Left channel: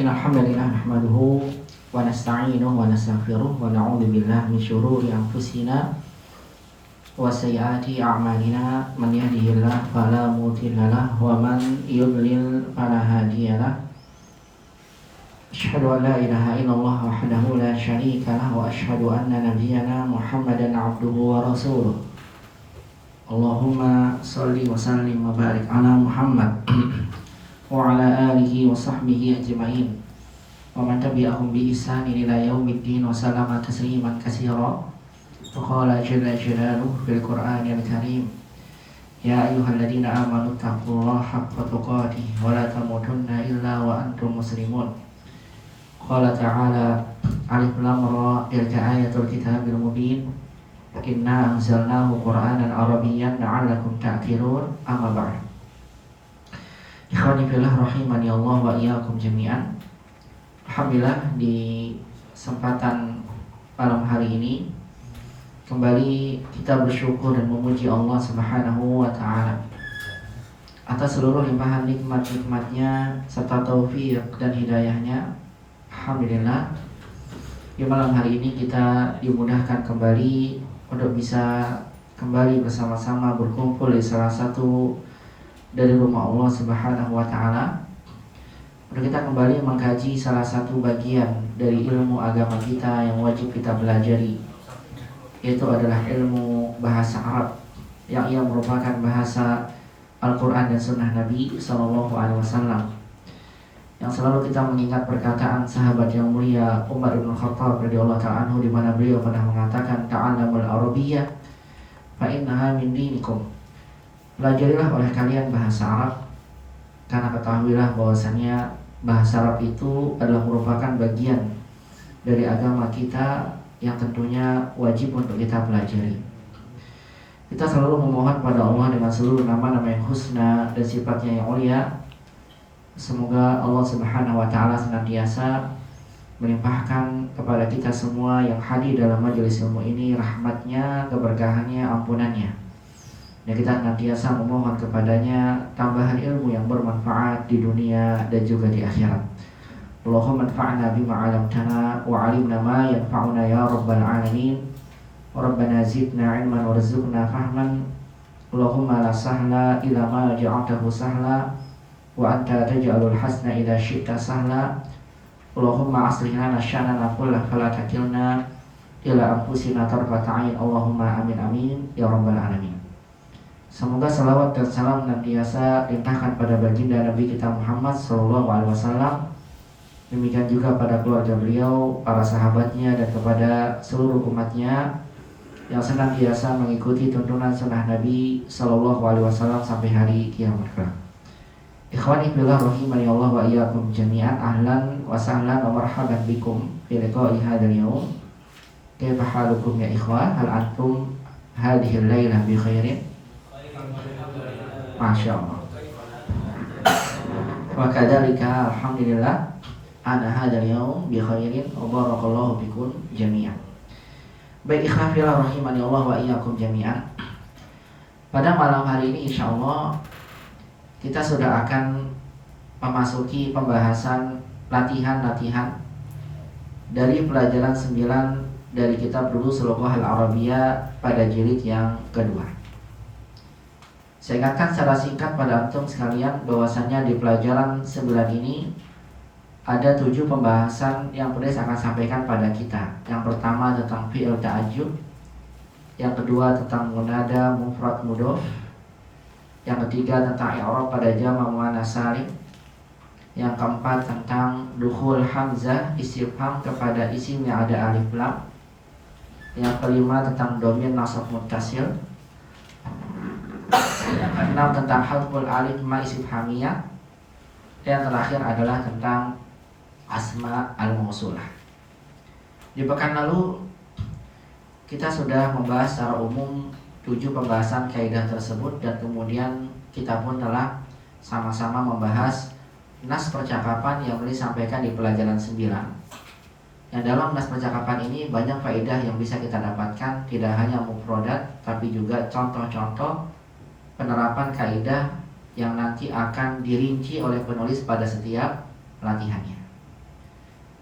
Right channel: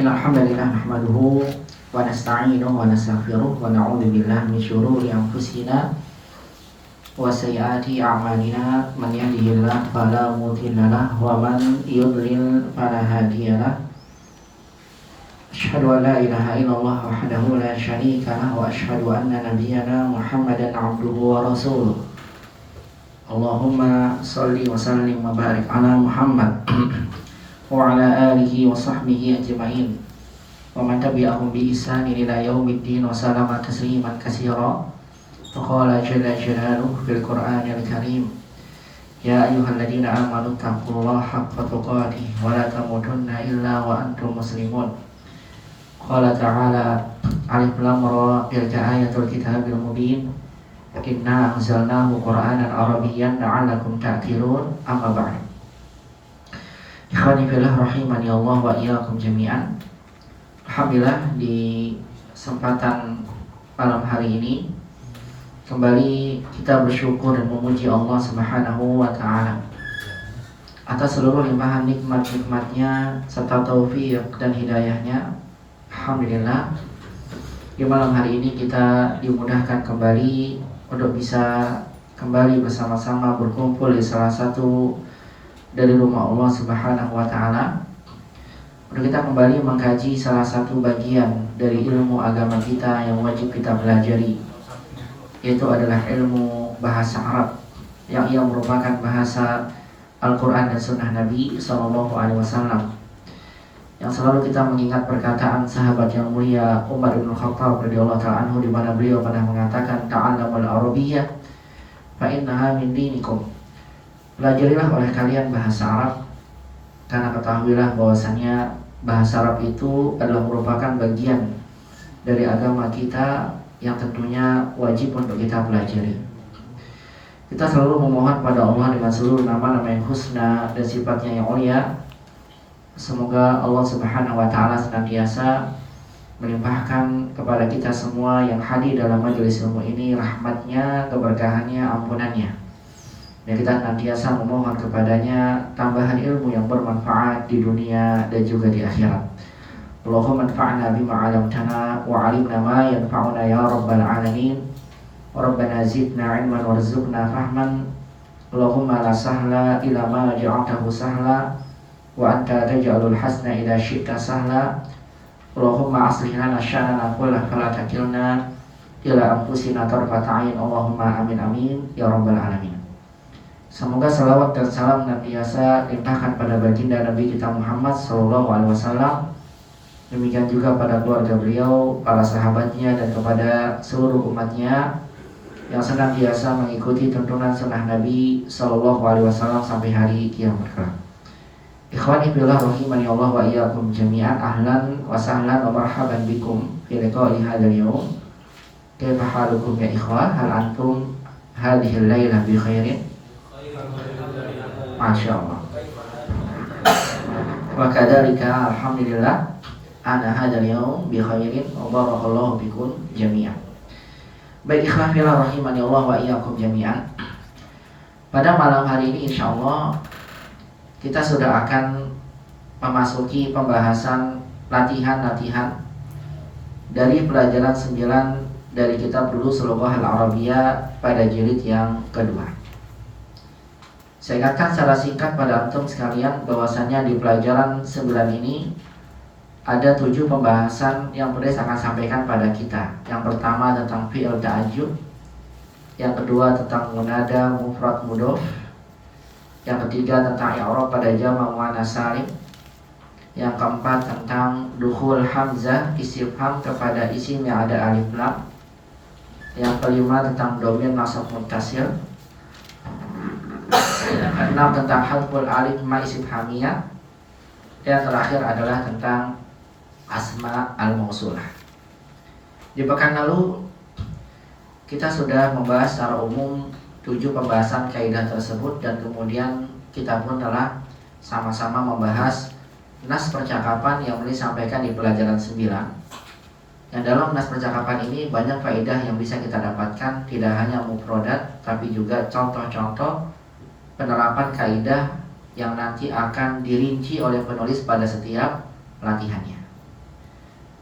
Innal hamdalillah nahmaduhu wa nasta'inuhu wa nastaghfiruh wa na'udzu billahi min shururi anfusina wa sayyiati a'malina man yahdihillahu fala mudilla lahu wa man yudlil fala hadiyalah. Asyhadu an la ilaha illallah wahdahu la syarika lahu wa asyhadu anna nabiyyana Muhammadan 'abduhu wa rasuluh. Allahumma shalli wa sallim wa barik ala Muhammad wa ala alihi wa sahbihi ajma'in wa man tabi'ahum bi ihsanin ila yaumiddin wa sallama tasliman katsira. Faqala jalla jalaluhu fil Qur'anil Karim, ya ayyuhalladzina amanu taqullaha haqqa tuqatih wa la tamutunna illa wa antum muslimun. Qala ta'ala alif lam ra tilka ayatul kitabil mubin inna anzalnahu qur'anan arabiyyan la'allakum ta'qilun. Amma ba'd. Ikhwani fillah rahimani Allah wa iyyakum jami'an. Alhamdulillah, di kesempatan malam hari ini kembali kita bersyukur dan memuji Allah Subhanahu wa taala atas seluruh limpahan nikmat-nikmatnya serta taufik dan hidayahnya. Alhamdulillah, di malam hari ini kita dimudahkan kembali untuk bisa kembali bersama-sama berkumpul di salah satu dari rumah Allah Subhanahu wa taala untuk kita kembali mengkaji salah satu bagian dari ilmu agama kita yang wajib kita pelajari, yaitu adalah ilmu bahasa Arab yang ia merupakan bahasa Al-Quran dan Sunnah Nabi SAW, yang selalu kita mengingat perkataan sahabat yang mulia Umar bin Khattab radhiyallahu ta'ala anhu, di mana beliau pernah mengatakan ta'allamul arabiyyah fa innaha min dinikum. Pelajarilah oleh kalian bahasa Arab, karena ketahuilah bahwasannya bahasa Arab itu adalah merupakan bagian dari agama kita yang tentunya wajib untuk kita pelajari. Kita selalu memohon pada Allah dengan seluruh nama-nama yang husna dan sifatnya yang mulia. Semoga Allah Subhanahu wa taala senantiasa melimpahkan kepada kita semua yang hadir dalam majelis ilmu ini rahmatnya, keberkahannya, ampunannya. Dan kita senantiasa memohon kepadanya tambahan ilmu yang bermanfaat di dunia dan juga di akhirat. Allahumma anfa'na bima 'allamtana wa 'allimna ma yanfa'una ya rabbal alamin. Rabbana zidna 'ilman warzuqna fahman. Allahumma la sahla illa ma ja'altahu sahla wa anta taj'alul hasna idza syi'ta sahla. Allahumma aslih lana sya'nana kullahu fala takilna ila anfusina tarfata 'ain. Allahumma amin amin ya rabbal alamin. Semoga salawat dan salam senantiasa limpahkan pada baginda Nabi kita Muhammad SAW, demikian juga pada keluarga beliau, para sahabatnya, dan kepada seluruh umatnya yang senantiasa mengikuti tuntunan sunnah Nabi SAW sampai hari kiamat kelak. Ikhwani fillah rahimani Allah wa iyyakum jami'an. Ahlan wa sahlan wa marhaban bikum fi liqa'i hadzal yawm. Kaifa halukum ya ikhwan? Hal antum hadhihi al-lailah bi khairin? Masya Allah. Wa kadzalika alhamdulillah ana hadzal yawm bi khairin wa barakallahu bikum jami'an. Baik ikhwan fillah rahimani Allah wa iyyakum jami'an. Pada malam hari ini insyaallah kita sudah akan memasuki pembahasan latihan-latihan dari pelajaran 9 dari kitab Durusul Lughah Al-Arabiyyah pada jilid yang kedua. Saya ingatkan secara singkat pada antum sekalian bahwasannya di pelajaran 9 ini ada 7 pembahasan yang penulis akan sampaikan pada kita. Yang pertama tentang fi'il ta'ajjub, yang kedua tentang munada mufrad mudhof, yang ketiga tentang i'rab pada jama' muannats salim, yang keempat tentang dukhul hamzah istifham kepada isim yang ada alif lam, yang kelima tentang dhamir nasab muttasil, yang keenam tentang hadful alif ma istifhamiyah, dan terakhir adalah tentang asma al-mausulah. Di pekan lalu kita sudah membahas secara umum 7 pembahasan kaidah tersebut, dan kemudian kita pun telah sama-sama membahas nas percakapan yang disampaikan di pelajaran 9. Yang dalam nas percakapan ini banyak faedah yang bisa kita dapatkan, tidak hanya mufradat tapi juga contoh-contoh penerapan kaidah yang nanti akan dirinci oleh penulis pada setiap latihannya.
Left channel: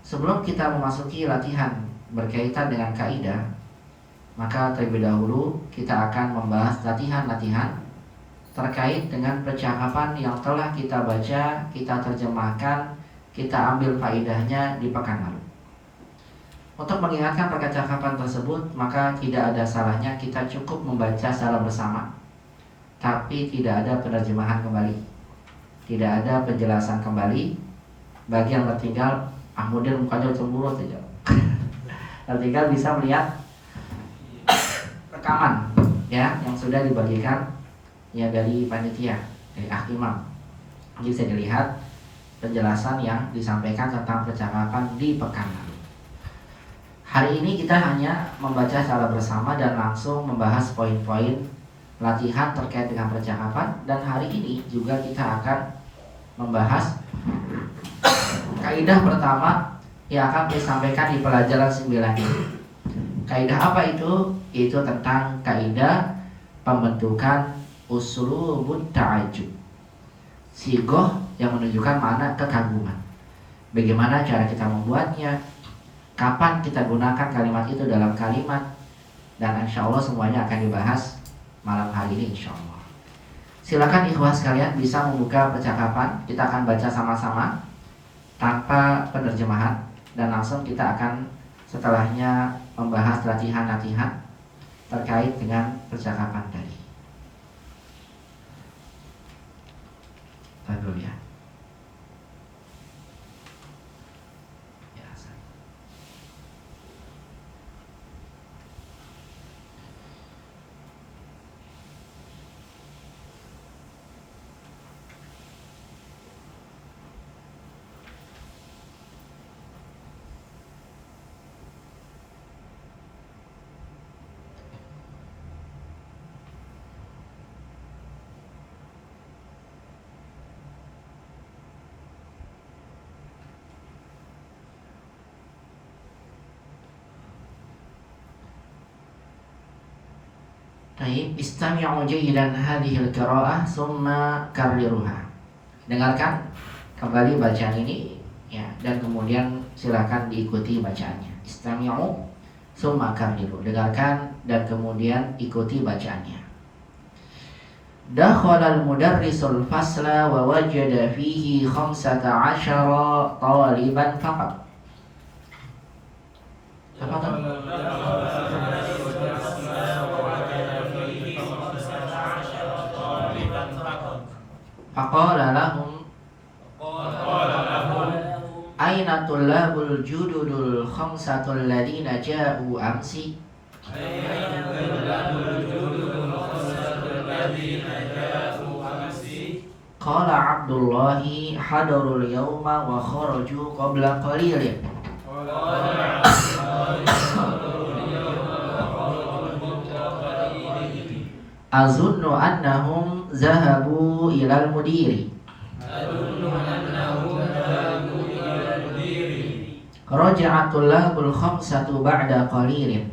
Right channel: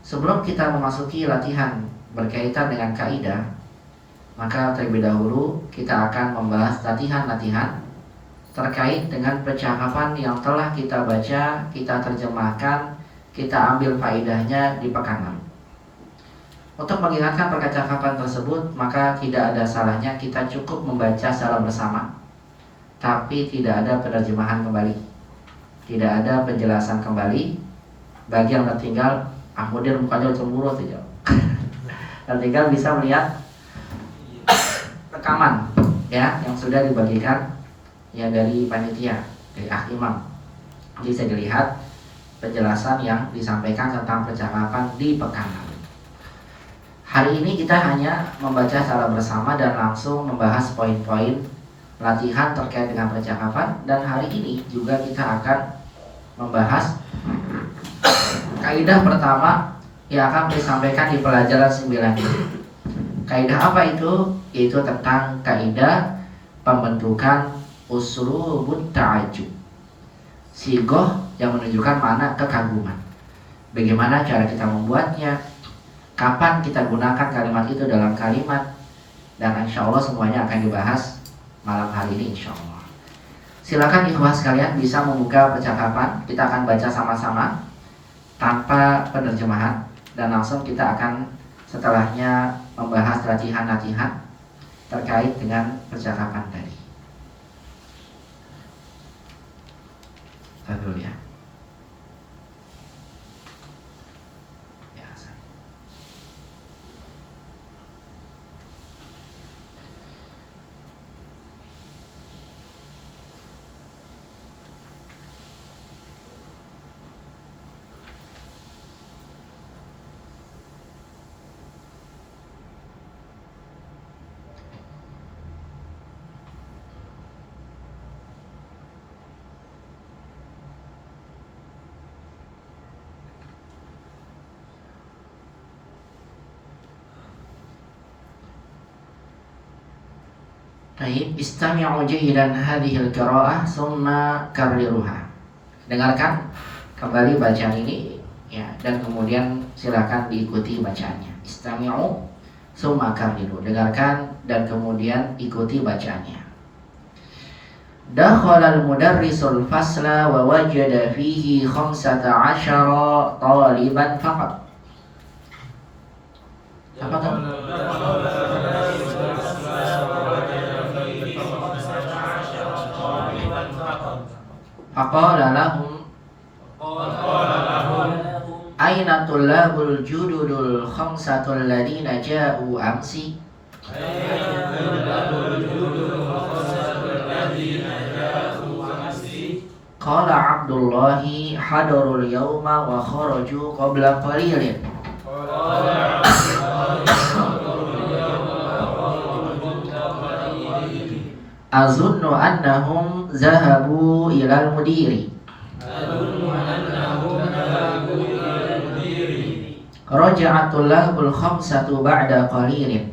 Sebelum kita memasuki latihan berkaitan dengan kaidah, maka terlebih dahulu kita akan membahas latihan-latihan terkait dengan percakapan yang telah kita baca, kita terjemahkan, kita ambil faedahnya di pekan lalu. Untuk mengingatkan percakapan tersebut, maka tidak ada salahnya kita cukup membaca secara bersama, tapi tidak ada penerjemahan kembali, tidak ada penjelasan kembali. Bagi yang tertinggal, kemudian mukanya cemburu saja. Tertinggal bisa melihat rekaman ya yang sudah dibagikan ya dari panitia, dari imam. Bisa dilihat penjelasan yang disampaikan tentang percakapan di pekan lalu. Hari ini kita hanya membaca secara bersama dan langsung membahas poin-poin latihan terkait dengan percakapan. Dan hari ini juga kita akan membahas kaidah pertama yang akan disampaikan di pelajaran 9 ini. Kaidah apa itu? Yaitu tentang kaidah pembentukan uslubut ta'ajjub. Sigoh yang menunjukkan makna kekaguman. Bagaimana cara kita membuatnya? Kapan kita gunakan kalimat itu dalam kalimat? Dan insya Allah semuanya akan dibahas malam hari ini insya Allah. Silakan ikhwah sekalian bisa membuka percakapan. Kita akan baca sama-sama tanpa penerjemahan. Dan langsung kita akan setelahnya membahas latihan-latihan terkait dengan percakapan tadi. Kita dulu ya. Baik, istami'u jayidan hadhil qira'ah summa karriruha. Dengarkan kembali bacaan ini ya, dan kemudian silakan diikuti bacaannya. Istami'u summa karriru. Dengarkan dan kemudian ikuti bacaannya. Dakhala al-mudarrisul fasla wa wajada fihi 15 taliban faqat. Apa tuh? Faqala lahum aina tullabul jududul khamsatul ladina ja'u amsi. Qala Abdullahi hadarul yawma wa kharaju qabla qalilin. Azunnu annahum zahabu ilal mudiri. Raja'atul labul khamsatu ba'da qalilin.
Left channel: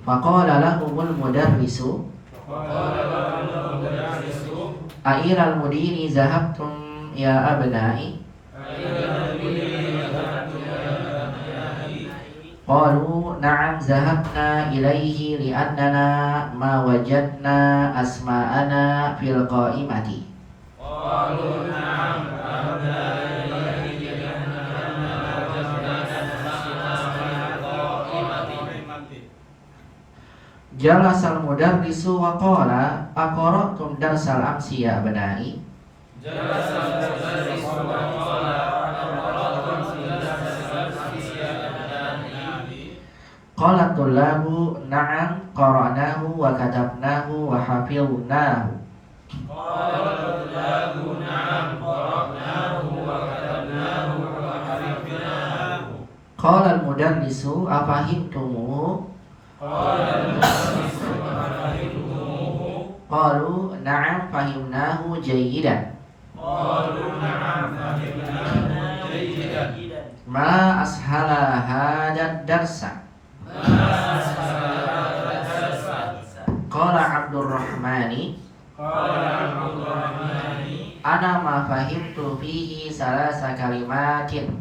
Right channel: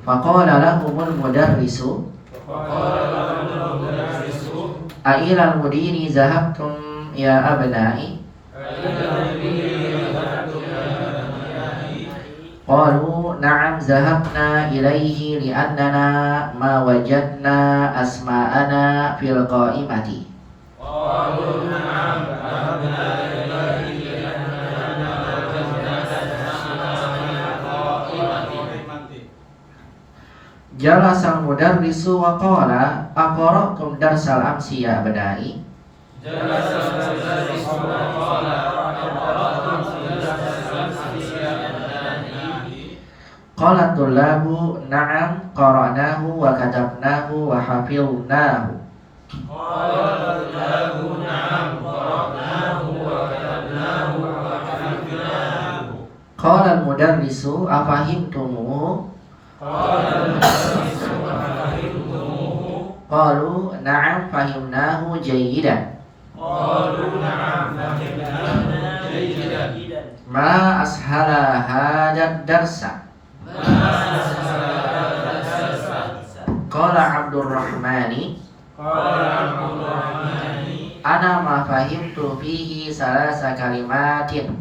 Faqala lahumul mudarrisu A'ilal mudiri zahabtum ya abnai. Qalu na'am zahabna ilaihi li'annana ma wajadna asma'ana fil qa'imati. Jalasal mudarrisu wa qala aqra'tum darsal amsi ya abnai. Qala tullabu na'am qara'nahu wa katabnahu wa hafidhnahu. Qala al-mudarrisu afahimtumuhu. Qalu na'am fahimnahu jayyidan. Ma ashala hadad darsa. Qala Abdurrahmani Ana ma fahimtu fihi salasa kalimatin.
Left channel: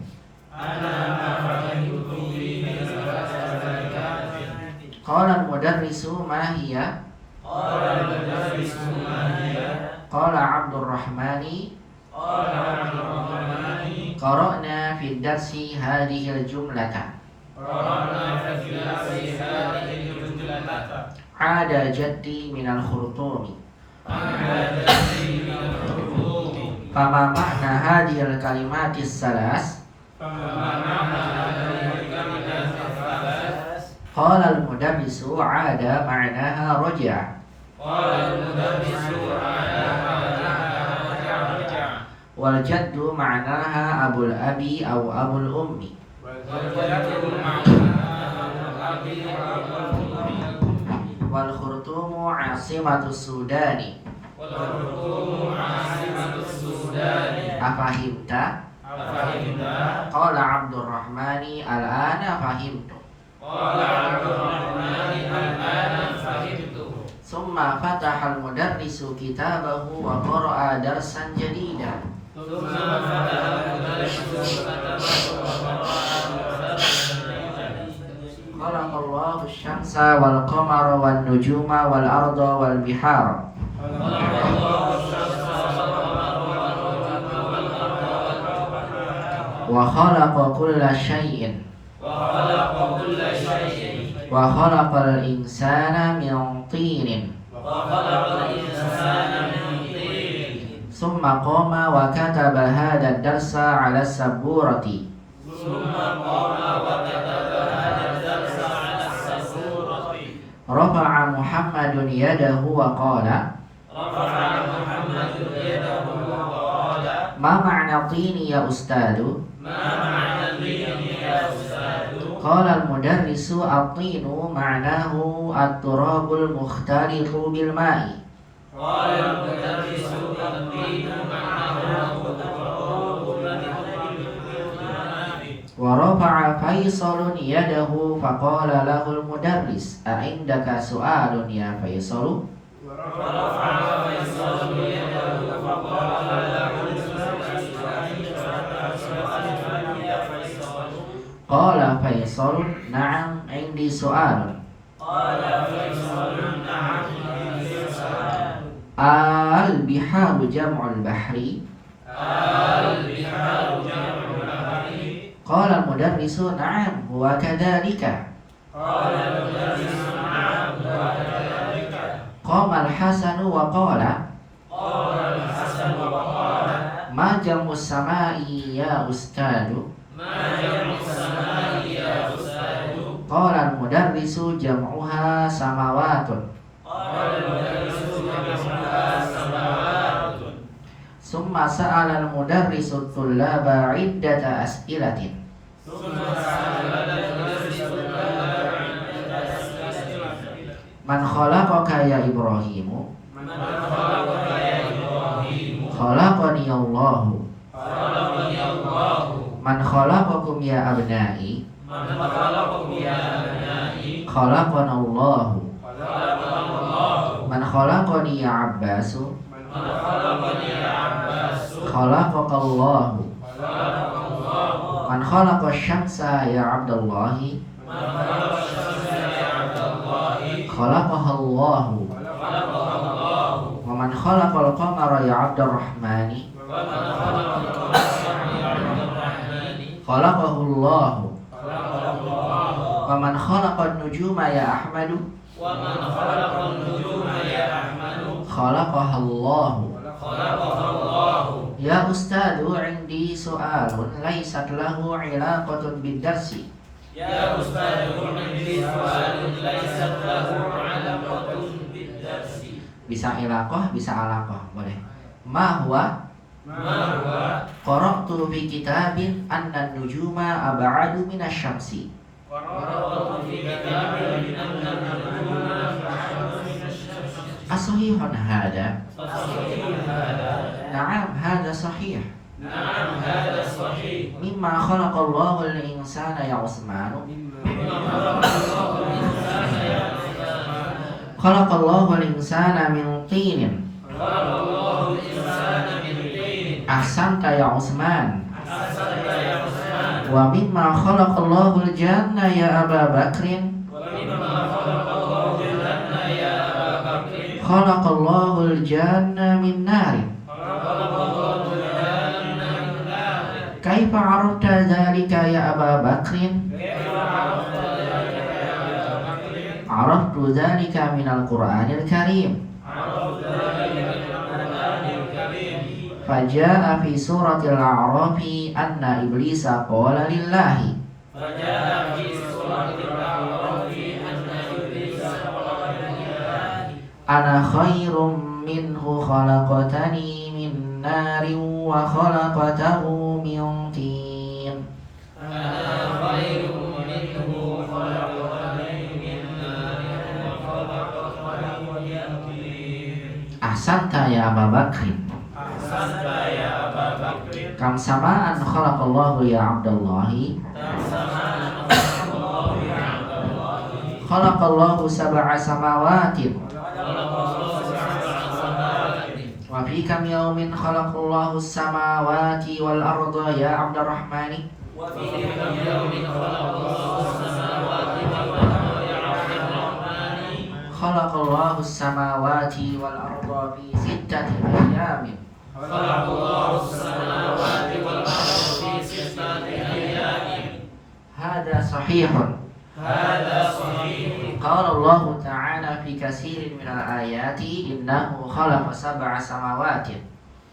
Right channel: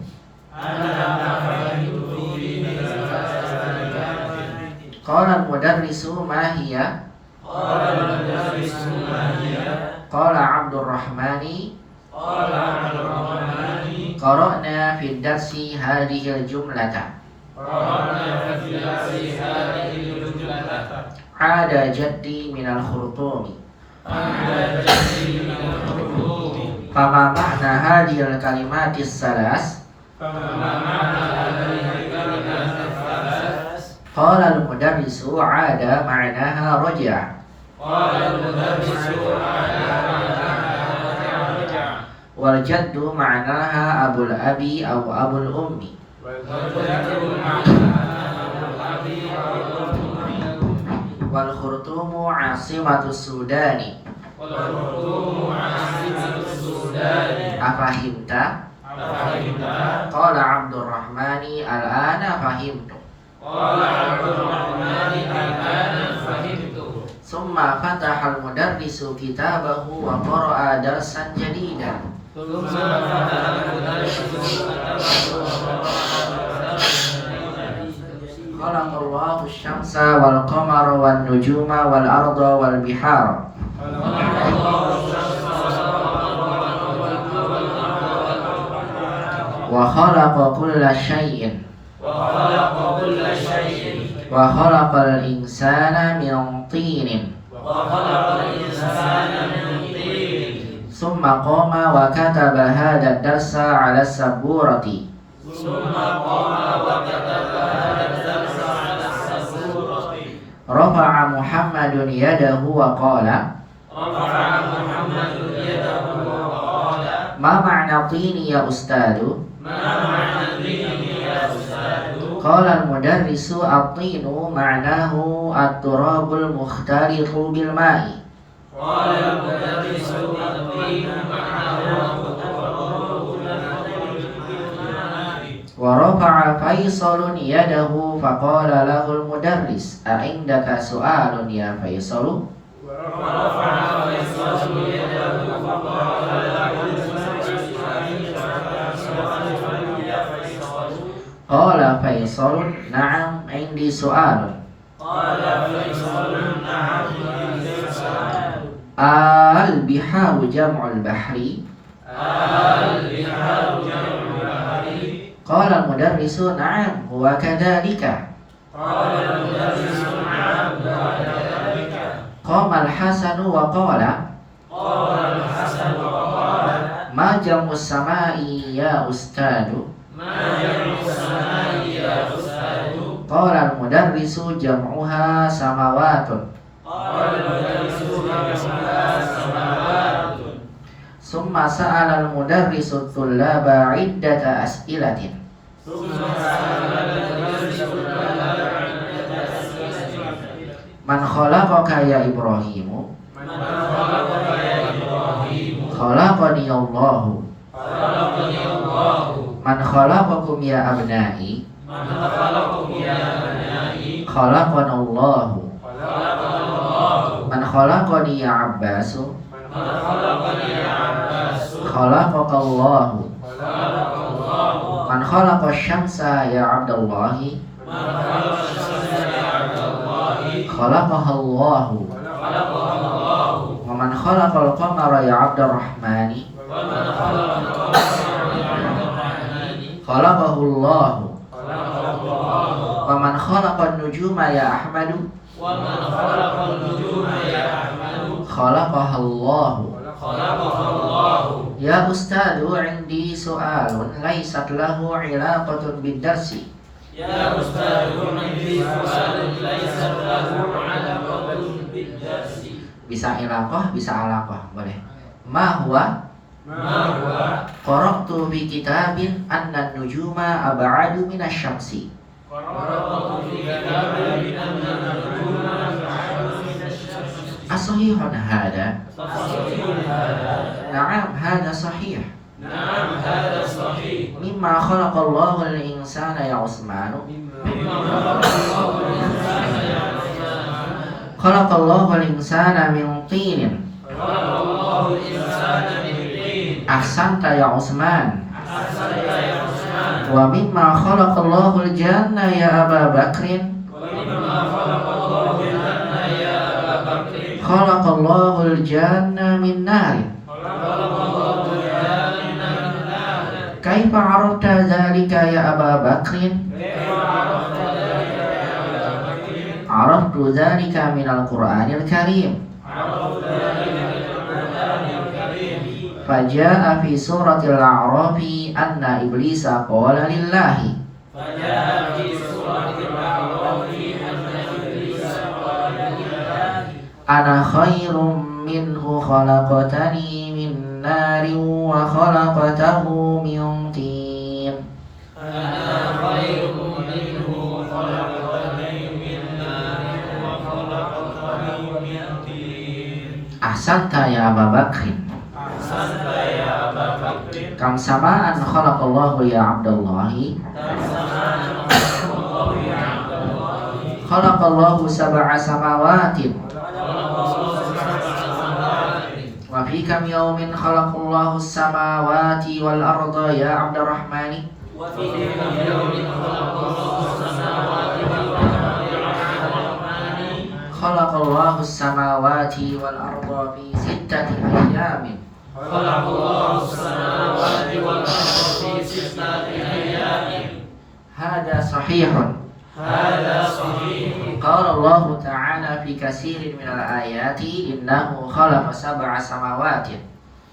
Qala al-mudarrisu ma hiya? Qala Abdurrahmani qara'na fi darsi hadhihi al-jumlata. Ada jaddi minal khurtumi. Fama ma'na hadhil kalimatis salas? Qala al-mudarrisu ada ma'naha raja'. Wal jaddu ma'naha abul abi aw abul ummi. Wal khurtumu asimatus sudani. Afahimta? Qala Abdurrahmani al-ana fahimtu. Summa fataha al-mudarrisu kitabahu wa qara'a darsan jadidan. Khalaqallahu asy-syamsa wal qamara wan nujuma wal arda wal bihara. Wa khalaqa kulla syai'in. Wa khalaqal insana min tinin. Summa qama wa kataba hadha ad-darsa 'ala as-saburati. Rafa'a Muhammadun yadahu wa qala ma ma'na tini ya ustadu? Qala al-mudarrisu at-tinu ma'nahu at-turabul mukhtalitu bil ma'i. Wa rafa'a Faisalun yadahu faqala lahul mudarris a indaka su'alun ya Faisalu? Qala Faisalun na'am indi su'alun. Al-biharu jam'ul bahri. Qala al-mudarrisu na'am huwa kadzalika. Qama al-Hasanu wa qala ma jam'us samai ya ustadu? Qala al-mudarrisu jam'uha samawatun. Summa sa'ala al-mudarrisu tullaba 'iddata as'ilatin. Man khalaqaka ya Ibrahimu? Khalaqani Allahu. Man khalaqakum ya abnai? Khalaqana Allahu. Man khalaqani ya Abbasu? Khalaqaka Allahu. Man khalaqa asy-syamsa ya Abdallahi? Khalaqaha Allahu. Wa man khalaqal qamara ya Abdurrahmani? Khalaqahu Allahu. Wa man khalaqan nujuma ya Ahmadu? Khalaqaha Allahu. Ya ustadu indi su'alun laysat lahu 'ilaqatun bid-darsi. Ya ustadu indi su'alun laysat lahu 'ilaqatun bid-darsi. Bisa ilaqah, bisa alaqah, boleh. Ma huwa? Qara'tu fi kitabin anna an-nujuma ab'adu min asy-syamsi. As-sahihun hada? Na'am, hada sahih. Mimma khalaqallahu al-insana ya Utsmanu. Khalaqallahu al-insana min tinin. Ahsanta ya Utsman. Ahsanta ya Utsman. Wa mimma khalaqallahu al-janna ya Aba Bakrin. Wa mimma khalaqallahu al-janna ya Aba Bakrin. Khalaqallahu al-janna min narin. Khalaqallahu al-janna min nar. Kaifa arafta dzalika ya Aba Bakrin? Kaifa arafta dzalika ya Aba Bakrin? Araftu dzalika min al-Qur'anil Karim. Araftu dzalika min al-Qur'anil Karim. Faja'a fi suratil A'rafi anna iblisa qala lillahi. Faja'a fi suratil A'rafi anna iblisa qala lillahi. Ana khairum minhu khalaqtani min narin wa khalaqtahu min tin. Ana khairun minhu khalaqtani min narin wa khalaqtahu min tin. Ahsanta ya Aba Bakrin. Ahsanta ya Aba Bakrin. Kam sama'an khalaqallahu ya Abdallahi. Tamsaman khalaqallahu ya Abdallahi. Khalaqallahu sab'a samawatin. Khalaqallahu sab'a samawati. Wa fi kam yawmin khalaqallahu samawati wal arda ya Abdurrahmani. Wa fi yawmin khalaqallahu samawati wal arda ya Rahmani. Khalaqallahu samawati wal arda fi sittati ayyamin. Khalaqallahu samawati wal arda fi sittati ayyamin. Hada sahihun. Hada sahih. Qala Allah Ta'ala fi katsirin minal ayati innahu khalaqa sab'a samawatin.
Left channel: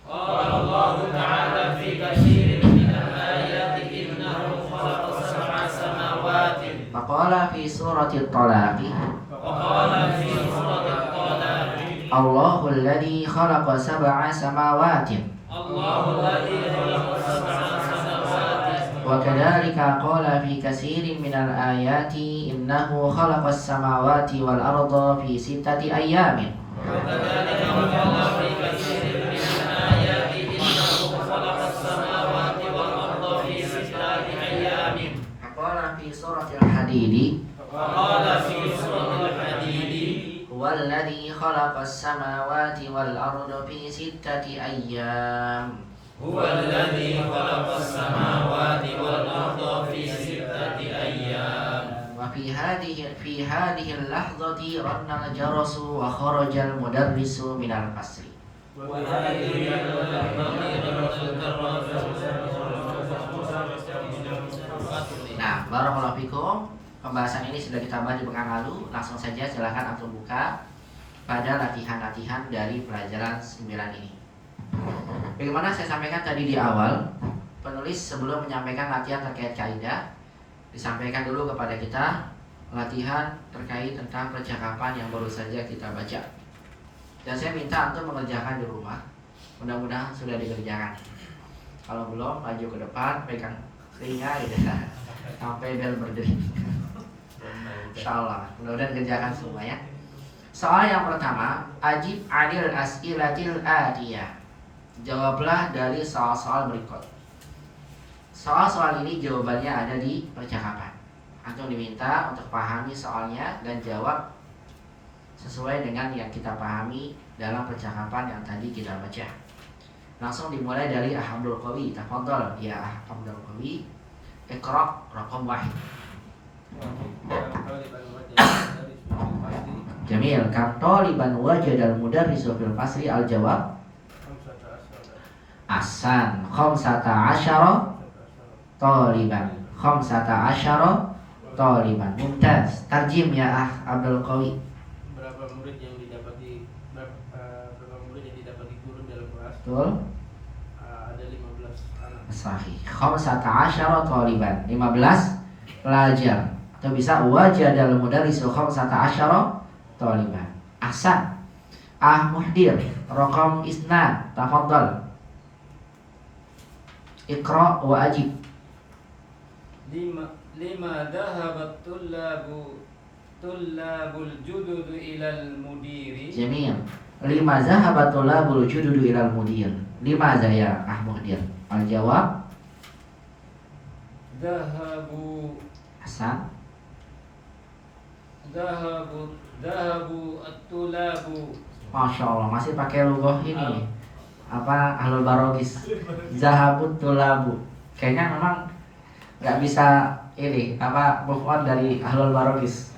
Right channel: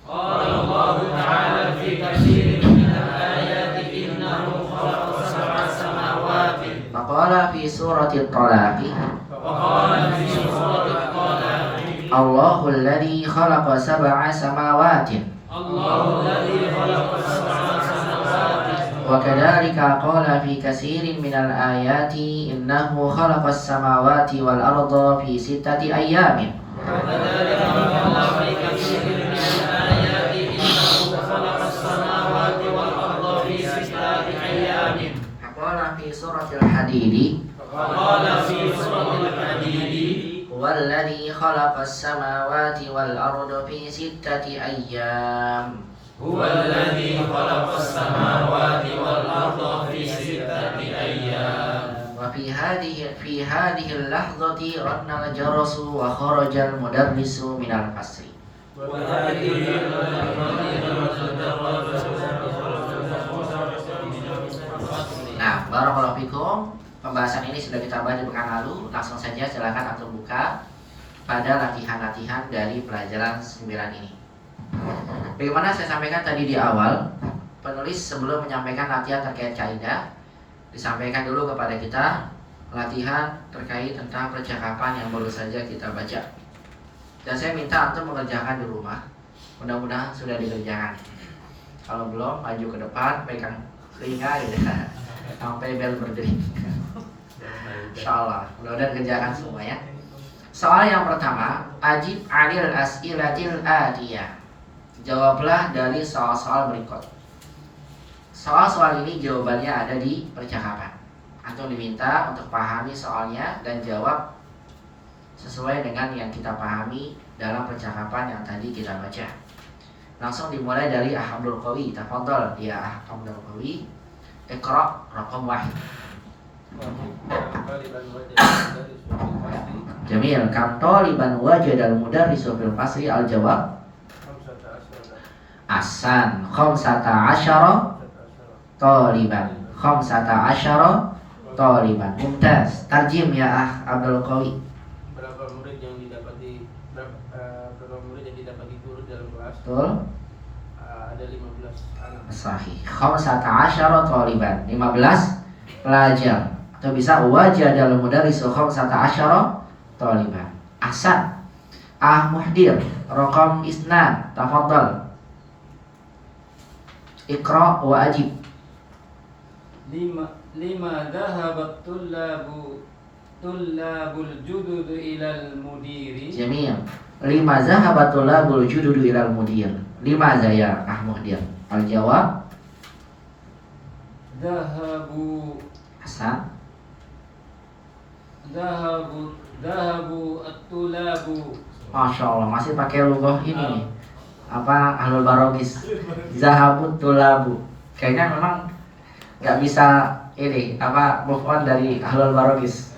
Qala Allah Ta'ala fi katsirin minal ayati innahu khalaqa sab'a samawati. Faqala fi surati At-Talaq. Wa qala fi suratil Talaq. Allahu alladhi khalaqa sab'a samawatin. Allahu alladhi khalaqa sab'a samawati. Wa kadzalika qala fi katsirin minal ayati innahu khalaqa as-samawati wal arda fi sittati ayyamin. وكذلك قال في كثير من الآيات إنه خلق السماوات والأرض في ستة أيام. Qala fi suratil Hadid. وقال في سورة الحديد Huwa alladhi khalaqa as-samawati wal arda fi sittati ayyam. هو الذي خلق السماوات والأرض في ستة أيام. Wa fi hadhihi al-lahdhati ranna al-jarasu wa kharaja al-mudarrisu min al-fasli. Nah, barakallahu fikum. Pembahasan ini sudah kita bahas di pekan lalu. Langsung saja silakan antum buka pada latihan-latihan dari pelajaran 9 ini. Bagaimana saya sampaikan tadi di awal, penulis sebelum menyampaikan latihan terkait kaidah, disampaikan dulu kepada kita latihan terkait tentang percakapan yang baru saja kita baca. Dan saya minta antum mengerjakan di rumah. Mudah-mudahan sudah dikerjakan. Kalau belum, maju ke depan, pegang telinga gitu, sampai bel berdiri. Insyaallah, mudah-mudahan kerjakan semua ya. Soal yang pertama, ajib anil as'ilatil atiyah. Jawablah dari soal-soal berikut. Soal-soal ini jawabannya ada di percakapan. Antum diminta untuk pahami soalnya dan jawab sesuai dengan yang kita pahami dalam percakapan yang tadi kita baca. Langsung dimulai dari Abdul Qawi. Tafadhol ya Abdul Qawi. Iqra raqam 1. Jamil, kam taliban wajadal mudarrisu fil fasli al-jawab Ahsan, 15 taliban. 15 taliban. Mumtaz. Tarjim ya Abdul Qawi. Berapa murid yang didapati guru dalam kelas? Betul? Ada 15 anak. Sahih. 15 taliban. 15 pelajar. Atau bisa wajadal mudarrisu 15 taliban. Ahsan. Muhdir. Raqam isnan. Tafadhal. Iqra wa ajib. Lima dhahabat tullabul judud ilal mudiri. Jamil. Lima zahabat tulabul jududu ilal mudir. Lima zaya Muhdir. Al-jawab Dhahabu Hasan. at-tulabu. Masya Allah, masih pakai lugah ini nih. ahlul barogis. Zahabut tulabu. Kayaknya memang nggak bisa ini move on dari ahlul barogis.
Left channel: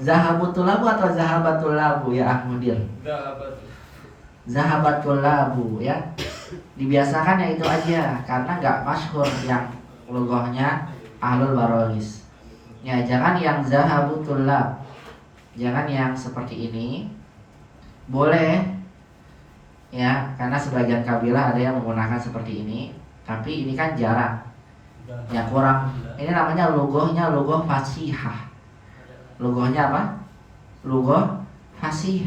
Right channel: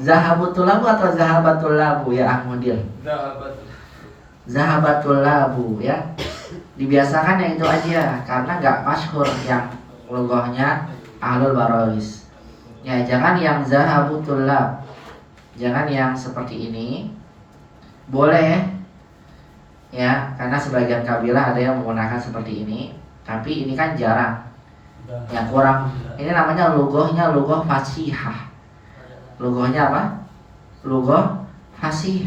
Zahabut tulabu atau zahabatul labu ya Ahmudir? Zahabat. Zahabatul labu ya. Dibiasakan yang itu aja karena nggak masyhur yang logohnya ahlul barogis. Ya jangan yang zahabutul lab. Jangan yang seperti ini. Boleh ya, karena sebagian kabilah ada yang menggunakan seperti ini, tapi ini kan jarang. Ya kurang. Ini namanya logohnya logoh fasihah. Logohnya apa? Logoh fasih.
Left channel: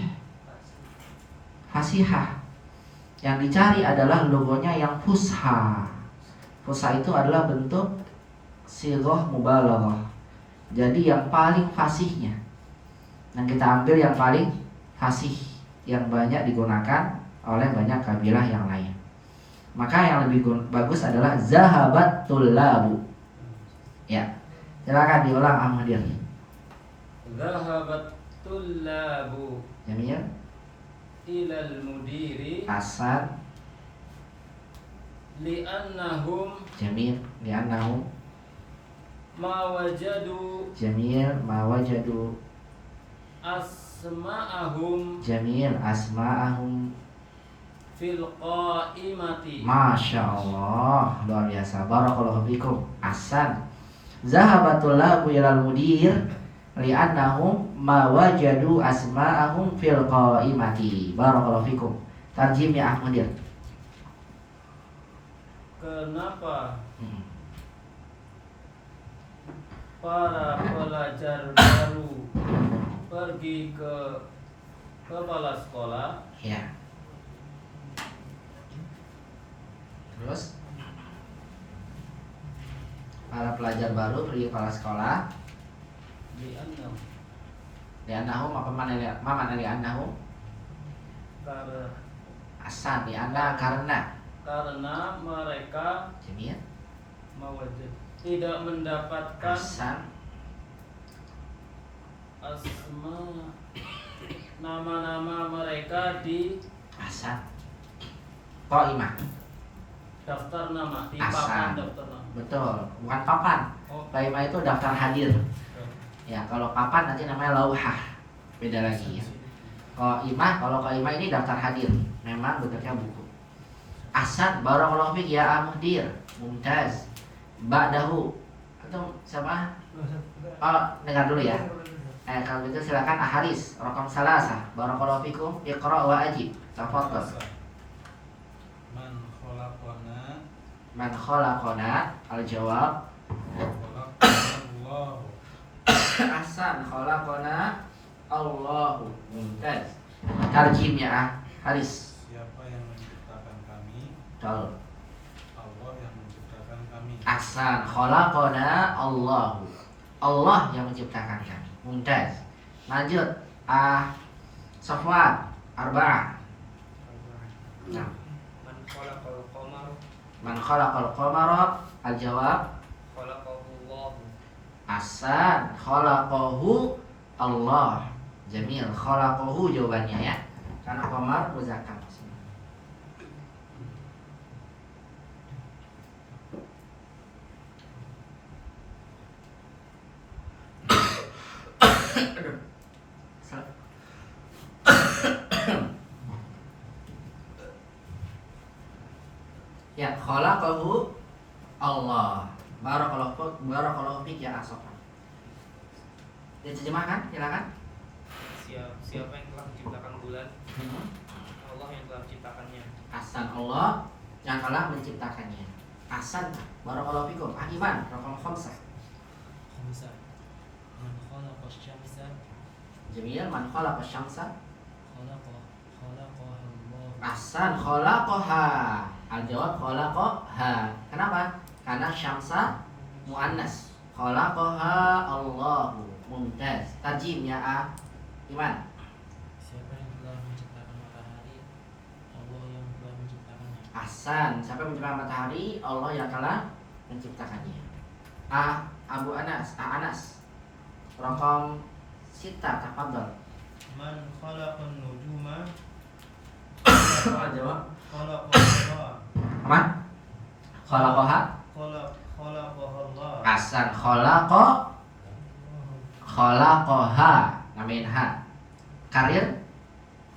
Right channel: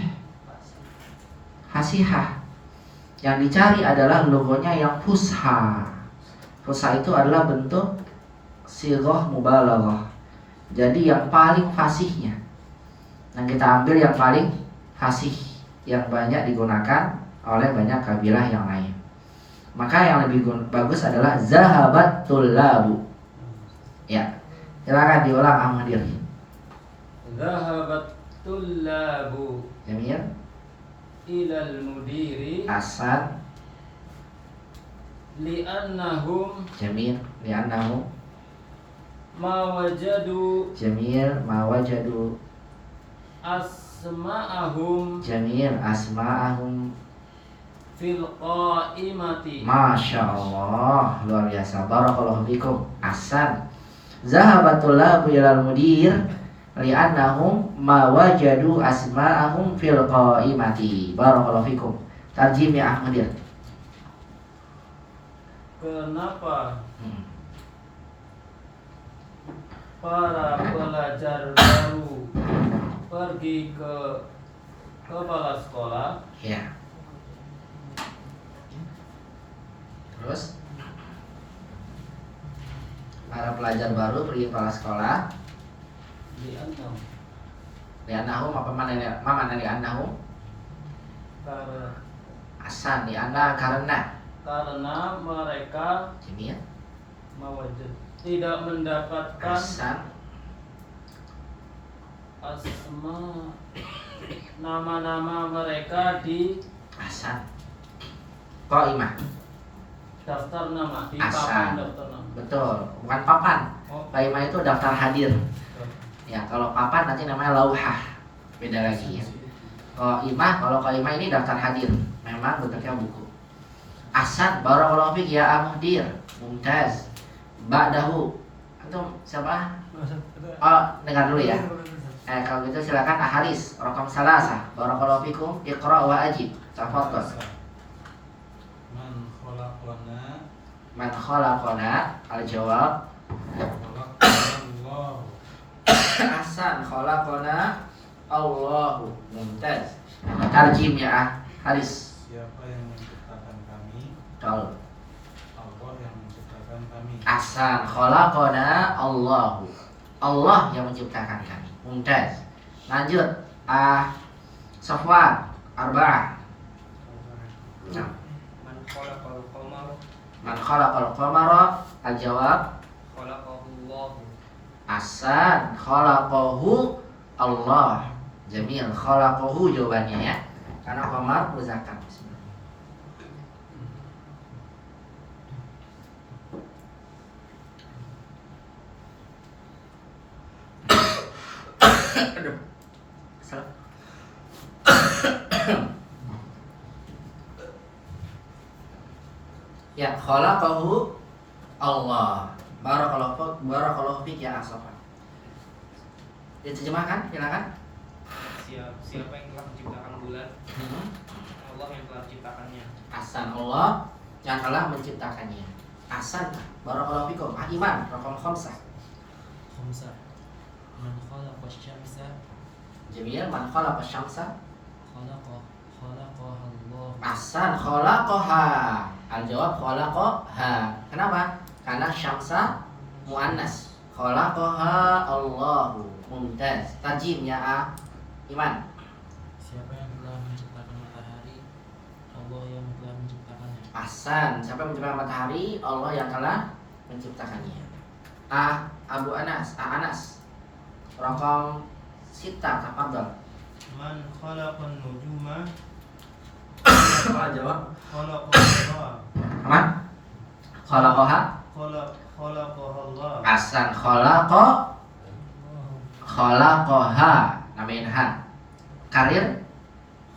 Fasihah. Yang dicari adalah logonya yang fusha. Fusha itu adalah bentuk sighah mubalaghah. Jadi yang paling fasihnya. Nah kita ambil yang paling fasih, yang banyak digunakan oleh banyak kabilah yang lain. Maka yang lebih bagus adalah zahabatul labu. Ya, silakan diulang Ahmadir. Zahabatul labu Jamil. ilal mudiri Asad. li'annahum Jamil. Li'annahum. ma wajadu Jamil. Ma wajadu. asma'ahum Jamil. Asma'ahum. fil qaimati. Masya Allah, luar biasa. Barakallahu fikum. Ahsan. Zahabatul labu ilal mudir li'annahum ma wajadu asma'ahum fil qaimati. Barakallahu fikum. Tarjim ya Ahmadir. Kenapa Hmm. para pelajar baru pergi ke kepala sekolah Ya. Terus para pelajar baru pergi kepala sekolah. li'annahum Li'annahum apa mana li'annahum? Ahsan. Li'anna karena. karena mereka Jamil. tidak mendapatkan Ahsan. nama-nama mereka di Ahsan. Qaimah. daftar nama, di Asal. papan daftar nama. Betul, bukan papan. Oh, Qaimah itu daftar hadir. Ya, kalau papan nanti namanya lauhah. Beda lagi ya. Kalau qaimah ini daftar hadir. Memang bentuknya buku. Ahsan, barakallahu fiik ya Ahmudir. Mumtaz. Ba'dahu. Antum siapa? Oh, dengar dulu ya. Kalau gitu silakan Aharis, rokam salasa. Barakallahu fikum, iqra wa ajib. Tafadhal. Man khalaqana al-jawab. Ahsan, khalaqana Allahu. Mumtaz. Tarjim ya Haris. Siapa yang menciptakan kami? Betul. Allah yang menciptakan kami. Ahsan, khalaqana Allahu. Allah yang menciptakan kami. Mumtaz. Lanjut. Safwan, arba'ah. Nah. man khalaqal qamar Man khalaqal qamara al-jawab. khalaqallahu. Ahsan, khalaqahu Allah. Jamil, khalaqahu jawabannya ya. Karena qamar muzakkar. Aduh. Ya, khalaqahu Allah. Barakallahu fiik ya Asofan. Diterjemahkan, silakan. Siapa yang telah menciptakan bulan? Allah yang telah menciptakannya. Ahsan, Allah yang telah menciptakannya. Ahsan, barakallahu fikum. Iman, raqam khamsah. Man khalaqa asy-syamsa Jamil, man khalaqa asy-syamsa. khalaqaha Allah. Ahsan, khalaqaha. Al-jawab khalaqaha. Kenapa? Karena syamsa muannas. Khalaqaha Allahu. Mumtaz. Tarjim ya Iman. Siapa yang telah menciptakan matahari? Allah yang telah menciptakannya. Ahsan, siapa yang menciptakan matahari? Allah yang telah menciptakannya. Abu Anas, Anas. Raqam sita, tafadhal. Man khalaqan nujuma? Jawab. Khalaqallah. Aman? Khalaqaha. Khalaqallah. Ahsan. Khalaqaha. Namain ha. Karir.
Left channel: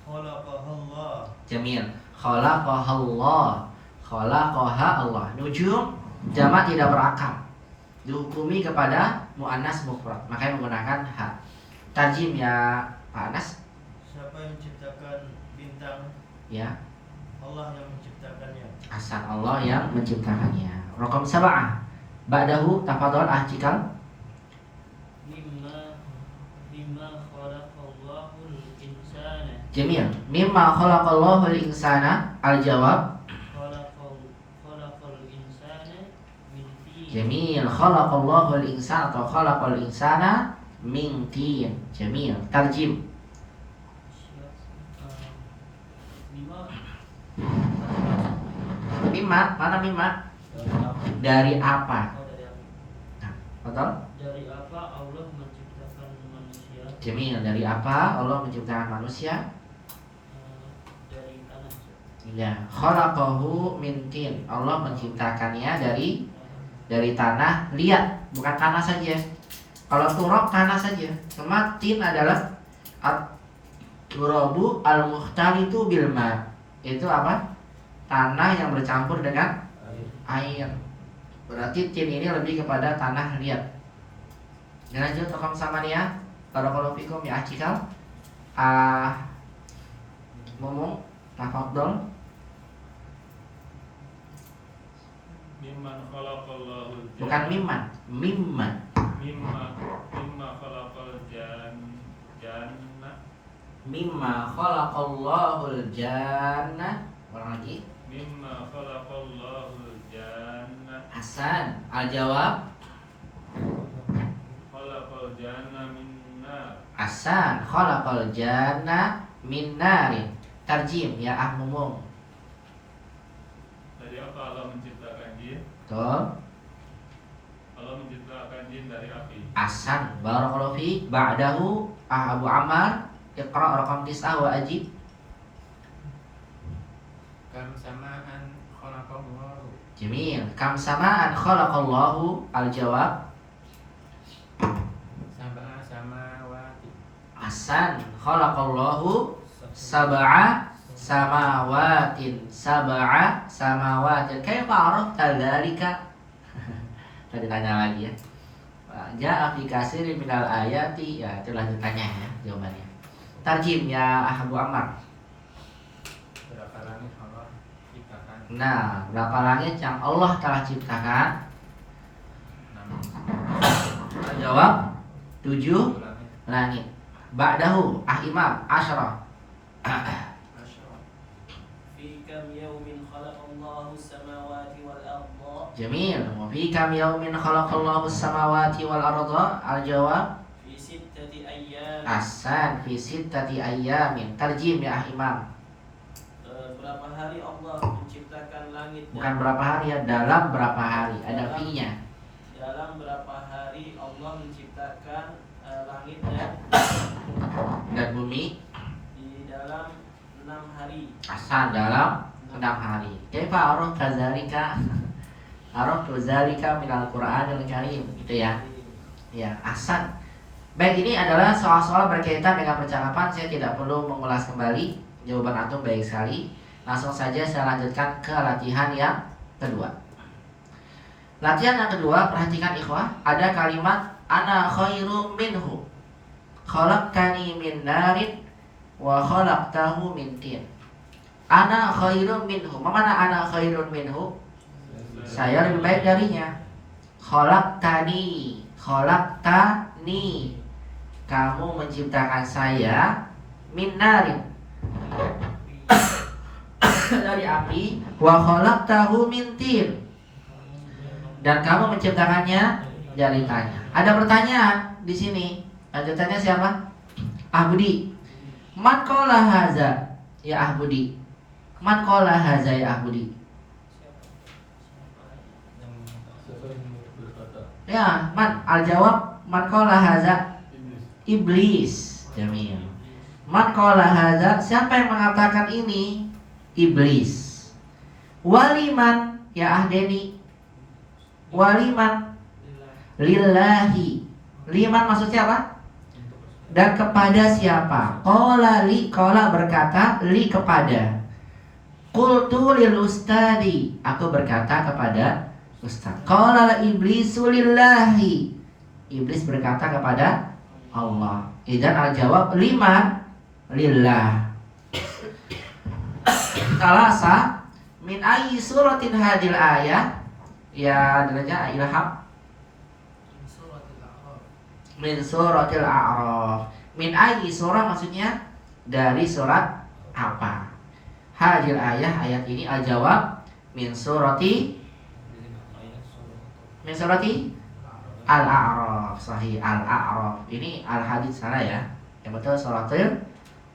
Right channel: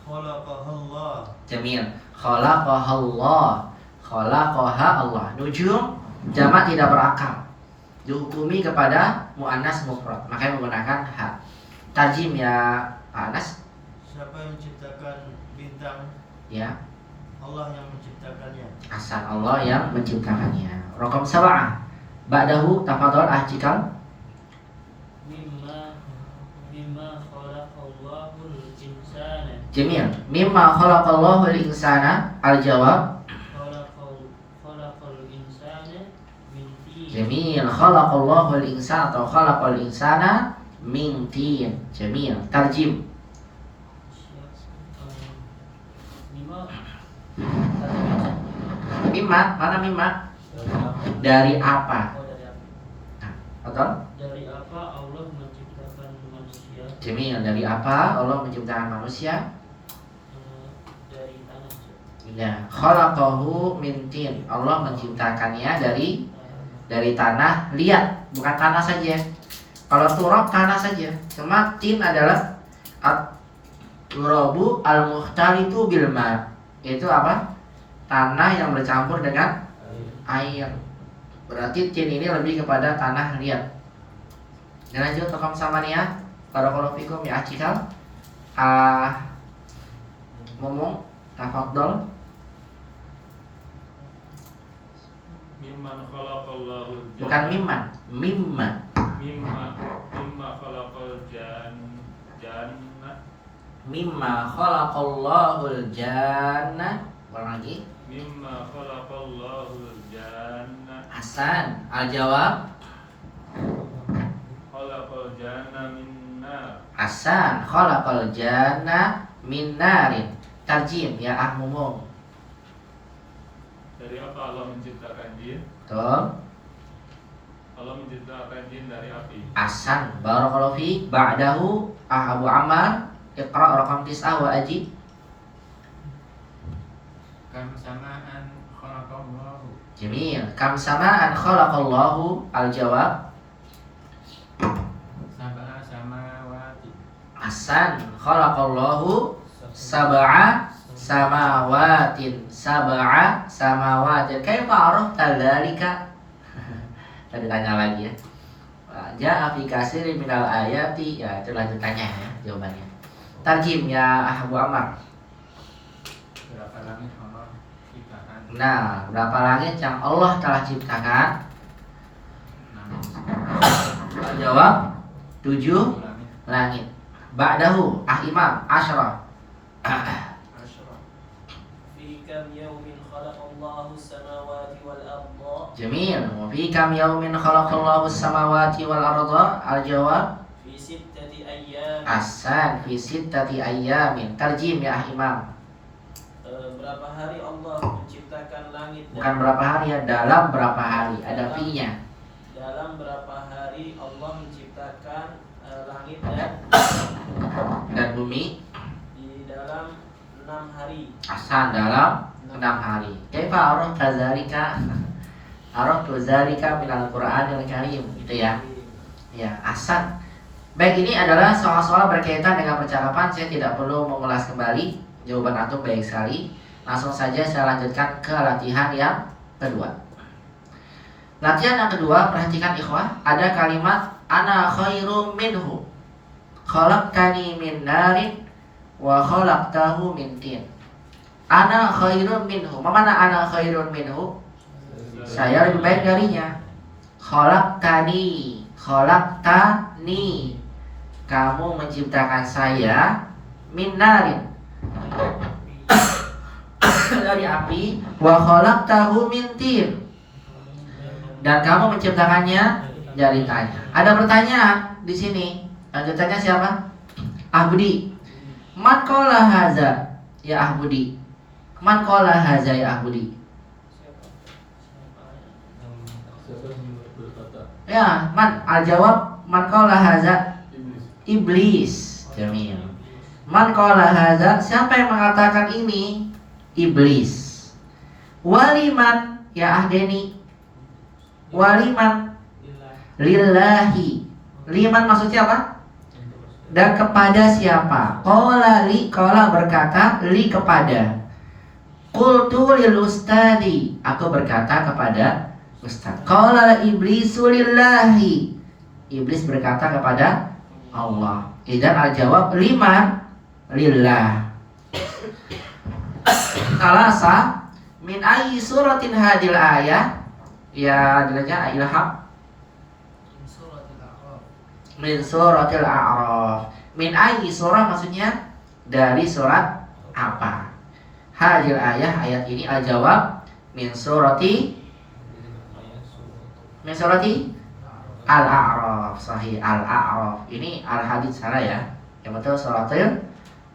Khalaqahallah. Jamil. Khalaqahallah. Khalaqaha Allah. Nujum jamak tidak berakal. Dihukumi kepada muannas mufrad. Makanya menggunakan ha. Tarjim ya Pak Anas. Siapa yang menciptakan bintang? Ya. Allah yang menciptakannya. Ahsan. Allah yang menciptakannya. Raqam 7. Ba'dahu tafadhol Cikal. mimma khalaqallahul insana Jamil. Mimma khalaqallahu al-insana. Al-jawab. khalaqal insana min tin. Jamil. Khalaqallahu al-insana atau khalaqal insana min tin. Jamil. Tarjim. Mimma Mimma. Mana mimma? Dari apa? Betul? Dari apa Allah menciptakan manusia? Jamil. Dari apa Allah menciptakan manusia? Dari tanah. Ya. Khalaqahu min tin. Allah menciptakannya dari tanah liat, bukan tanah saja. Kalau turab tanah saja. Cuma tin adalah turabu al-mukhtalitu bil ma. Itu apa? Tanah yang bercampur dengan air. Berarti tin ini lebih kepada tanah liat. Dan lanjut Raqam 8. Barakallahu fikum ya Cikal. Ngomong tafadhol. Mimman khalaqallahul janna. Bukan mimman, mimma. Mimma khalaqal janna. Mimma khalaqallahul janna. Ulang lagi. Mimma khalaqallahul janna. Hasan. Al-jawab. Khalaqal janna min nar. Hasan. Khalaqal janna min narin. Tarjim ya Ahmumum. Dari apa Allah menciptakan jin? Betul. Allah menciptakan jin dari api. Hasan. Barakallahu fiik. Ba'dahu Abu Ammar. Iqra Raqam 9 wa ajib. Kam samaan khalaqallahu. Jamil. Kam samaan khalaqallahu. Al-jawab. Sab'a samawati. Hasan. Khalaqallahu sab'a samawatin. Sab'a samawatin. Kaifa arafta dzalika? Tadi tanya lagi ya. Ja'a fi katsirin minal ayati. Ya, itu lanjutannya ya jawabannya. Tarjim ya Abu Ammar. Berapa langit Allah ciptakan? Nah, berapa langit yang Allah telah ciptakan? 6 Jawab 7 langit. langit. Ba'dahu Imam Asyrah. Asyra. Fi kam yawmin khalaqallahu as-samawati wal arda? Jamil. Wa fi kam yaumin khalaqallahu as-samawati wal arda? Al-jawab Fi sittati ayyam. Ahsan. Fi sittati ayyamin. Tarjim ya Imam. Berapa hari Allah menciptakan langit? Bukan berapa hari ya, dalam berapa hari. Ada fi-nya. Dalam berapa hari Allah menciptakan langit Dan bumi. di dalam 6 hari. Ahsan. Dalam 6 hari. Kaifa arafta dzalika? Araftu dzalika minal Qur'anil Karim. Gitu ya. Ya, ahsan. Baik, ini adalah soal-soal berkaitan dengan percakapan. Saya tidak perlu mengulas kembali. Jawaban antum baik sekali. Langsung saja saya lanjutkan ke latihan yang kedua. Latihan yang kedua, perhatikan ikhwah. Ada kalimat ana khairum minhu. Khalaqtani min narin wa khalaqtahu min tin. Ana khairum minhu. Mana ana khairum minhu? Saya lebih baik darinya. Khalaqtani. Khalaqtani. Kamu menciptakan saya min narin. Dari api. Wa khalaqtahu min tin. Dan kamu menciptakannya dari tanah. Ada pertanyaan di sini. Lanjutannya siapa? Ahbudi. Man qala haza ya Ahbudi. Man qala haza ya Ahbudi. Siapa yang berkata? Ya, man. Al-jawab man qala haza. Iblis. Jamil. Man qala haza. Siapa yang mengatakan ini? Iblis. Waliman ya Ahdeni. Waliman Lillah. lillahi. Liman maksudnya apa? Dan kepada siapa? Qala berkata li kepada. Qultu lil ustadi, aku berkata kepada ustaz. Qala iblisu lillahi, iblis berkata kepada Allah. Idan al-jawab liman lillah. Kalasa min ayyi suratin hadil ayah. Ya adanya ilham Suratul A'raf. min suratil a'raf. Min ayyi surah maksudnya dari surat apa? Hadil ayah, ayat ini al-jawab min surati Al-A'raf. Sahih, Al-A'raf. Ini al-hadits salah ya. Yang betul suratul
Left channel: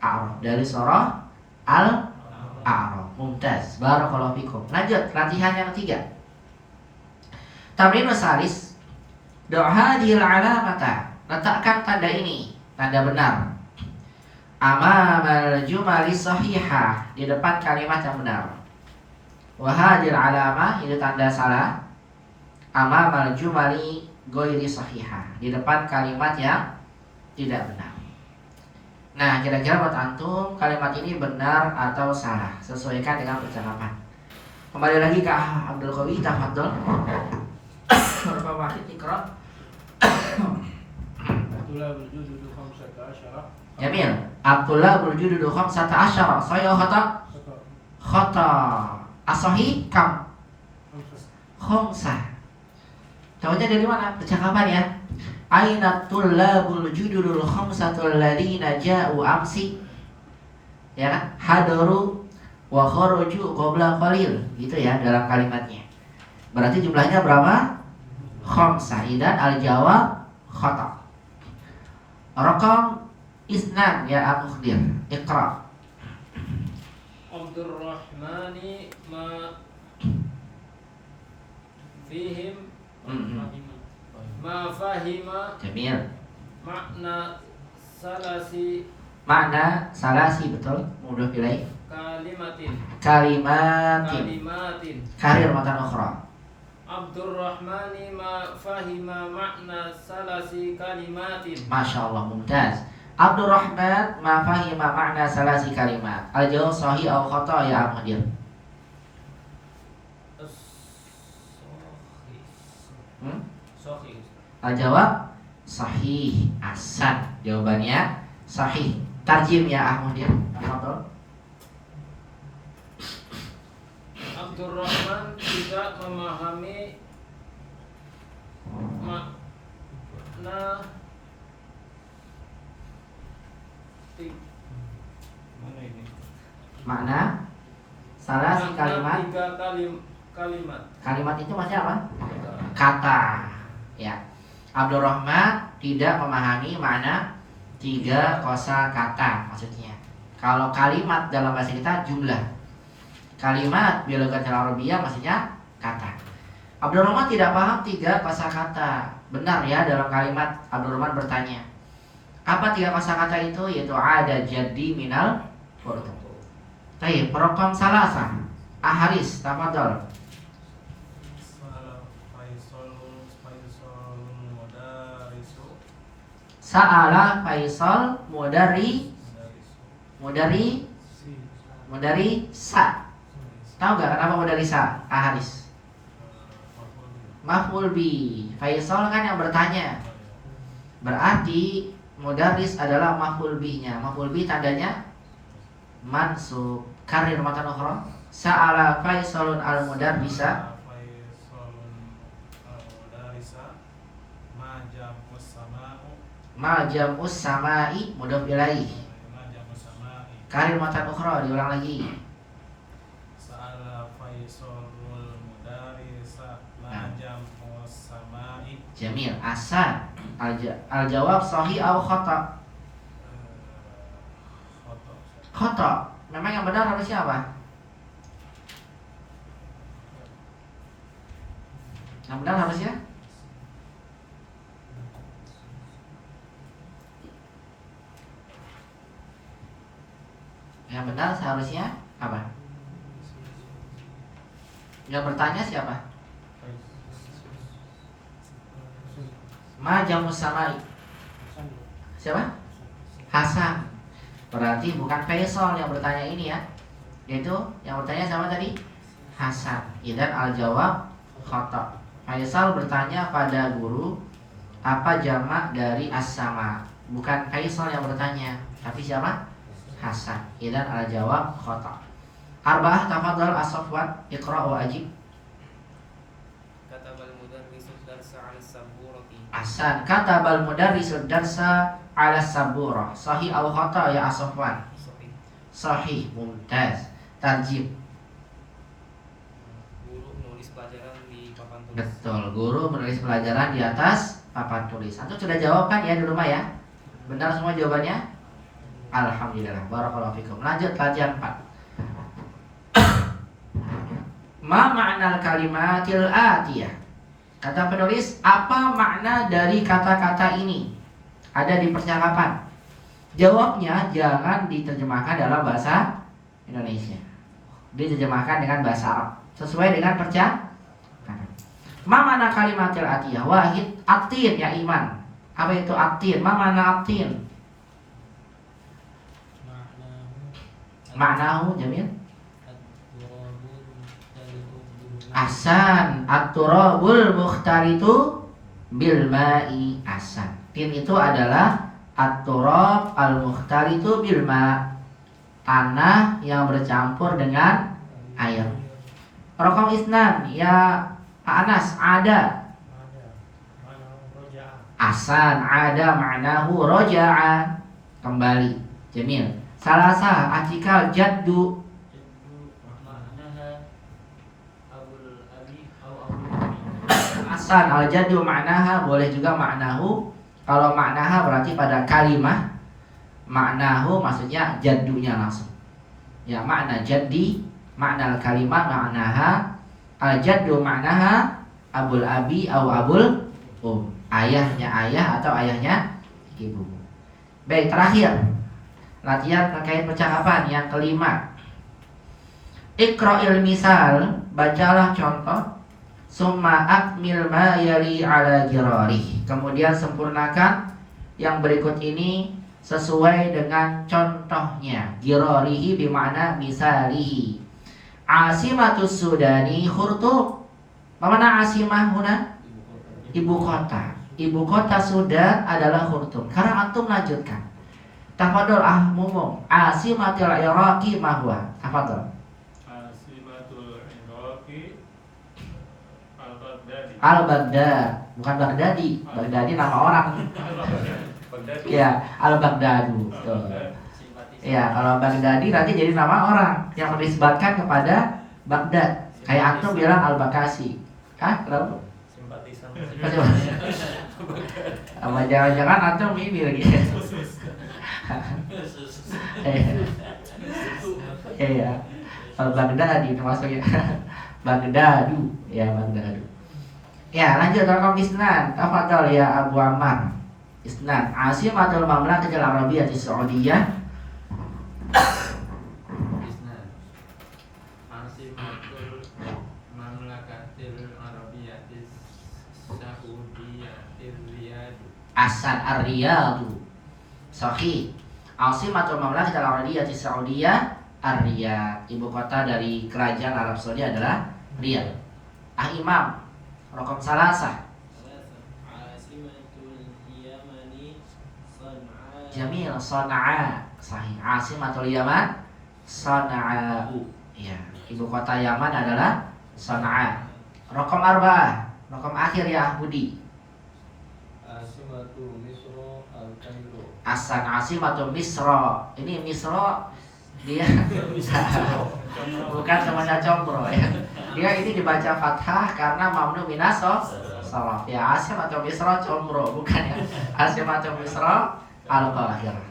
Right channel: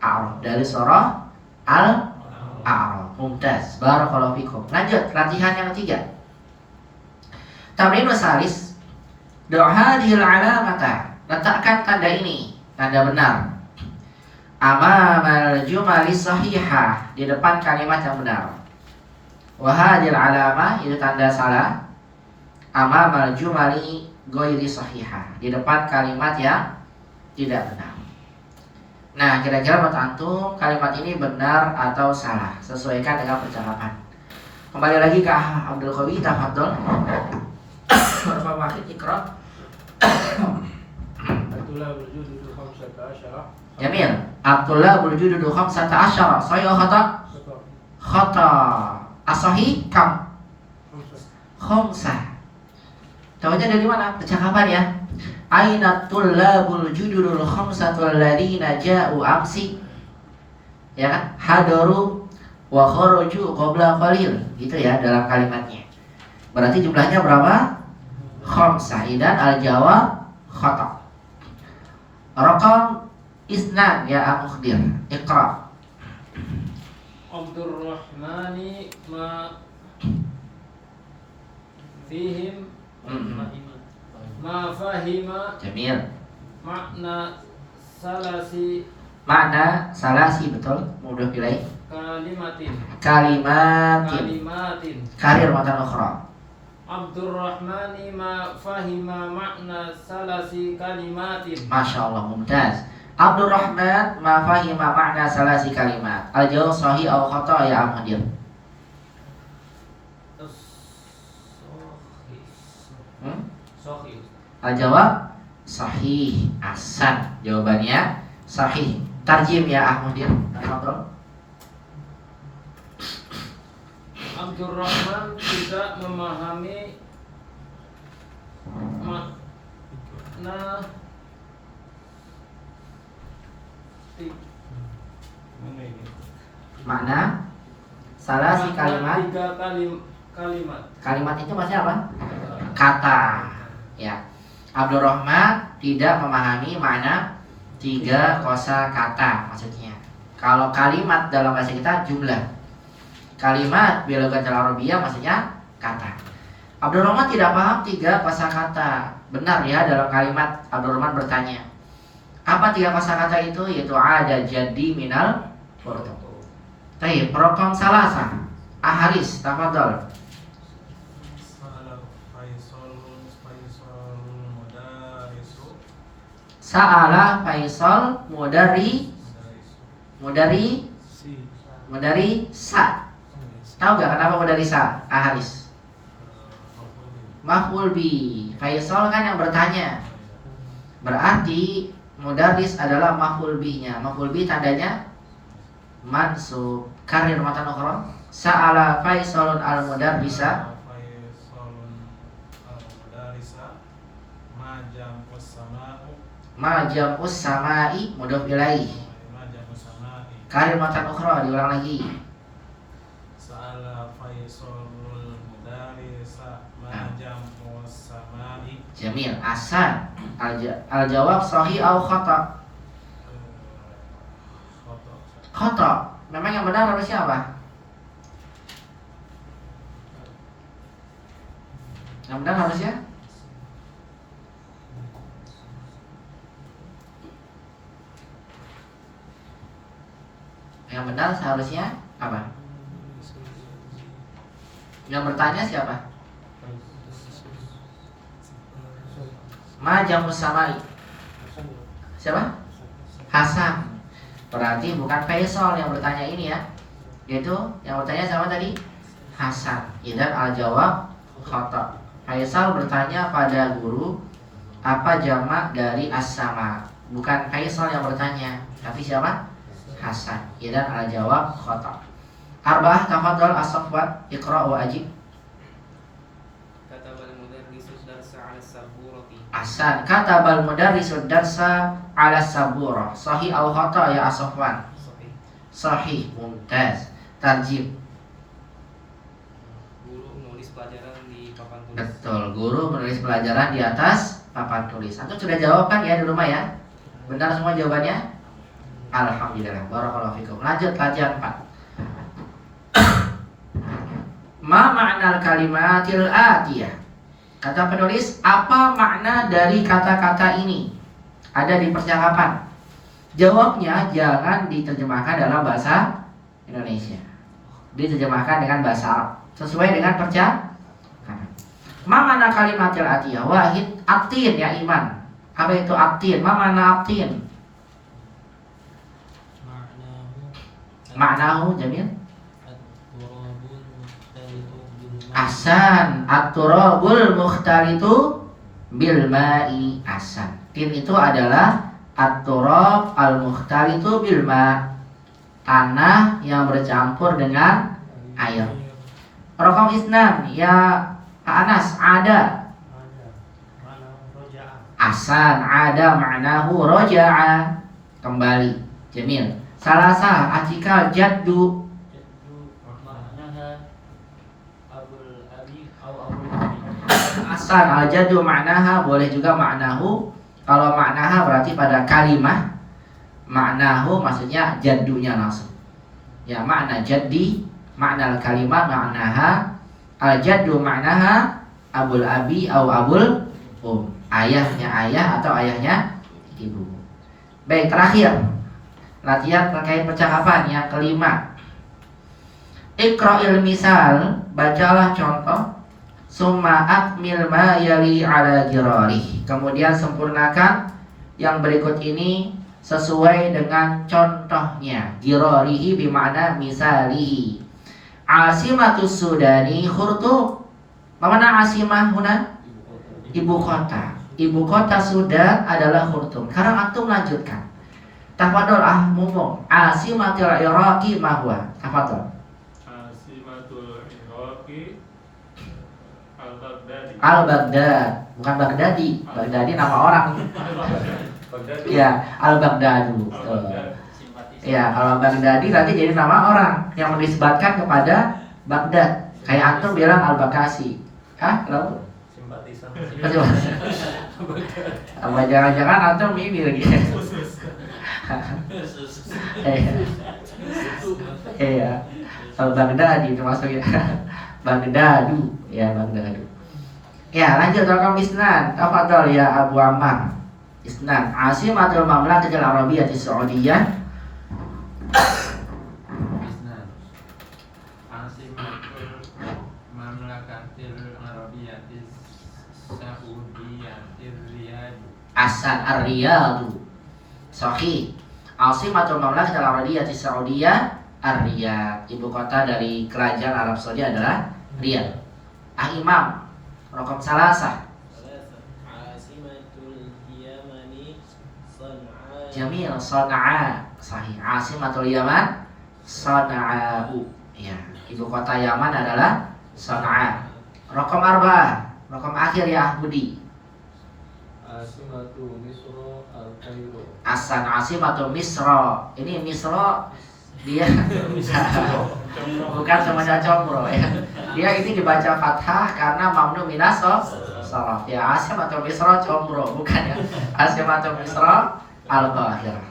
A'raf, dari surah Al-A'raf. Mumtaz. Barakallahu fikum. Lanjut, latihan yang ketiga. Tamrin salis. Doa hadhil alamata. Letakkan tanda ini, tanda benar. Amamal jumali sahihah, di depan kalimat yang benar. Wahadil alamah, itu tanda salah. Amamal jumali ghairi sahihah, di depan kalimat yang tidak benar. Nah, kira-kira buat antum kalimat ini benar atau salah? Sesuaikan dengan percakapan. Kembali lagi ke Abdul Qawi, tafadhol. Berapa waktu ikra? Abdullah berjudu 15. Jamil. Abdullah berjudu 15. Sahih atau khata? Khata. As-sahih kam? Khamsah. Tahunya dari mana? Percakapan ya. Aina tullabul judul khamsatul ladina ja'u amsi. Ya kan? Hadaru wa kharaju qabla qalil. Gitu ya dalam kalimatnya. Berarti jumlahnya berapa? Khamsah. Idan al-jawab khata. Raqam isnan ya Al-Mukhdir. Iqra. Abdurrahmani ma fihim ma fahima Jamil. makna salasi Makna salasi, betul. Mudah pilih. kalimatin Kalimatin. Karir matan ukhra. Abdurrahmani ma fahima makna salasi kalimatin. Masya Allah, mumtaz. Abdurrahman ma fahima makna salasi kalimat. Al-jawab sahih atau khata ya Al-Mukhdir? Sahih. Al-jawab sahih. Ahsan. Jawabannya sahih. Tarjim ya Al-Mukhdir. Tafadhol. Abdurrahman tidak memahami makna Makna salasi kalimat. tiga kalimat. Kalimat itu maksudnya apa? Kata. Ya. Abdurrahman tidak memahami makna 3 kosakata maksudnya. Kalau kalimat dalam bahasa kita jumlah. Kalimat bilogatil arabiyah maksudnya kata. Abdurrahman tidak paham 3 kosakata. Benar ya dalam kalimat Abdurrahman bertanya. Apa 3 kosakata itu? Yaitu ada jadi minal furdu. Baik, raqam salasa. Aharis, tafadhol. Sa'ala Faisal mudari sa. Tahu gak kenapa mudari sa? Aharis. Maf'ul bi. Faisal kan yang bertanya. Berarti mudaris adalah maf'ul bihi-nya. Maf'ul bi tandanya mansub. Karir matan ukhra. Sa'ala Faisalun al-mudarrisa. Ma jam'us sama'i mudhof ilaih. Karir matan ukhra, diulang lagi. Sa'ala Faisalul mudarisa ma jam'us sama'i. Jamil. Ahsan. Al-jawab sahih atau khata? Khata. Memang yang benar harusnya apa? Yang benar harusnya Yang benar seharusnya apa? Yang bertanya siapa? Ma jamus samai. Siapa? Hasan. Berarti bukan Faisal yang bertanya ini ya. Yaitu yang bertanya siapa tadi? Hasan. Idzan al-jawab khata. Faisal bertanya pada guru, apa jamak dari as-sama? Bukan Faisal yang bertanya, tapi siapa? Hasan. Idzan al-jawab khata. Arba'ah tafadhal as-Safwan, iqra wa ajib. Katabal mudarrisu darsa 'ala as-saburati. Ahsan. Katabal mudarrisu darsa 'ala as-saburah. Sahih atau khata ya as-Safwan? Sahih. Sahih. Mumtaz. Tarjib. Guru menulis pelajaran di papan tulis. Betul, guru menulis pelajaran di atas papan tulis. Antum sudah jawab kan ya di rumah ya? Benar semua jawabannya? Alhamdulillah. Barakallahu fikum. Lanjut pelajaran 4. Ma ma'nal kalimatil atiyah. Kata penulis, apa makna dari kata-kata ini? Ada di percakapan. Jawabnya jangan diterjemahkan dalam bahasa Indonesia. Diterjemahkan dengan bahasa Arab sesuai dengan percakapan. Ma ma'na kalimatil atiyah? Wahid, atin ya Iman. Apa itu atin? Ma ma'na atin? Maknahu Jamil? Ahsan. At-turabul mukhtalitu bil ma'i. Ahsan. Tin itu adalah at-turab al-mukhtalitu bil ma', tanah yang bercampur dengan air. Raqam isnan ya Anas, ada. Ahsan. Ada maknahu roja'a, kembali. Jamil. Salasa atikal jaddu. Ahsan. Al-jaddu maknaha, boleh juga maknahu. Kalau maknaha berarti pada kalimah, maknahu maksudnya jaddunya langsung. Ya, makna jaddi, makna kalimah maknaha. Al-jaddu maknaha abul abi atau abul ayahnya ayah atau ayahnya ibu. Baik, terakhir latihan terkait percakapan yang kelima. Iqra'il misal, bacalah contoh. Summa akmil ma yali ala jirarih. Kemudian sempurnakan yang berikut ini sesuai dengan contohnya. Jirarihi bermakna misalihi. Asimatus Sudani Khurtub. Apa makna asimah huna? Ibu kota. Ibu kota Sudan adalah Khurtub. Sekarang antum lanjutkan. Tafadhol mumung. Asimatul Iraqi ma huwa? Tafadhol. Asimatul Iraqi Al-Baghdadi. Al-Baghdad, bukan Baghdadi. Baghdadi nama orang. Ya, Al-Baghdadu. Ya, kalau Baghdadi nanti jadi nama orang yang menisbatkan kepada Baghdad. Kayak antum bilang Al-Bakasi. Hah? Kenapa? Simpatisan. Apa jangan-jangan antum ini lagi? Iya. Al-Baghdadi itu maksudnya. Baghdadu, ya Baghdadu. Ya, lanjut raqam isnan. Tafadhol ya Abu Ammar. Isnan. Asimatul Mamlakatil Arabiyyatis Saudiyah. Isnan. Asimatul Mamlakatil Arabiyyatis Saudiyatir Riyadh. Ahsan. Ar-Riyadh. Sahih. Asimatul Mamlakatil Arabiyyatis Saudiyah Ar-Riyadh. Ibu kota dari kerajaan Arab Saudi adalah Riyadh. Imam raqam salasah. Asimatul Yamani San'a. Jamil. Sana'a. Sahih. Asimatul Yaman Sana'u. Ya, ibu kota Yaman adalah Sana'a. Raqam arba'ah. Raqam akhir ya Budi. Asimatu Misro Al-Kairo. Ahsan. Asimatul Misra. Ini Misra dia bukan semuanya combro ya. Dia ini dibaca fathah karena mamnu minas sharaf. Ya, Asim atau Misra combro, bukan ya. Asim atau Misra Al-Qahirah.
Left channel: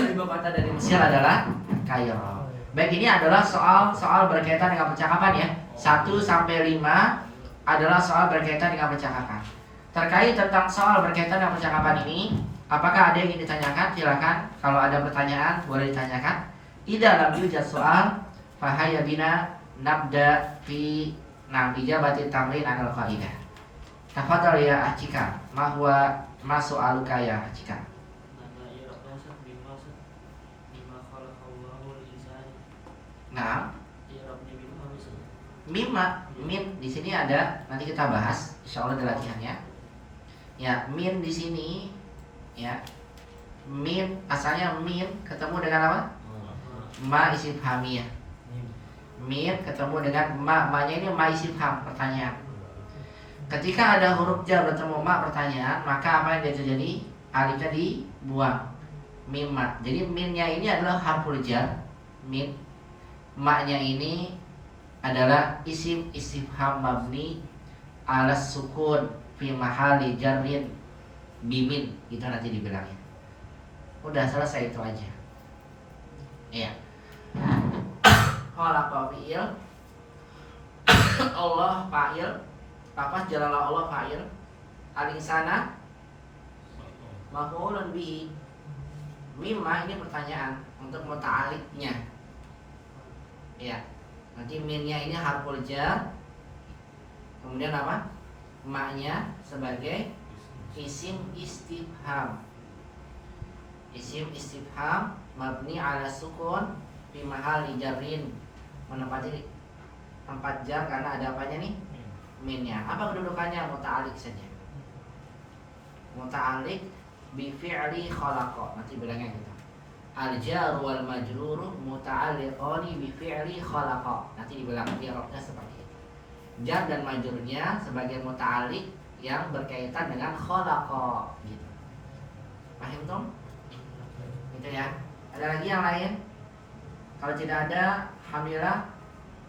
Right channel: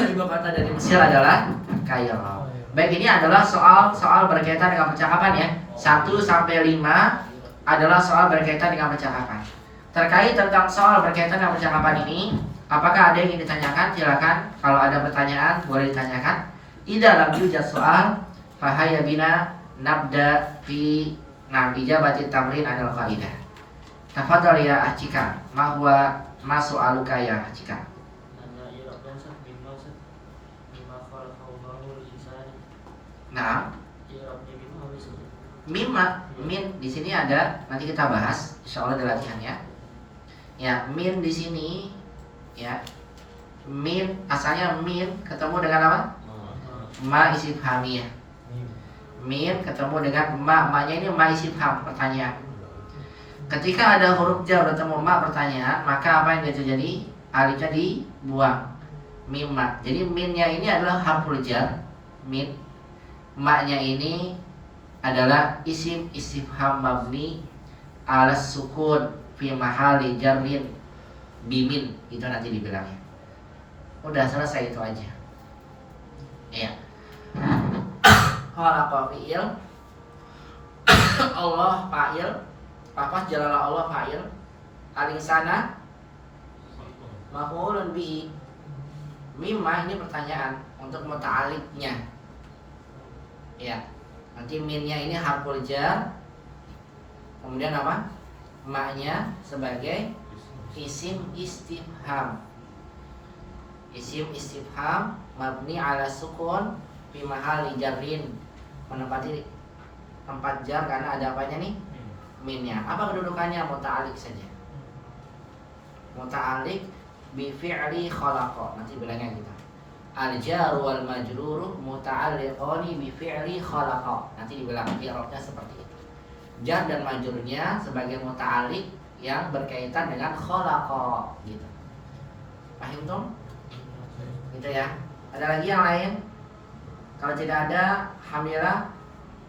Ibu kota dari Mesir adalah Kairo. Baik, ini adalah soal berkaitan dengan percakapan ya. 1 sampai 5 adalah soal berkaitan dengan percakapan. Terkait tentang soal berkaitan dengan percakapan ini, apakah ada yang ingin ditanyakan? Silakan. Kalau ada pertanyaan boleh ditanyakan. Idza lam yujad soal, fahaya bina nabda fi ijabati tamrin anil qaidah. Tafadhal ya Acika, ma huwa ma su'aluka ya Acika? Nanya i'rab Ustaz mimma Ustaz. Mimma khalaqallahu al-insana. Nah, I'rabnya mimma apa Ustaz? mimma, min di sini ada, nanti kita bahas insyaallah di latihannya. Ya, min di sini ya. Min asalnya min ketemu dengan apa? Ma istifhamiyah. Min ketemu dengan ma-nya ini ma istifham, pertanyaan. Ketika ada huruf jar bertemu ma pertanyaan, maka apa yang dia terjadi? Alifnya dibuang. Mimma. Jadi minnya ini adalah harful jar. Min. Ma-nya ini adalah isim istifham mabni ala sukun fi mahali jarrin bimin. Itu nanti dibilangnya. Udah selesai itu aja. Iya. Khalaqa fi'il Allah fa'il. Lafaz jalalah Allah fa'il. Al-insana maf'ulun bihi. Mimma ini pertanyaan untuk muta'alliqnya. Ya. Nanti minnya ini harful jar. Kemudian apa? Ma-nya sebagai isim istifham. Isim istifham mabni ala sukun fi mahali jarrin, menempati tempat jar karena ada apanya nih? Minnya. Apa kedudukannya? Muta'alliq saja. Muta'alliq bi fi'li khalaqa. Nanti bilangnya gitu. Al-jar wal majrur muta'alliqani bi fi'li khalaqa. Nanti dibilang i'rabnya seperti itu. Jar dan majrurnya sebagai muta'alliq yang berkaitan dengan khalaqa gitu. Paham dong? Gitu ya. Ada lagi yang lain? Kalau tidak ada, alhamdulillah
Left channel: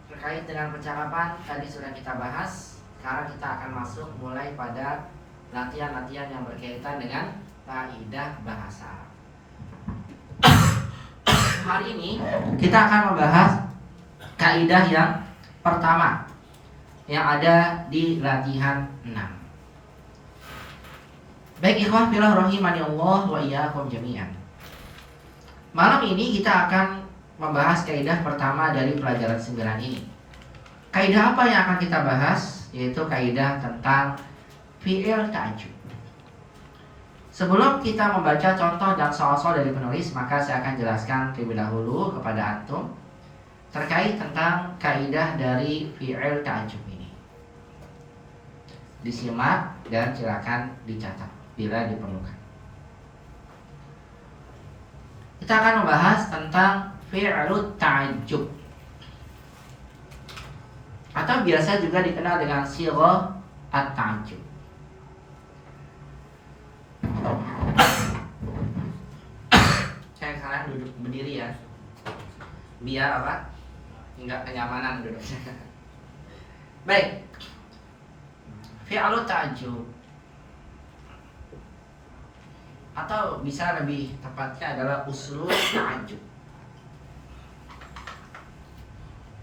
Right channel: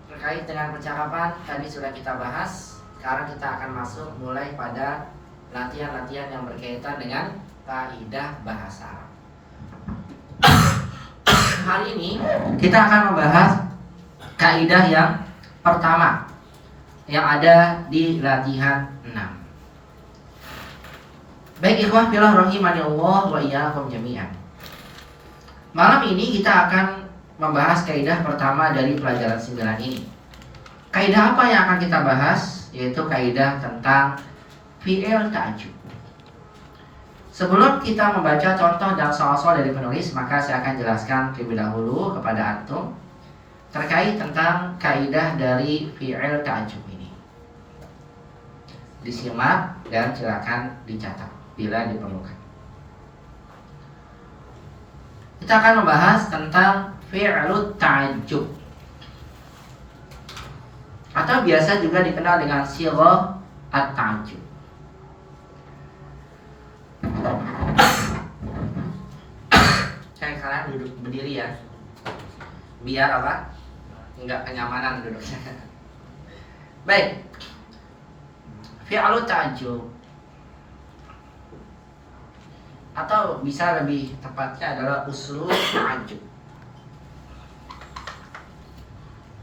terkait dengan percakapan tadi sudah kita bahas. Sekarang kita akan masuk mulai pada latihan-latihan yang berkaitan dengan kaidah bahasa Arab. Hari ini kita akan membahas kaidah yang pertama yang ada di latihan 6. Baik ikhwah fillah rahimani Allah wa iyyakum jami'an. Malam ini kita akan membahas kaidah pertama dari pelajaran 9 ini. Kaidah apa yang akan kita bahas? Yaitu kaidah tentang fi'il ta'jub. Sebelum kita membaca contoh dan soal-soal dari penulis, maka saya akan jelaskan terlebih dahulu kepada antum terkait tentang kaidah dari fi'il ta'jub ini. Disimak dan silakan dicatat bila diperlukan. Kita akan membahas tentang fi'lut ta'jub, atau biasa juga dikenal dengan sighah at-ta'jub. Sekarang duduk berdiri ya, biar apa? Enggak kenyamanan duduknya. Baik, fi'lut ta'jub, atau bisa lebih tepatnya adalah uslub ta'jub.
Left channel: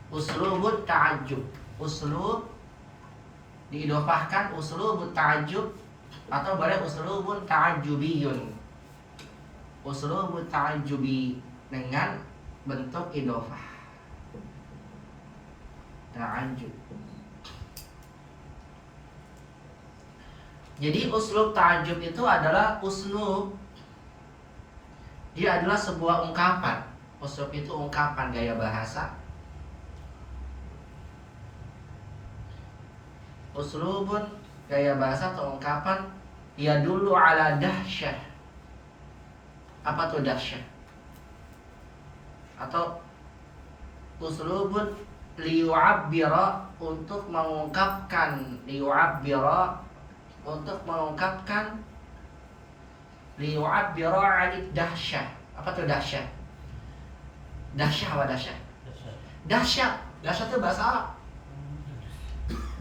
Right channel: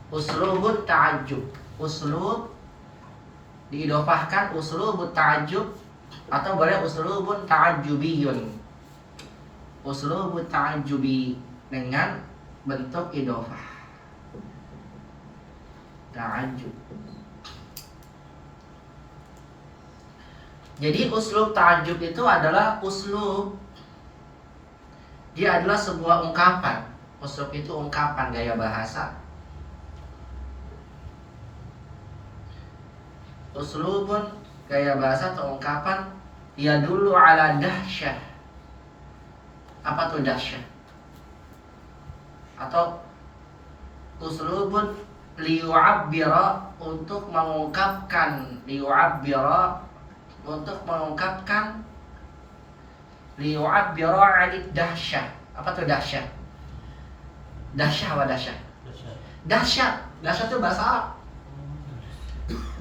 Uslubut ta'jub. Uslub diidofahkan uslubut ta'jub, atau boleh uslubun ta'jubiyun. Uslubut ta'jubi dengan bentuk idofah. Ta'jub. Jadi uslub ta'jub itu adalah uslub. Dia adalah sebuah ungkapan. Uslub itu ungkapan, gaya bahasa. Uslubun, gaya bahasa atau ungkapan, ya dulu ala dahsyah. Apa tuh dahsyah? Atau uslubun liyu'abbira, untuk mengungkapkan, liyu'abbira, untuk mengungkapkan, liyu'abbira 'anid dahsyah. Apa tuh dahsyah? Dahsyah apa dahsyah? Dahsyah. Dahsyah itu bahasa Arab.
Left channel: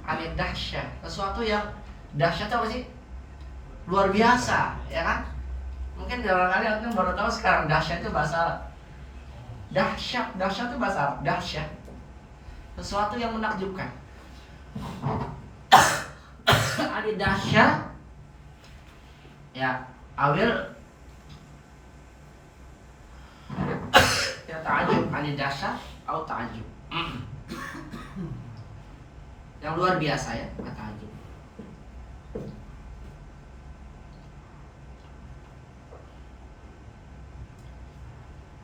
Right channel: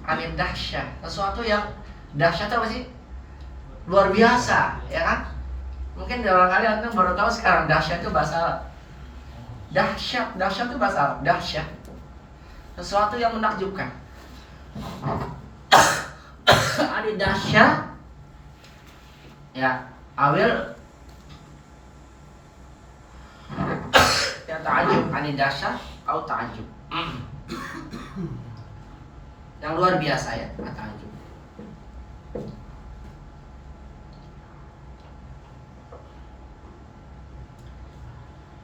Anid dahsyah, sesuatu yang dahsyat apa sih? Luar biasa, ya kan? Mungkin barangkali antum baru tahu sekarang dahsyat itu bahasa Arab. Dahsyat itu bahasa Arab. Dahsyat, sesuatu yang menakjubkan. Anid dahsyah, ya, awil ya ta'ajub, anid dahsyah atau ta'ajub. yang luar biasa ya, ta'ajub.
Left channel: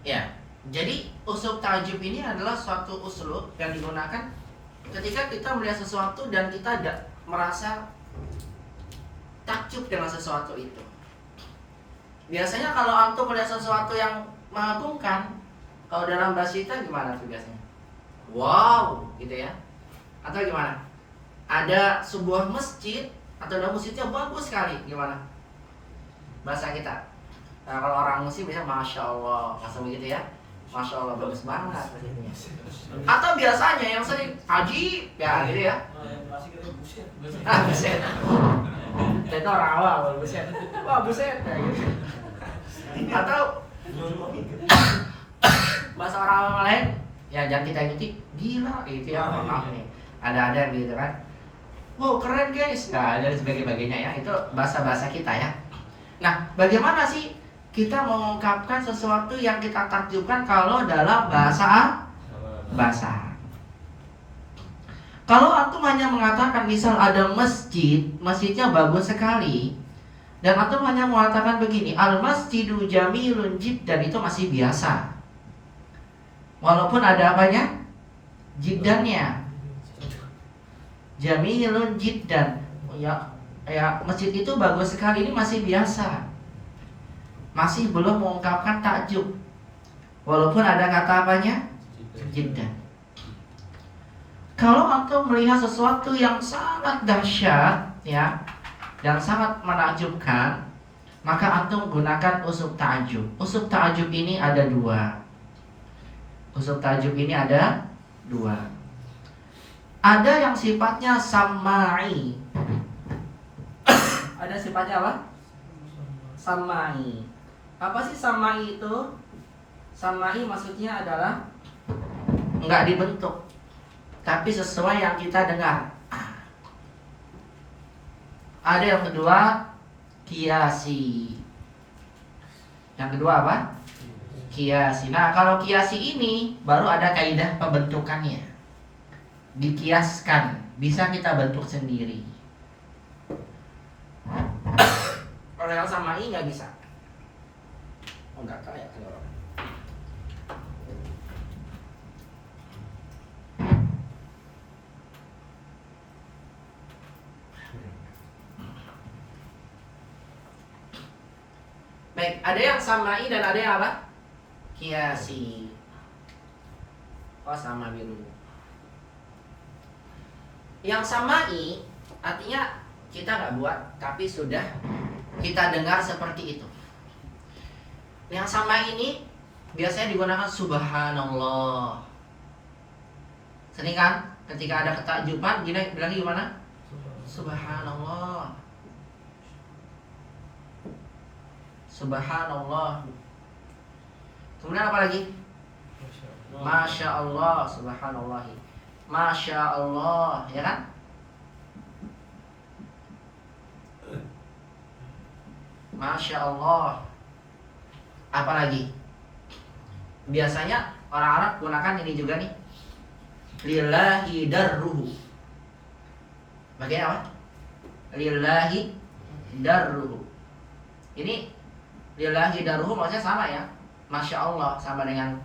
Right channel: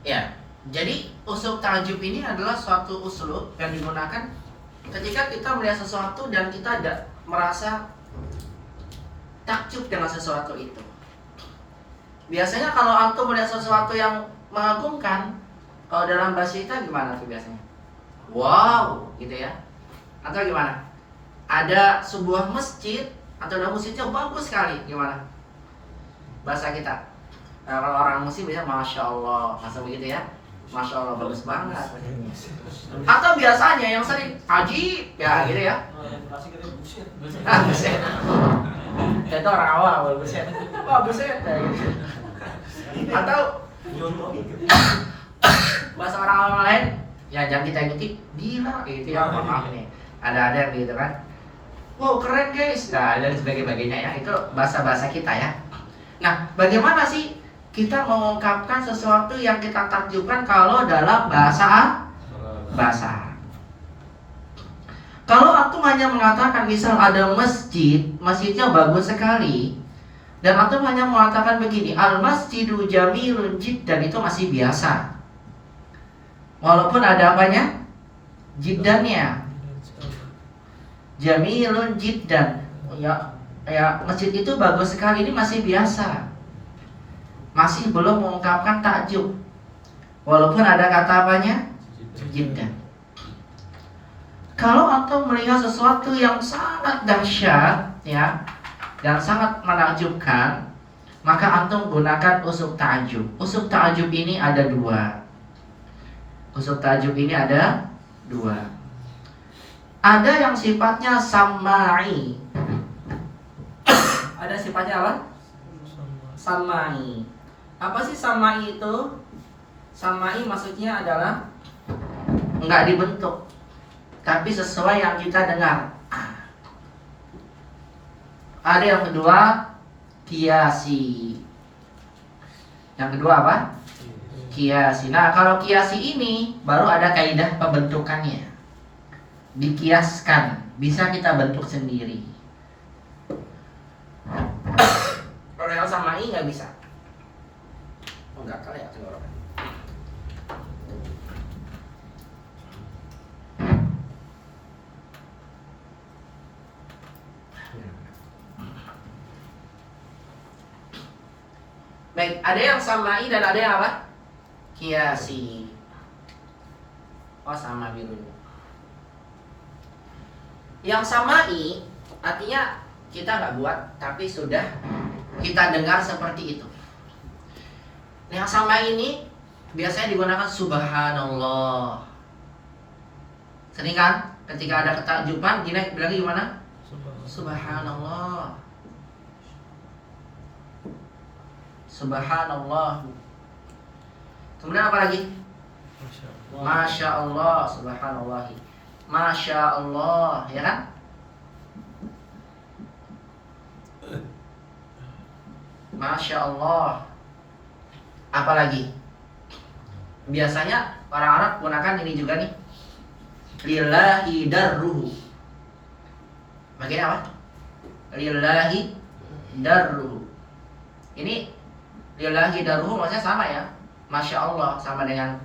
Ya, jadi uslub ta'ajub ini adalah suatu uslub yang digunakan ketika kita melihat sesuatu dan kita tidak merasa takjub dengan sesuatu itu. Biasanya kalau antum melihat sesuatu yang mengagumkan, kalau dalam bahasa kita gimana tuh biasanya? Wow, gitu ya. Atau gimana? Ada sebuah masjid atau ada masjidnya bagus sekali, gimana? Bahasa kita. Nah, kalau orang muslim biasanya Masya Allah, langsung begitu ya. Masya Allah, bagus banget. Atau biasanya yang sering ajib, ya gitu ya. Buset. Itu orang awal, buset. Wah, buset ya gitu. Atau bahasa orang awal lain, ya jangan kita ikuti, gila gitu ya. Maaf nih. Ada yang gitu kan. Wow, keren guys. Nah, dan sebagainya ya. Itu bahasa-bahasa kita ya. Nah, bagaimana sih kita mengungkapkan sesuatu yang kita takjubkan kalau dalam bahasa Arab? Kalau antum hanya mengatakan misal ada masjid, masjidnya bagus sekali, dan antum hanya mengatakan begini, al-masjidu jamilun jiddan, itu masih biasa. Walaupun ada apanya? Jiddannya. Jamilun jiddan. Ya, masjid itu bagus sekali, ini masih biasa. Masih belum mengungkapkan takjub. Walaupun ada kata apanya? Jiddan. Kalau antum melihat sesuatu yang sangat dahsyat ya, yang sangat menakjubkan, maka antum gunakan uslub ta'ajub. Uslub ta'ajub ini ada dua. Ada yang sifatnya samai. Ada sifatnya apa? Samai. Apa sih samai itu? Samai maksudnya adalah enggak dibentuk, tapi sesuai yang kita dengar. Ada yang kedua, kiasi. Yang kedua apa? Kiasi. Nah, kalau kiasi ini baru ada kaidah pembentukannya. Dikiaskan, bisa kita bentuk sendiri. Kalau yang samai nggak bisa. Oh, nggak tahu ya tenggorokan. Baik, ada yang samai dan ada yang apa? Kiasi. Oh, sama biru. Yang samai artinya kita nggak buat, tapi sudah kita dengar seperti itu. Yang sama ini biasanya digunakan subhanallah. Sering kan? Ketika ada ketakjuban, gini bilang gimana? Subhanallah. Subhanallah. Kemudian apa lagi? Masya Allah. Subhanallah. Masya Allah, ya kan? Masya Allah. Apalagi? Biasanya orang Arab gunakan ini juga nih. Lillahi darruhu. Bagian apa? Lillahi darruhu. Ini lillahi darruhu maksudnya sama ya. Masya Allah sama dengan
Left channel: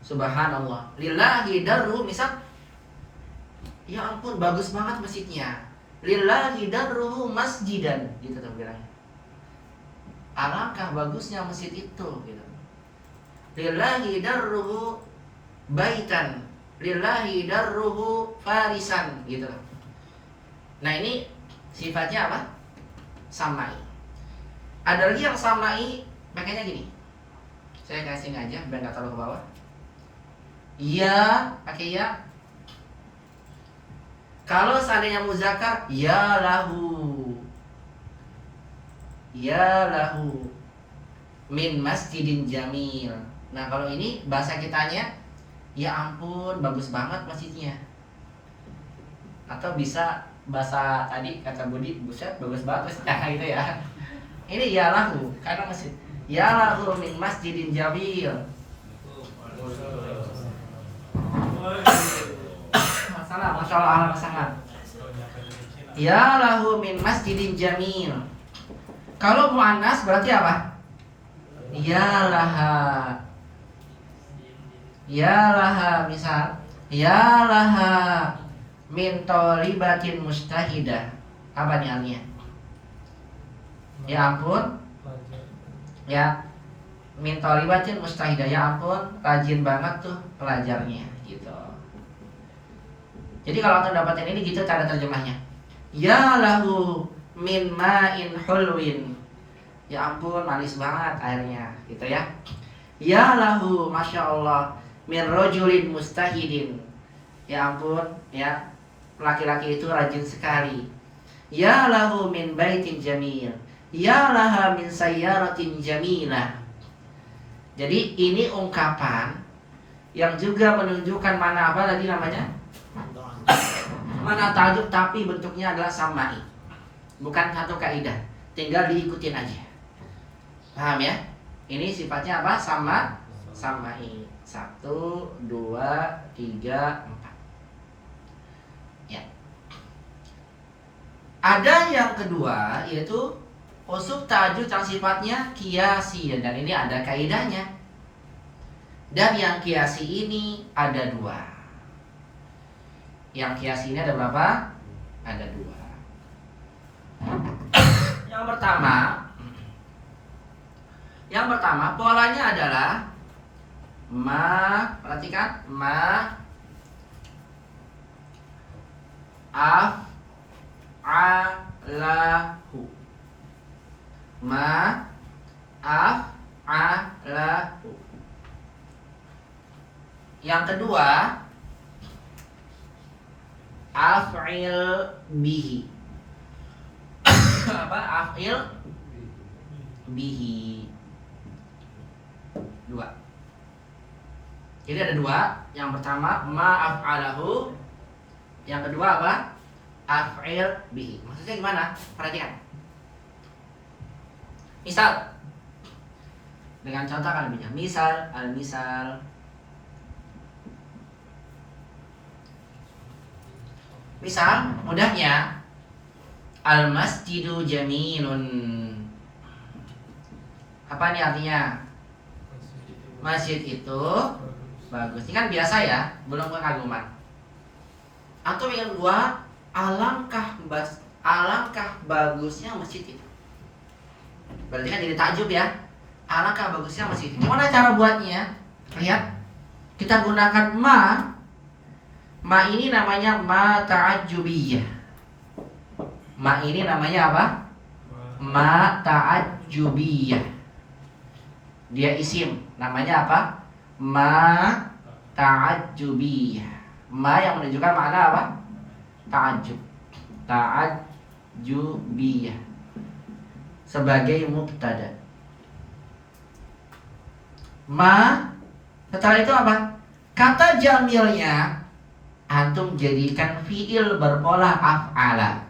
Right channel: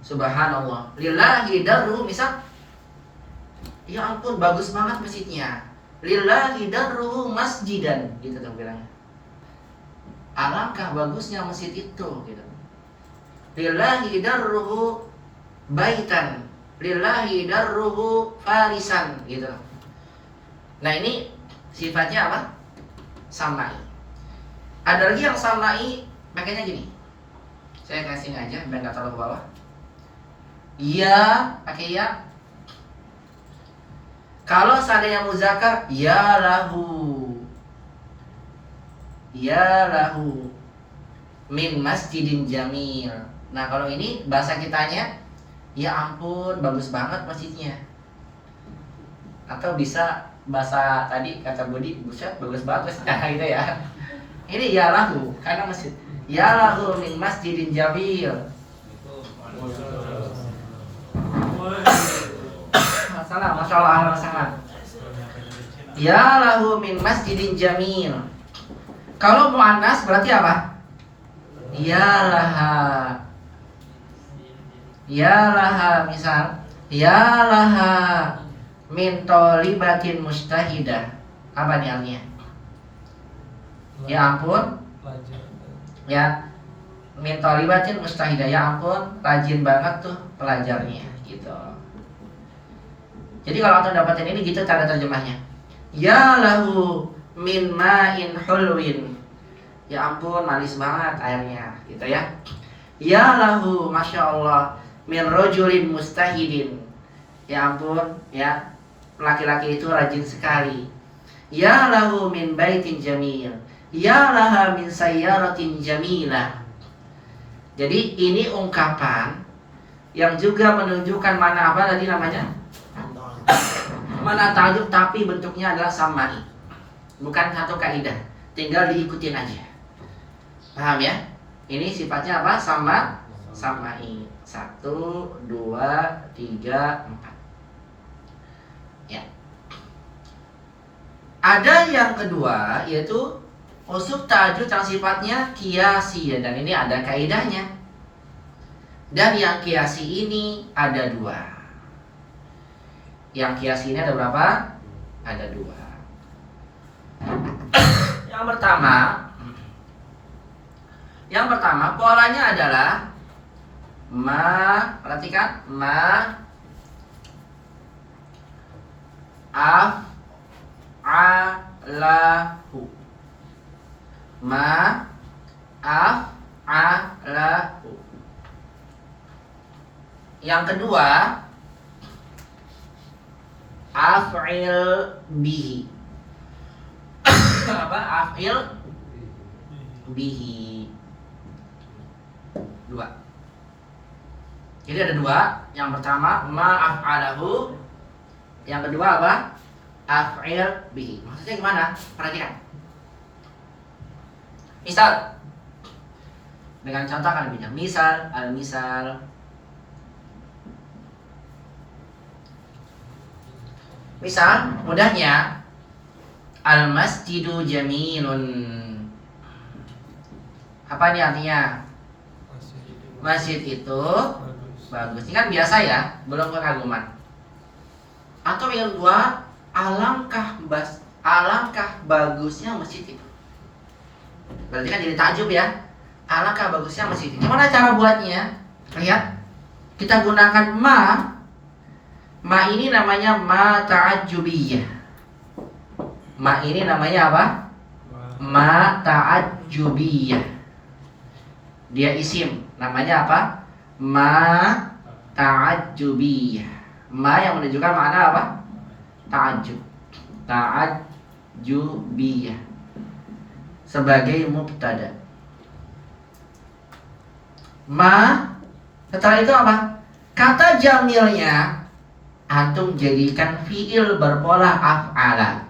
subhanallah. Lillahi darruhu, misal, ya ampun bagus banget masjidnya. Lillahi darruhu masjidan, gitu tuh bilangnya. Alangkah bagusnya masjid itu, gitu. Lillahi darruhu baitan, lillahi darruhu farisan, gitu. Nah, ini sifatnya apa? Samai. Ada lagi yang samai makanya gini. Saya kasih aja biar nggak terlalu ke bawah. Ya, pakai ya. Kalau seandainya muzakkar, ya lahu. Ya lahu min masjidin jamil. Nah, kalau ini bahasa kitanya, ya ampun bagus banget masjidnya. Atau bisa bahasa tadi kata Budi, buset bagus banget masjidnya gitu ya. Ini ya lahu karena masjid. Ya lahu min masjidin jamil. Masalah Masya Allah, ahlan sangat. Ya lahu min masjidin jamil. Kalau muannas berarti apa? Ya laha. Ya laha, misal ya laha min tolibatin mustahidah. Apa nih artinya? Ya ampun. Ya, min tolibatin mustahidah. Ya ampun, rajin banget tuh pelajarnya gitu. Jadi kalau antum dapatin ini gitu cara terjemahnya. Ya lahu min ma'in hulwin. Ya ampun, manis banget airnya gitu ya. Ya lahu, Masya Allah, min rojulin mustahidin. Ya ampun, ya, laki-laki itu rajin sekali. Ya lahu min baitin jamil. Ya laha min sayyaratin jamilah. Jadi ini ungkapan yang juga menunjukkan mana apa tadi namanya? Mana tajuk tapi bentuknya adalah samai. Bukan satu kaidah, tinggal diikutin aja. Paham ya? Ini sifatnya apa? Samai. 1, 2, 3, 4. Ya. Ada yang kedua yaitu uslup ta'ajjud yang sifatnya qiyasi, dan ini ada kaidahnya. Dan yang qiyasi ini ada 2. Yang qiyasi ini ada berapa? Ada 2. Yang pertama polanya adalah ma, perhatikan, ma af'alahu. Ma af'alahu. Yang kedua af'il bihi. Apa? Af'il bihi. 2. Jadi ada 2. Yang pertama ma'af'alahu. Yang kedua apa? Af'il bihi. Maksudnya gimana? Perhatikan. Misal, dengan contoh kan lebih jelas. Misal, al-misal. Misal, mudahnya al-masjidu jamilun. Apa ini artinya? Masjid itu bagus. Ini kan biasa ya, belum kekaguman. Atau yang kedua, alangkah bagusnya masjid itu. Berarti kan jadi takjub ya. Alangkah bagusnya masjid itu. Gimana cara buatnya? Lihat. Kita gunakan ma. Ma ini namanya ma ta'ajjubiyah. Ma ini namanya apa? Ma ta'ajjubiyah. Dia isim. Namanya apa? Ma ta'ajjubiyah. Ma yang menunjukkan makna apa? Ta'ajjub. Ta'ajjubiyah. Sebagai mubtada. Ma. Setelah itu apa? Kata jamilnya antum jadikan fiil berpola af'ala.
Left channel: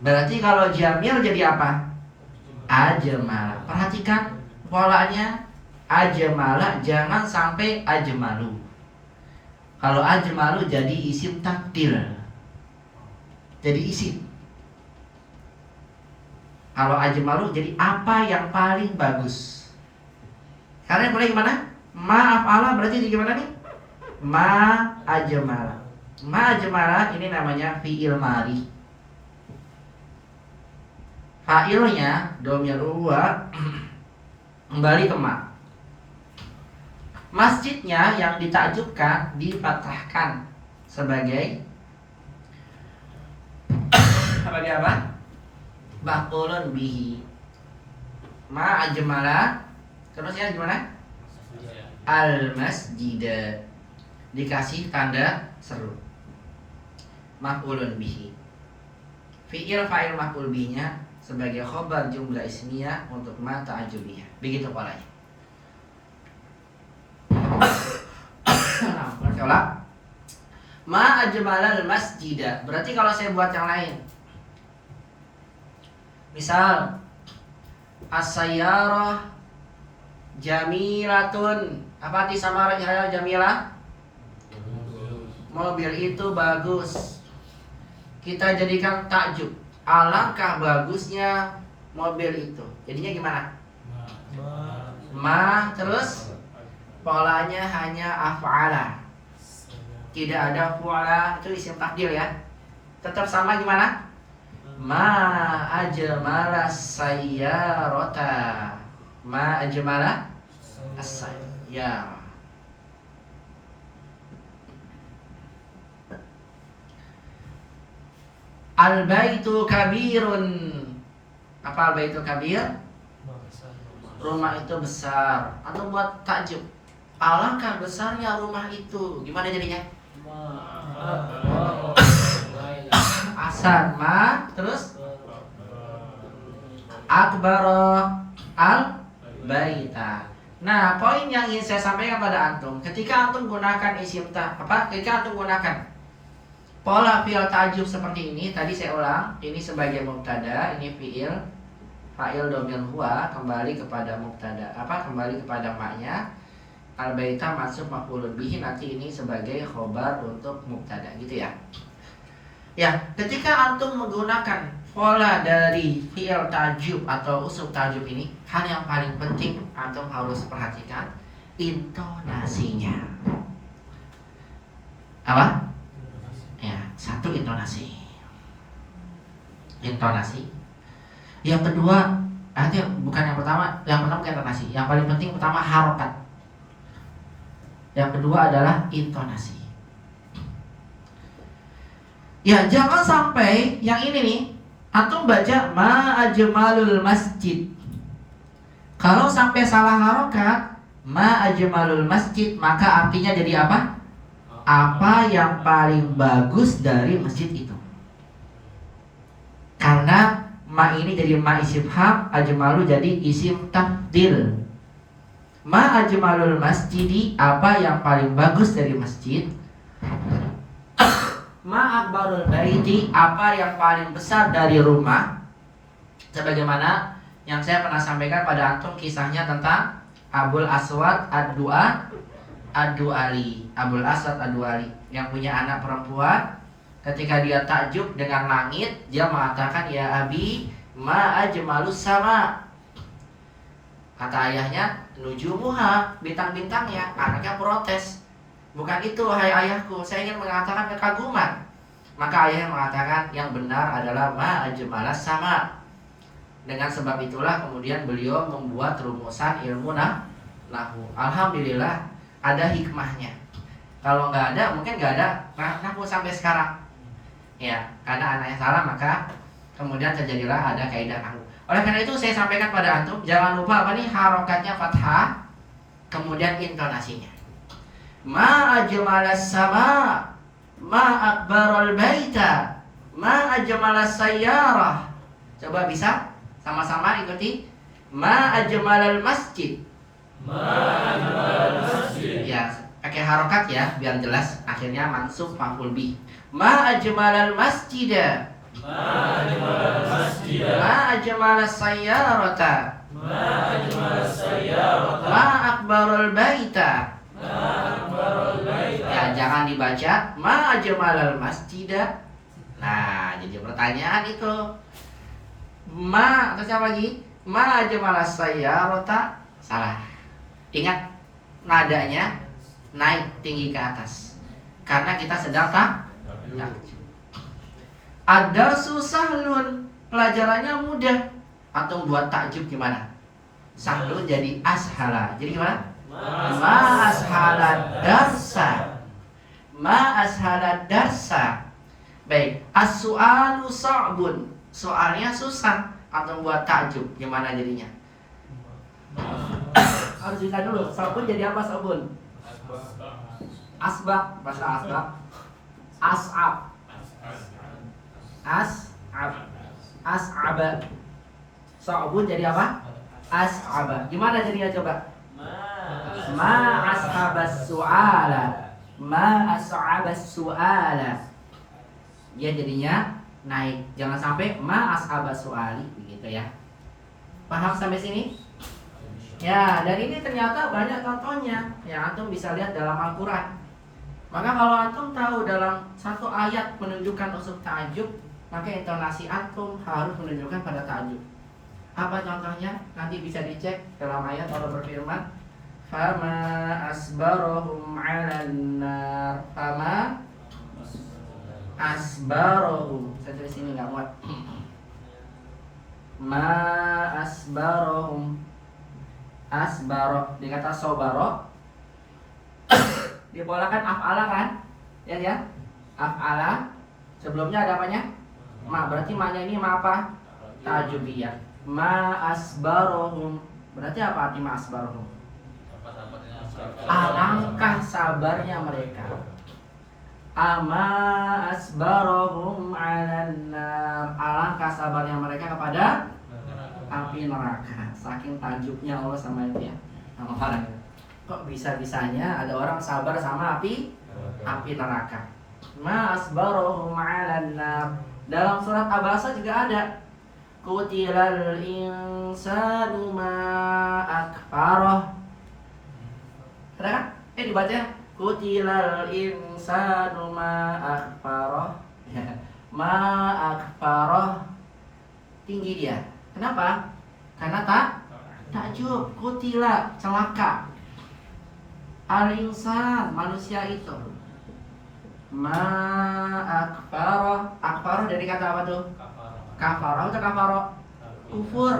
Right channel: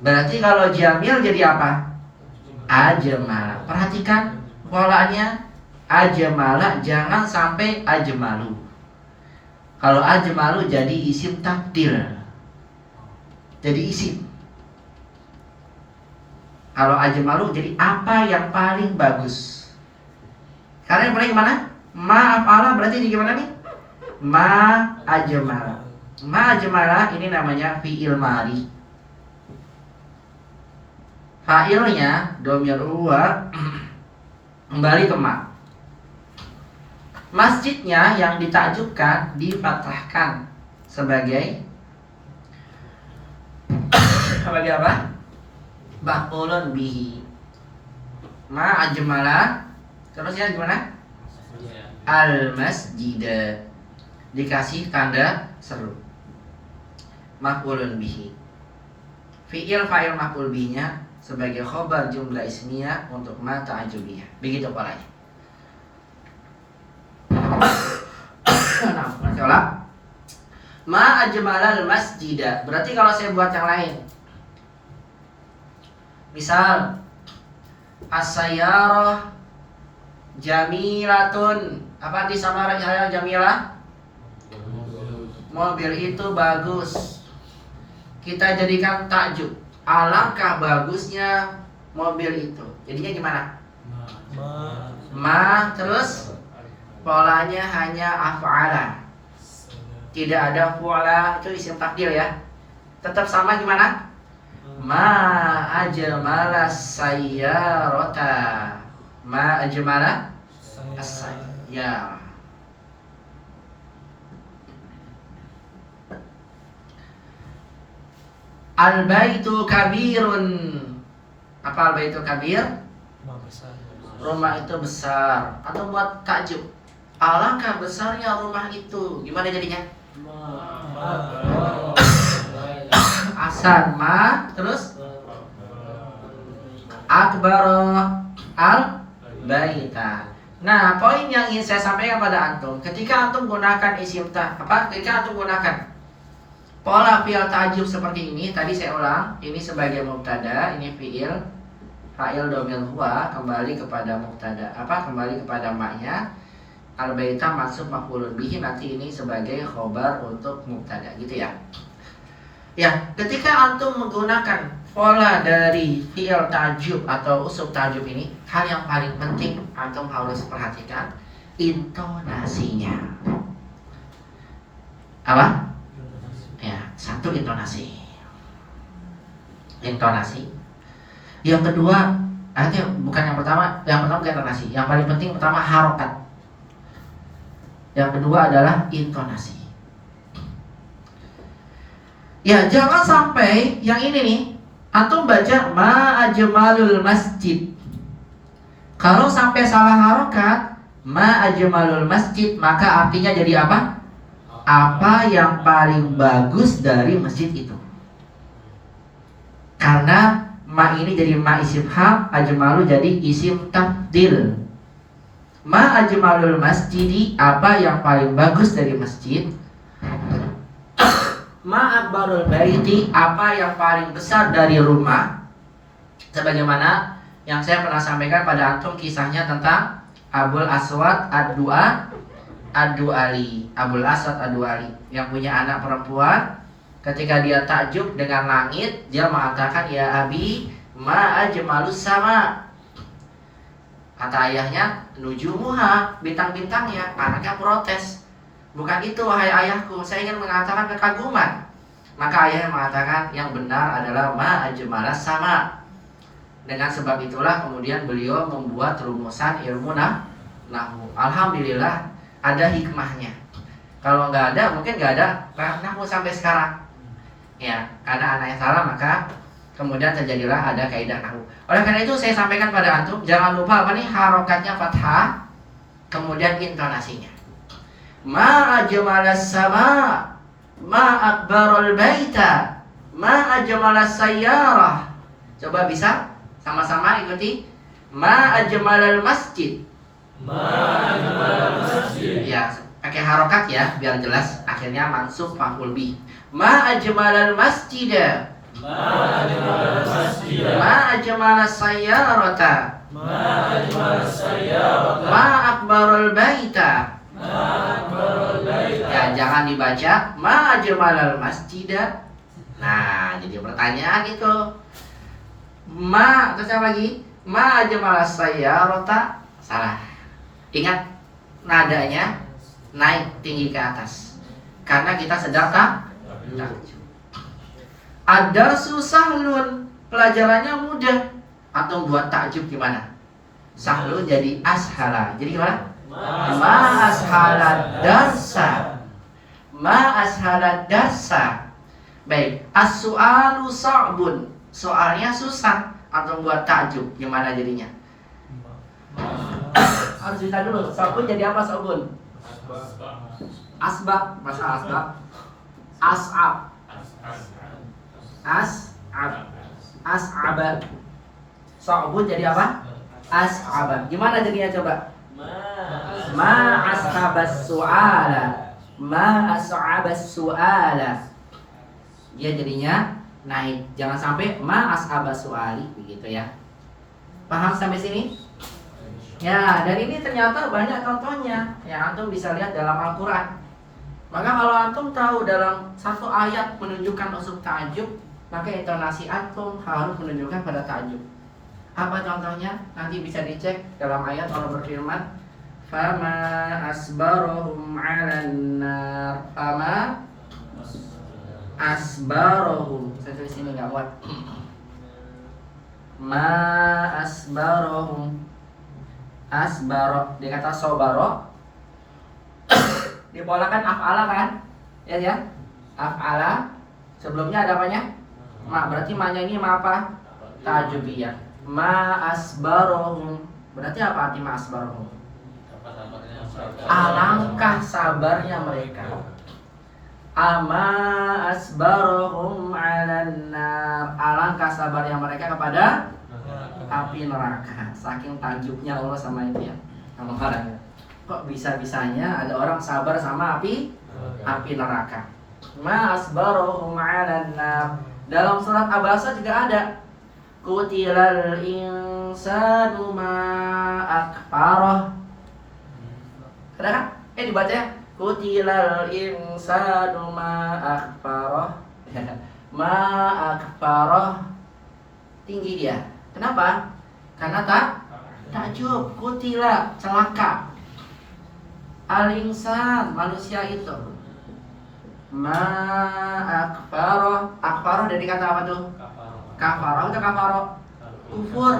Berarti kalau jamil jadi apa? Ajmala. Perhatikan polanya. Ajmala, jangan sampai ajmalu. Kalau ajmalu jadi isim takdir. Jadi isim. Kalau ajmalu jadi apa yang paling bagus. Karena mulai kemana? Ma af'ala berarti di gimana nih? Ma ajmala. Ma ajmala ini namanya fi'il mari. Fa'ilnya dhamir huwa kembali ke ma. Masjidnya yang ditakjubkan difathahkan sebagai apa? Maf'ulun bihi. Ma ajmala. Terusnya gimana? Al-masjida. Dikasih tanda seru. Maf'ulun bihi. Fi'il fa'il maf'ul bihi-nya sebagai khobar jumlah ismiyah untuk ma ta'ajubiyah. Begitu polanya. Nah, berarti olah ma ajmalal masjidah. Berarti kalau saya buat yang lain, misal as-sayyarah jamilatun. Apa arti sama jamilah? mobil itu bagus. Kita jadikan takjub. Alangkah bagusnya mobil itu. Jadinya gimana? Ma terus polanya hanya af'ala. Tidak ada fu'ala, itu isim takdir ya. Tetap sama gimana? Ma ajmala sayyarata. Ma ajmala as-sayyarah. Al-baitu kabirun. Apa al-baitu kabir? Rumah itu besar. Atau buat takjub, alangkah besarnya rumah itu. Gimana jadinya? Asan ma terus akbar al baita. Nah, poin yang ingin saya sampaikan pada antum, ketika antum gunakan isim ketika antum gunakan pola fi'il ta'jub seperti ini, tadi saya ulang, ini sebagai mubtada, ini fi'il fa'il dhamir huwa, kembali kepada mubtada, kembali kepada maknya. Al-baita masuk maf'ulun bihi, nanti ini sebagai khobar untuk mubtada, gitu ya. Ya, ketika antum menggunakan pola dari fi'il ta'jub atau usul ta'jub ini, hal yang paling penting antum harus perhatikan intonasinya. Apa? Ya, satu intonasi. Yang kedua, bukan yang pertama bukan intonasi. Yang paling penting pertama harokat. Yang kedua adalah intonasi. Ya, jangan sampai yang ini nih, antum baca ma ajmalul masjid. Kalau sampai salah harokat, ma ajmalul masjid, maka artinya jadi apa? Apa yang paling bagus dari masjid itu. Karena ma ini jadi ma isim hal, ajmalu jadi isim tabdil. Ma ajmalul masjidi, apa yang paling bagus dari masjid. Ma akbarul baiti, apa yang paling besar dari rumah. Sebagaimana yang saya pernah sampaikan pada antum kisahnya tentang Abul Aswad Ad-Du'ali. Abul Aswad Ad-Du'ali yang punya anak perempuan. Ketika dia takjub dengan langit, dia mengatakan, ya abi, ma ajmalus sama. Kata ayahnya, nujumuha, bintang-bintangnya. Anaknya protes, bukan itu wahai ayahku, saya ingin mengatakan kekaguman. Maka ayahnya mengatakan yang benar adalah ma ajmalas sama. Dengan sebab itulah kemudian beliau membuat rumusan ilmu nahwu. Alhamdulillah ada hikmahnya. Kalau nggak ada, mungkin nggak ada nahwu sampai sekarang. Ya, karena anaknya salah maka kemudian terjadilah ada kaidah nahwu. Oleh karena itu saya sampaikan pada antum, jangan lupa harokatnya fathah, kemudian intonasinya. Ma ajmalas sama, ma akbarul baita, ma ajmalas sayyarah. Coba bisa sama-sama ikuti. Ma ajmalal masjid. Ya, pakai harokat ya biar jelas. Akhirnya mansub maf'ul bih. Ma ajmalal masjid. Ma ajmalas sayyarata. Ma akbarul baita. Ya, jangan dibaca ma ajmalal masjid. Nah, jadi pertanyaan itu. Ma, terus apa lagi? Ma ajmalas sayyarata. Salah. Ingat, nadanya naik tinggi ke atas. Karena kita sedang takjub. Ad-darsu sahlun, pelajarannya mudah. Atau buat takjub gimana? Sahlun jadi ashala. Jadi gimana? Ma ashalad darsa. Ma ashalad darsa. Baik, as-su'alu sa'bun, soalnya susah. Atau buat takjub gimana jadinya? Harus cerita dulu, sa'bun jadi apa sa'bun? Asbab, bahasa asbab. As'ab. As'aba. Sa'bun jadi apa? As'aba. Gimana jadinya coba? Ma ashabas su'ala. Ma as'abas su'ala. Dia jadinya naik. Jangan sampai ma ashabas su'ali, begitu ya. Paham sampai sini? Ya, dan ini ternyata banyak contohnya yang antum bisa lihat dalam Al-Quran. Maka kalau antum tahu dalam satu ayat menunjukkan unsur ta'ajub, maka intonasi antum harus menunjukkan pada ta'ajub. Apa contohnya? Nanti bisa dicek dalam ayat Allah berfirman, "Fama asbarahum 'alan nar." Fama asbarahum. Saya tulis ini enggak muat. Ma asbarahum. Asbaro, dia kata sobaro. Dipolakan af'ala kan? Ya. Af'ala. Sebelumnya ada apanya? Ma, berarti ma-nya ini ma apa? Ta'ajubiyah. Ma asbarohum. Berarti apa arti ma asbarohum? Alangkah sabarnya mereka. Ama asbarohum 'alan nar. Alangkah sabarnya mereka kepada api neraka. Saking tajubnya Allah sama itu ya. Sama orang ya. Kok bisa-bisanya ada orang sabar sama api neraka. Ma asbarohum 'alan nar. Dalam surat Abasa juga ada. Qutilal insanu ma akfarah. Ada kan? Dibaca ya. Qutilal insanu ma akfarah. Ma akfarah. Tinggi dia. Kenapa? Karena takjub. Qutila, celaka. Al-insan, manusia itu. Ma akfarah. Akfarah dari kata apa tuh? Kafarah atau kafaroh? Kufur.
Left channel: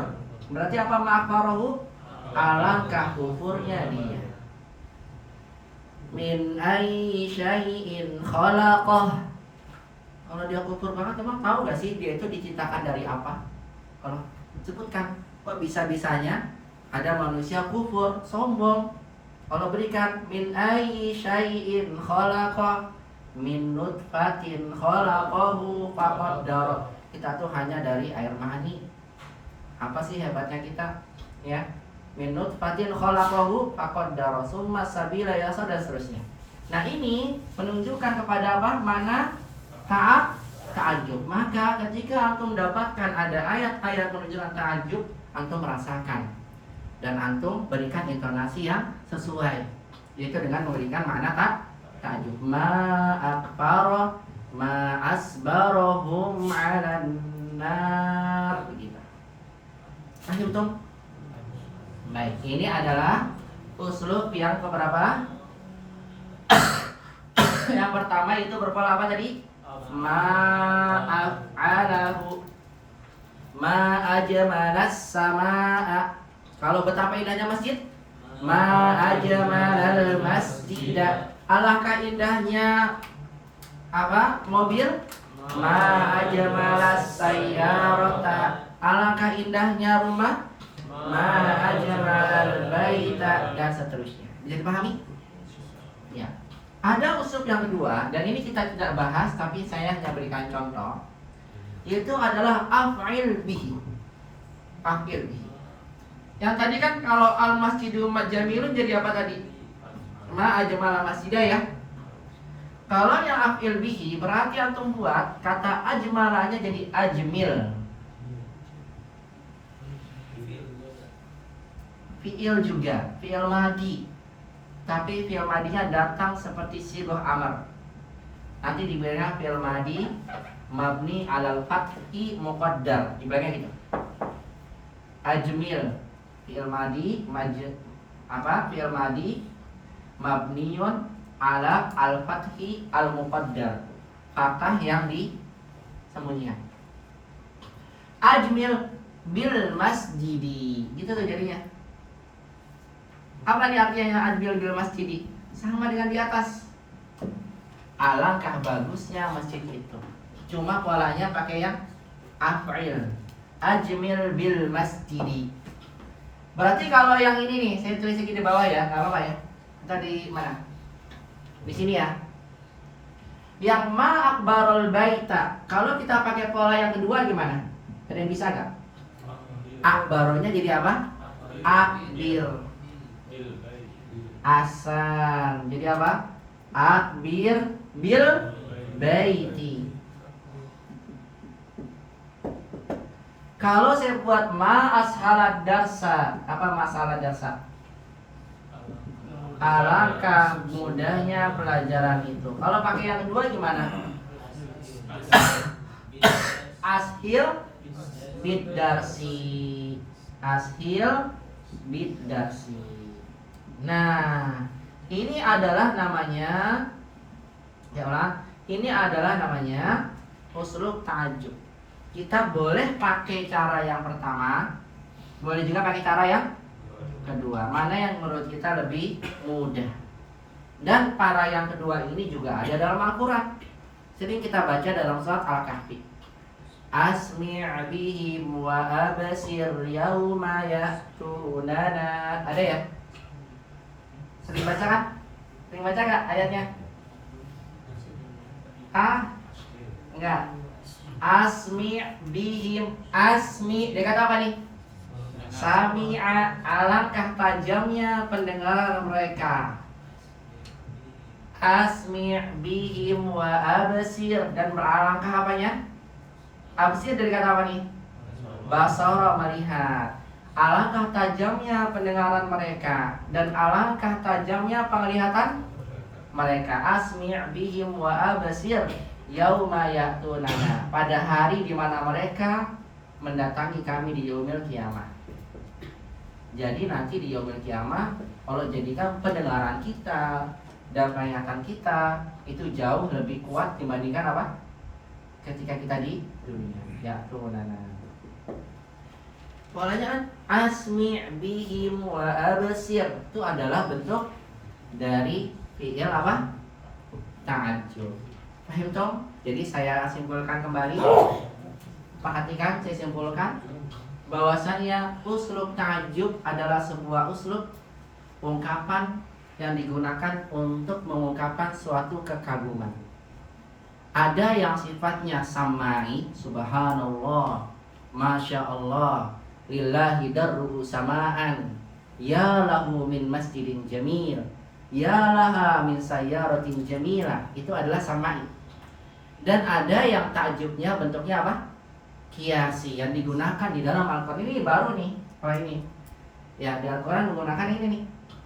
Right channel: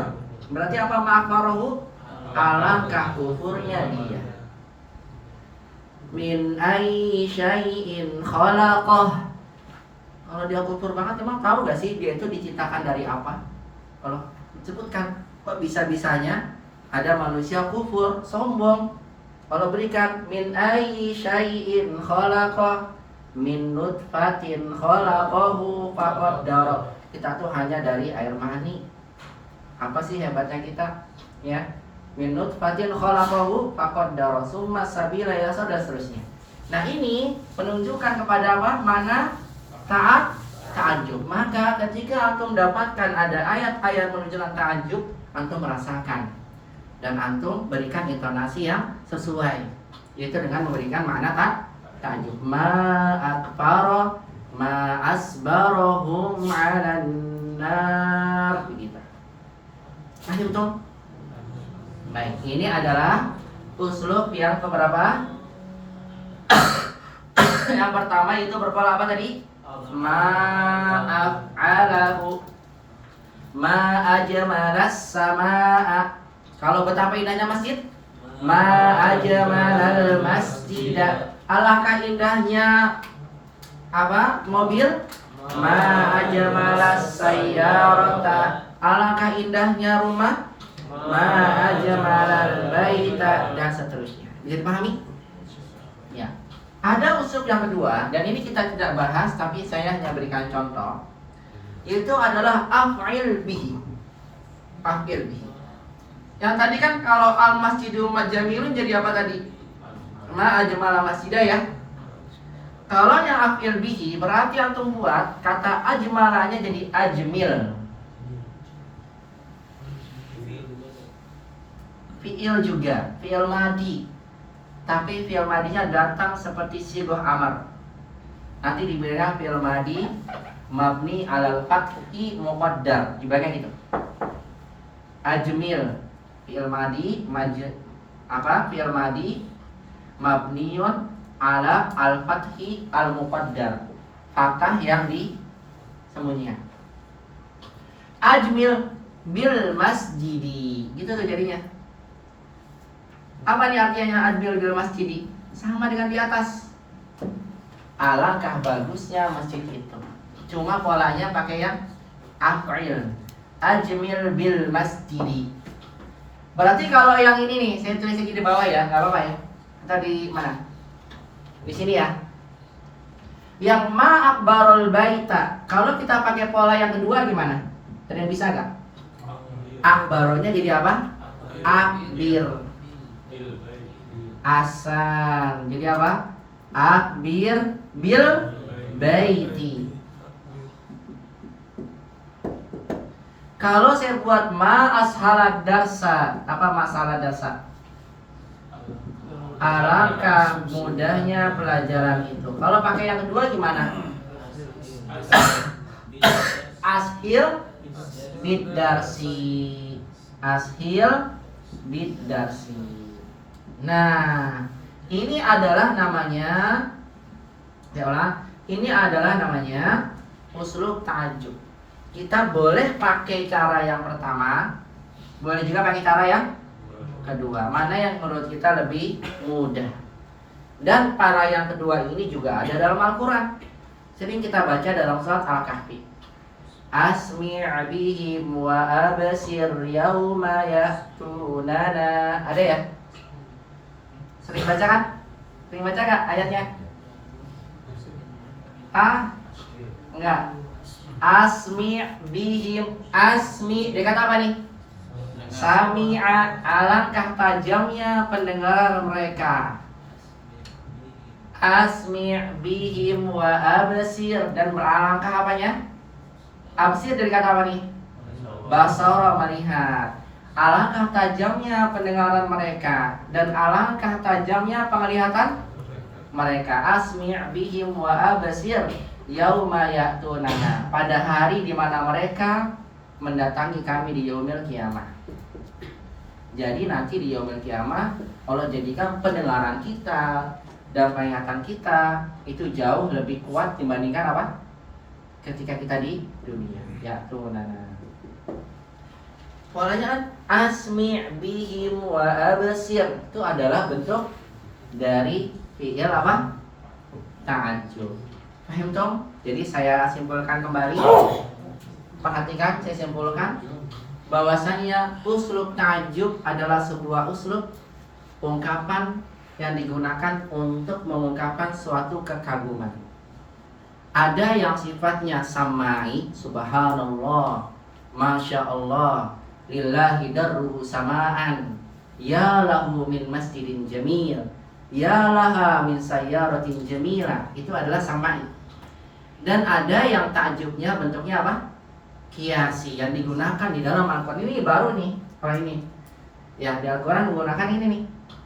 Berarti apa ma'akfarahu? Alangkah kufurnya dia. Min ayyi syai'in khalaqah. Kalau dia kufur banget, emang tahu gak sih dia itu diciptakan dari apa? Kalau sebutkan, kok bisa-bisanya ada manusia kufur, sombong. Kalau berikan min ayyi syai'in khalaqah, min nutfatin khalaqahu faqaddara. Kita tuh hanya dari air mani. Apa sih hebatnya kita? Ya. Min nutfatin khalaqahu faqaddara summa sabila yasa dan seterusnya. Nah, ini menunjukkan kepada apa? Mana ta'ajub. Maka ketika antum dapatkan ada ayat-ayat menunjukkan ta'ajub, antum merasakan dan antum berikan intonasi yang sesuai, yaitu dengan memberikan makna ta'ajub. Ma akfara ma asbarahum 'alan nar. Begitu. Paham tuh? Baik, ini adalah uslub yang keberapa? Yang pertama itu berpola apa tadi? Ma af'alahu ma ajmalas samaa. Kalau betapa indahnya masjid, ma ajmalal masjida. Alangkah indahnya apa? Mobil. Ma ajmalas sayyarata. Alangkah indahnya rumah. Ma ajmalal baita dan seterusnya. Bisa dipahami? Ya. Ada uslub yang kedua dan ini kita tidak bahas tapi saya hanya berikan contoh. Itu adalah af'il bihi. Af'il bihi. Yang tadi kan kalau al masjidu jamilun jadi apa tadi? Ma ajmalal masjidah ya. Kalau yang af'il bihi berarti antum buat kata ajmalanya jadi ajmil. Fi'il juga, fi'il madi. Tapi fi'il madinya datang seperti sighah amar. Nanti dibilang fi'il madi mabni alal fathi muqaddar. Dibilang gitu. Ajmil fi'il madi fi'il madi mabniun ala al-fathi al-muqaddar. Fathah yang disembunyikan. Ajmil bil masjidi. Gitu tuh jadinya. Apa nih artinya ajmil bil masjidi? Sama dengan di atas. Alangkah bagusnya masjid itu. Cuma polanya pakai yang af'il. Ajmil bil masjidi. Berarti kalau yang ini nih, saya tulis lagi di bawah ya, nggak apa-apa ya. Atau di mana? Di sini ya. Yang ma akbarul baita. Kalau kita pakai pola yang kedua gimana? Ada yang bisa nggak? Akbaronya jadi apa? Akbir. Asan. Jadi apa? Akbir bil baiti. Kalau saya buat ma ashalad darsa, apa masalah darsa? Alangkah mudahnya pelajaran itu. Kalau pakai yang kedua gimana? Ashil bid-darsi. Ashil bid-darsi. Nah, ini adalah namanya, ya Allah, ini adalah namanya uslub ta'ajjub. Kita boleh pakai cara yang pertama, boleh juga pakai cara yang kedua. Mana yang menurut kita lebih mudah? Dan para yang kedua ini juga ada dalam Al-Quran. Sering kita baca dalam surat Al-Kahfi. Asmi' bihim wa absir yawma ya'tunana. Ada ya? Sering baca kan? Sering baca gak ayatnya? Enggak. Asmi' bihim. Asmi' dia kata apa nih? Sami'a, alangkah tajamnya pendengaran mereka. Asmi' bihim wa absir, dan beralangkah apanya? Absir dari kata apa nih? Basara, melihat. Alangkah tajamnya pendengaran mereka, dan alangkah tajamnya penglihatan mereka. Asmi' bihim wa absir yauma ya'tunana, pada hari di mana mereka mendatangi kami di yaumil kiamah. Jadi nanti di yaumil kiamah Allah jadikan pendengaran kita dan penglihatan kita itu jauh lebih kuat dibandingkan apa? Ketika kita di dunia. Ya'tunana. Polanya kan asmi' bihim wa absir, itu adalah bentuk dari fi'il apa? Ta'ajjub. Paham Tom? Jadi saya simpulkan kembali. Perhatikan, saya simpulkan bahwasanya uslub ta'ajjub adalah sebuah uslub ungkapan yang digunakan untuk mengungkapkan suatu kekaguman. Ada yang sifatnya samai, subhanallah, masya Allah, lillahi darru samaan, ya lahu min masjidin jamil, ya laha min sayyaratin jamilah. Itu adalah samai. Dan ada yang ta'ajjubnya bentuknya apa? Kiasi, yang digunakan di dalam Al-Quran. Ini baru nih, kalau ini ya di Al-Quran menggunakan ini nih.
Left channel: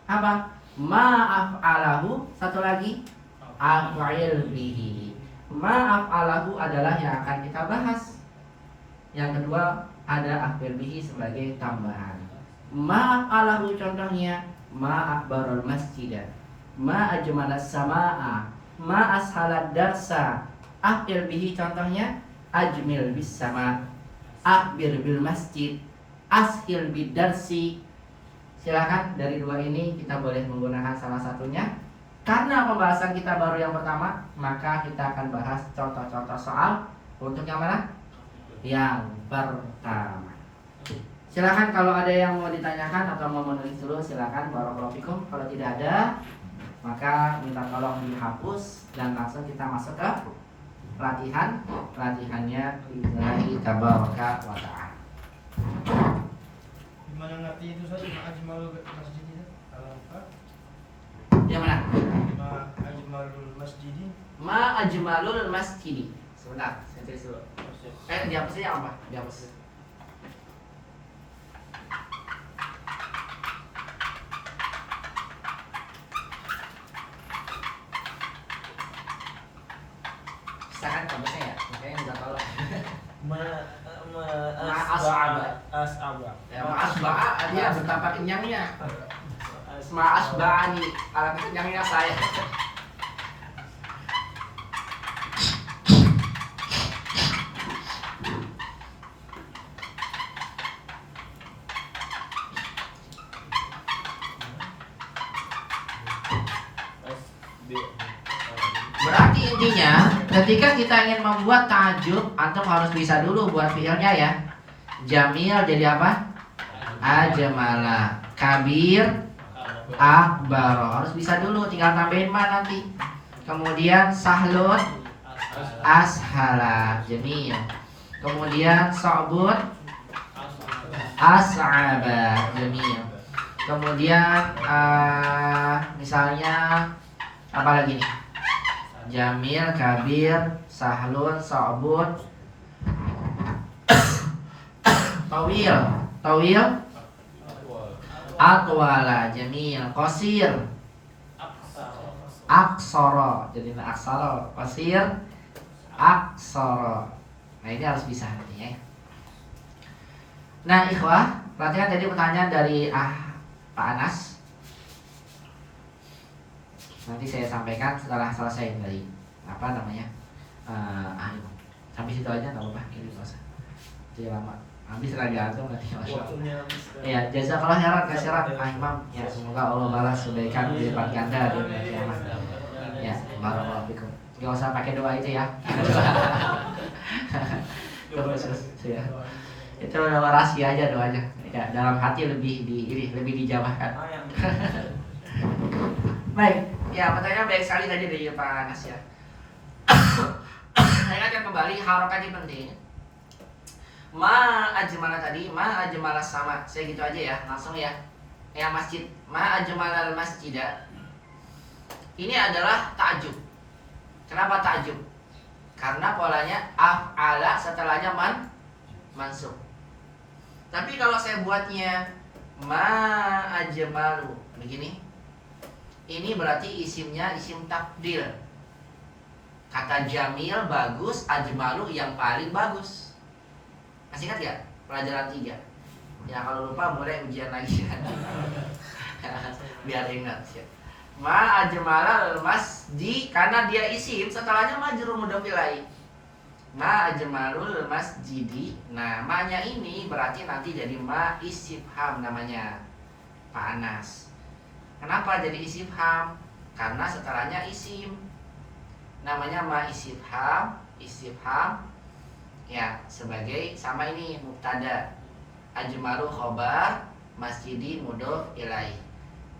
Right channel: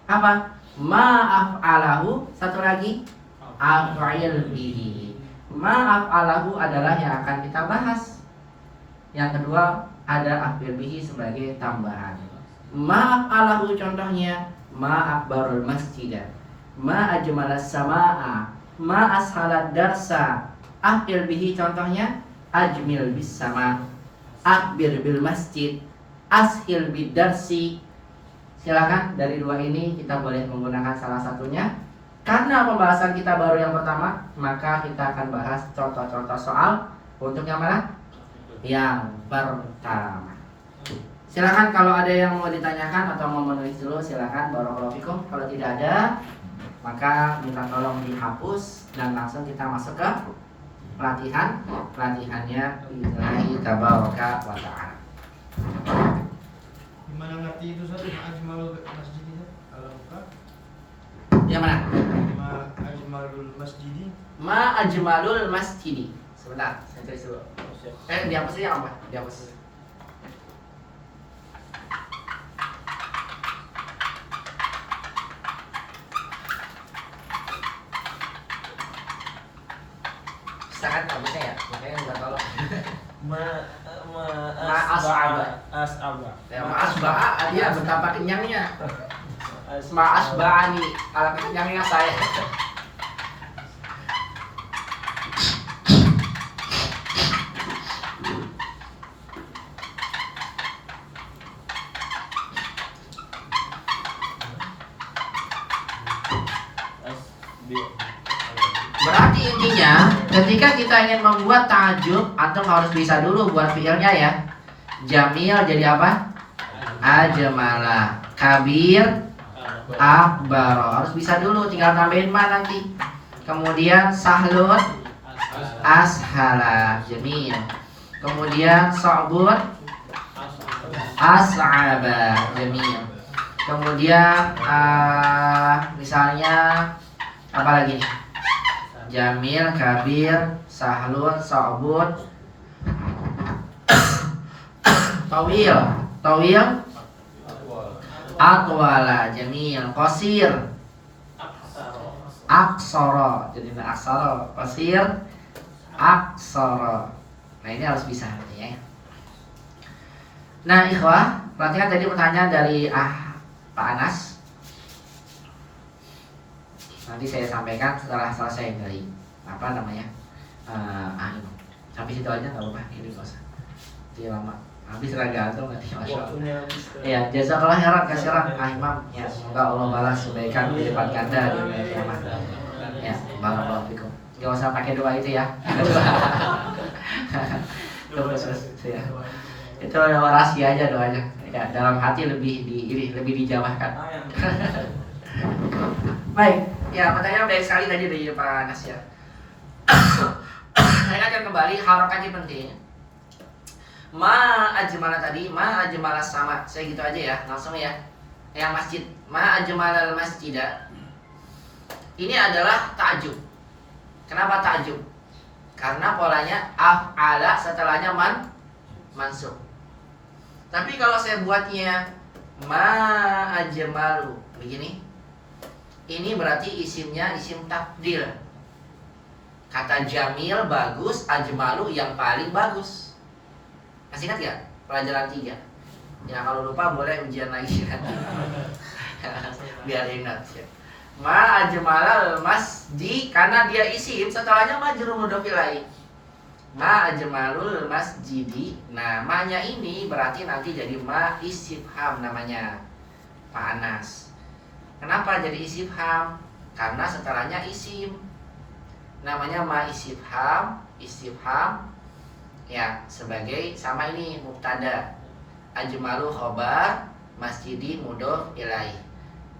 Apa? Ma'af'alahu. Satu lagi, af'il bihi. Ma'af'alahu adalah yang akan kita bahas. Yang kedua ada af'il bihi sebagai tambahan. Ma'af'alahu contohnya ma'akbarul masjidah, ma'ajmalas sama'a, ma'ashalat darsa. Af'il bihi contohnya ajmil bis sama, akbir bil masjid, ashil bid darsi. Silakan dari dua ini kita boleh menggunakan salah satunya. Karena pembahasan kita baru yang pertama, maka kita akan bahas contoh-contoh soal untuk yang mana? Yang pertama. Silakan kalau ada yang mau ditanyakan atau mau menulis dulu, silakan. Barakallahu fikum. Kalau tidak ada, maka minta tolong dihapus dan langsung kita masuk ke pelatihannya billahi tabaraka wa ta'ala. Gimana ngerti itu satu ajmalul masjidin? Alangkah Yang mana? ajmalul masjidin. Ma ajmalul masjidi. Sebentar, saya tulis dulu. Dihapusnya yang apa? Dihapus. Silakan hapusnya ya, makanya minta tolong. as'aba. Ya, ma'asba'a aja betapa kenyangnya. Ma'asba'ani, alangkah kenyangnya saya. Berarti intinya ketika kita ingin membuat ta'ajjub, antum harus bisa dulu buat fiilnya ya. Jamil jadi apa? Ajmala. Kabir, akbar. Harus bisa dulu, tinggal tambahin ma nanti. Kemudian sahlun, ashala. Jamil. Kemudian sa'bun, as'aba. Jamil. Kemudian misalnya apa lagi nih? Jamil, kabir, sahlun, sa'bun, tawil, atwala, jamil, qasir, aksara. Jadi aksara qasir, aksara. Nah ini harus bisa artinya ya. Nah ikhwah, perhatikan tadi pertanyaan dari Pak Anas. Nanti saya sampaikan setelah selesai dari apa namanya sampai situ aja nggak apa-apa, ini nggak usah jadi lama, habis tergantung nanti masya Allah. Ya jazakallah khairan kasiran Imam ya, semoga Allah balas kebaikan berlipat ganda di dunia kiamat ya. Barakallahu fikum. Nggak usah pakai doa itu ya. Terus ya. Itu rahasia aja doanya. Ya, dalam hati lebih dijawabkan. Baik, ya pertanyaan baik sekali tadi dari Pak Nasir. Saya akan kembali harokat ini penting. Ma ajmala tadi, ma ajmala sama. Saya gitu aja ya, langsung ya. Yang masjid, ma ajmalal masjidah. Ini adalah ta'jub. Kenapa ta'jub? Karena polanya af'ala setelahnya mansub. Tapi kalau saya buatnya ma ajmalu begini, ini berarti isimnya isim takdir. Kata jamil bagus, ajmalu yang paling bagus. Masih ingat ya pelajaran 3? Ya kalau lupa boleh ujian lagi ya. Biar ingat ya. Ma ajmalal masjid, karena dia isim setelahnya majrur mudhof ilaih. Ma ajmalul masjidi. Nah, ma-nya ini berarti nanti jadi ma istifham namanya Pak Anas. Kenapa jadi istifham? Karena setelahnya isim. Namanya ma istifham, istifham ya sebagai sama ini mubtada. Ajmalu khobar, masjidi mudhof ilaih.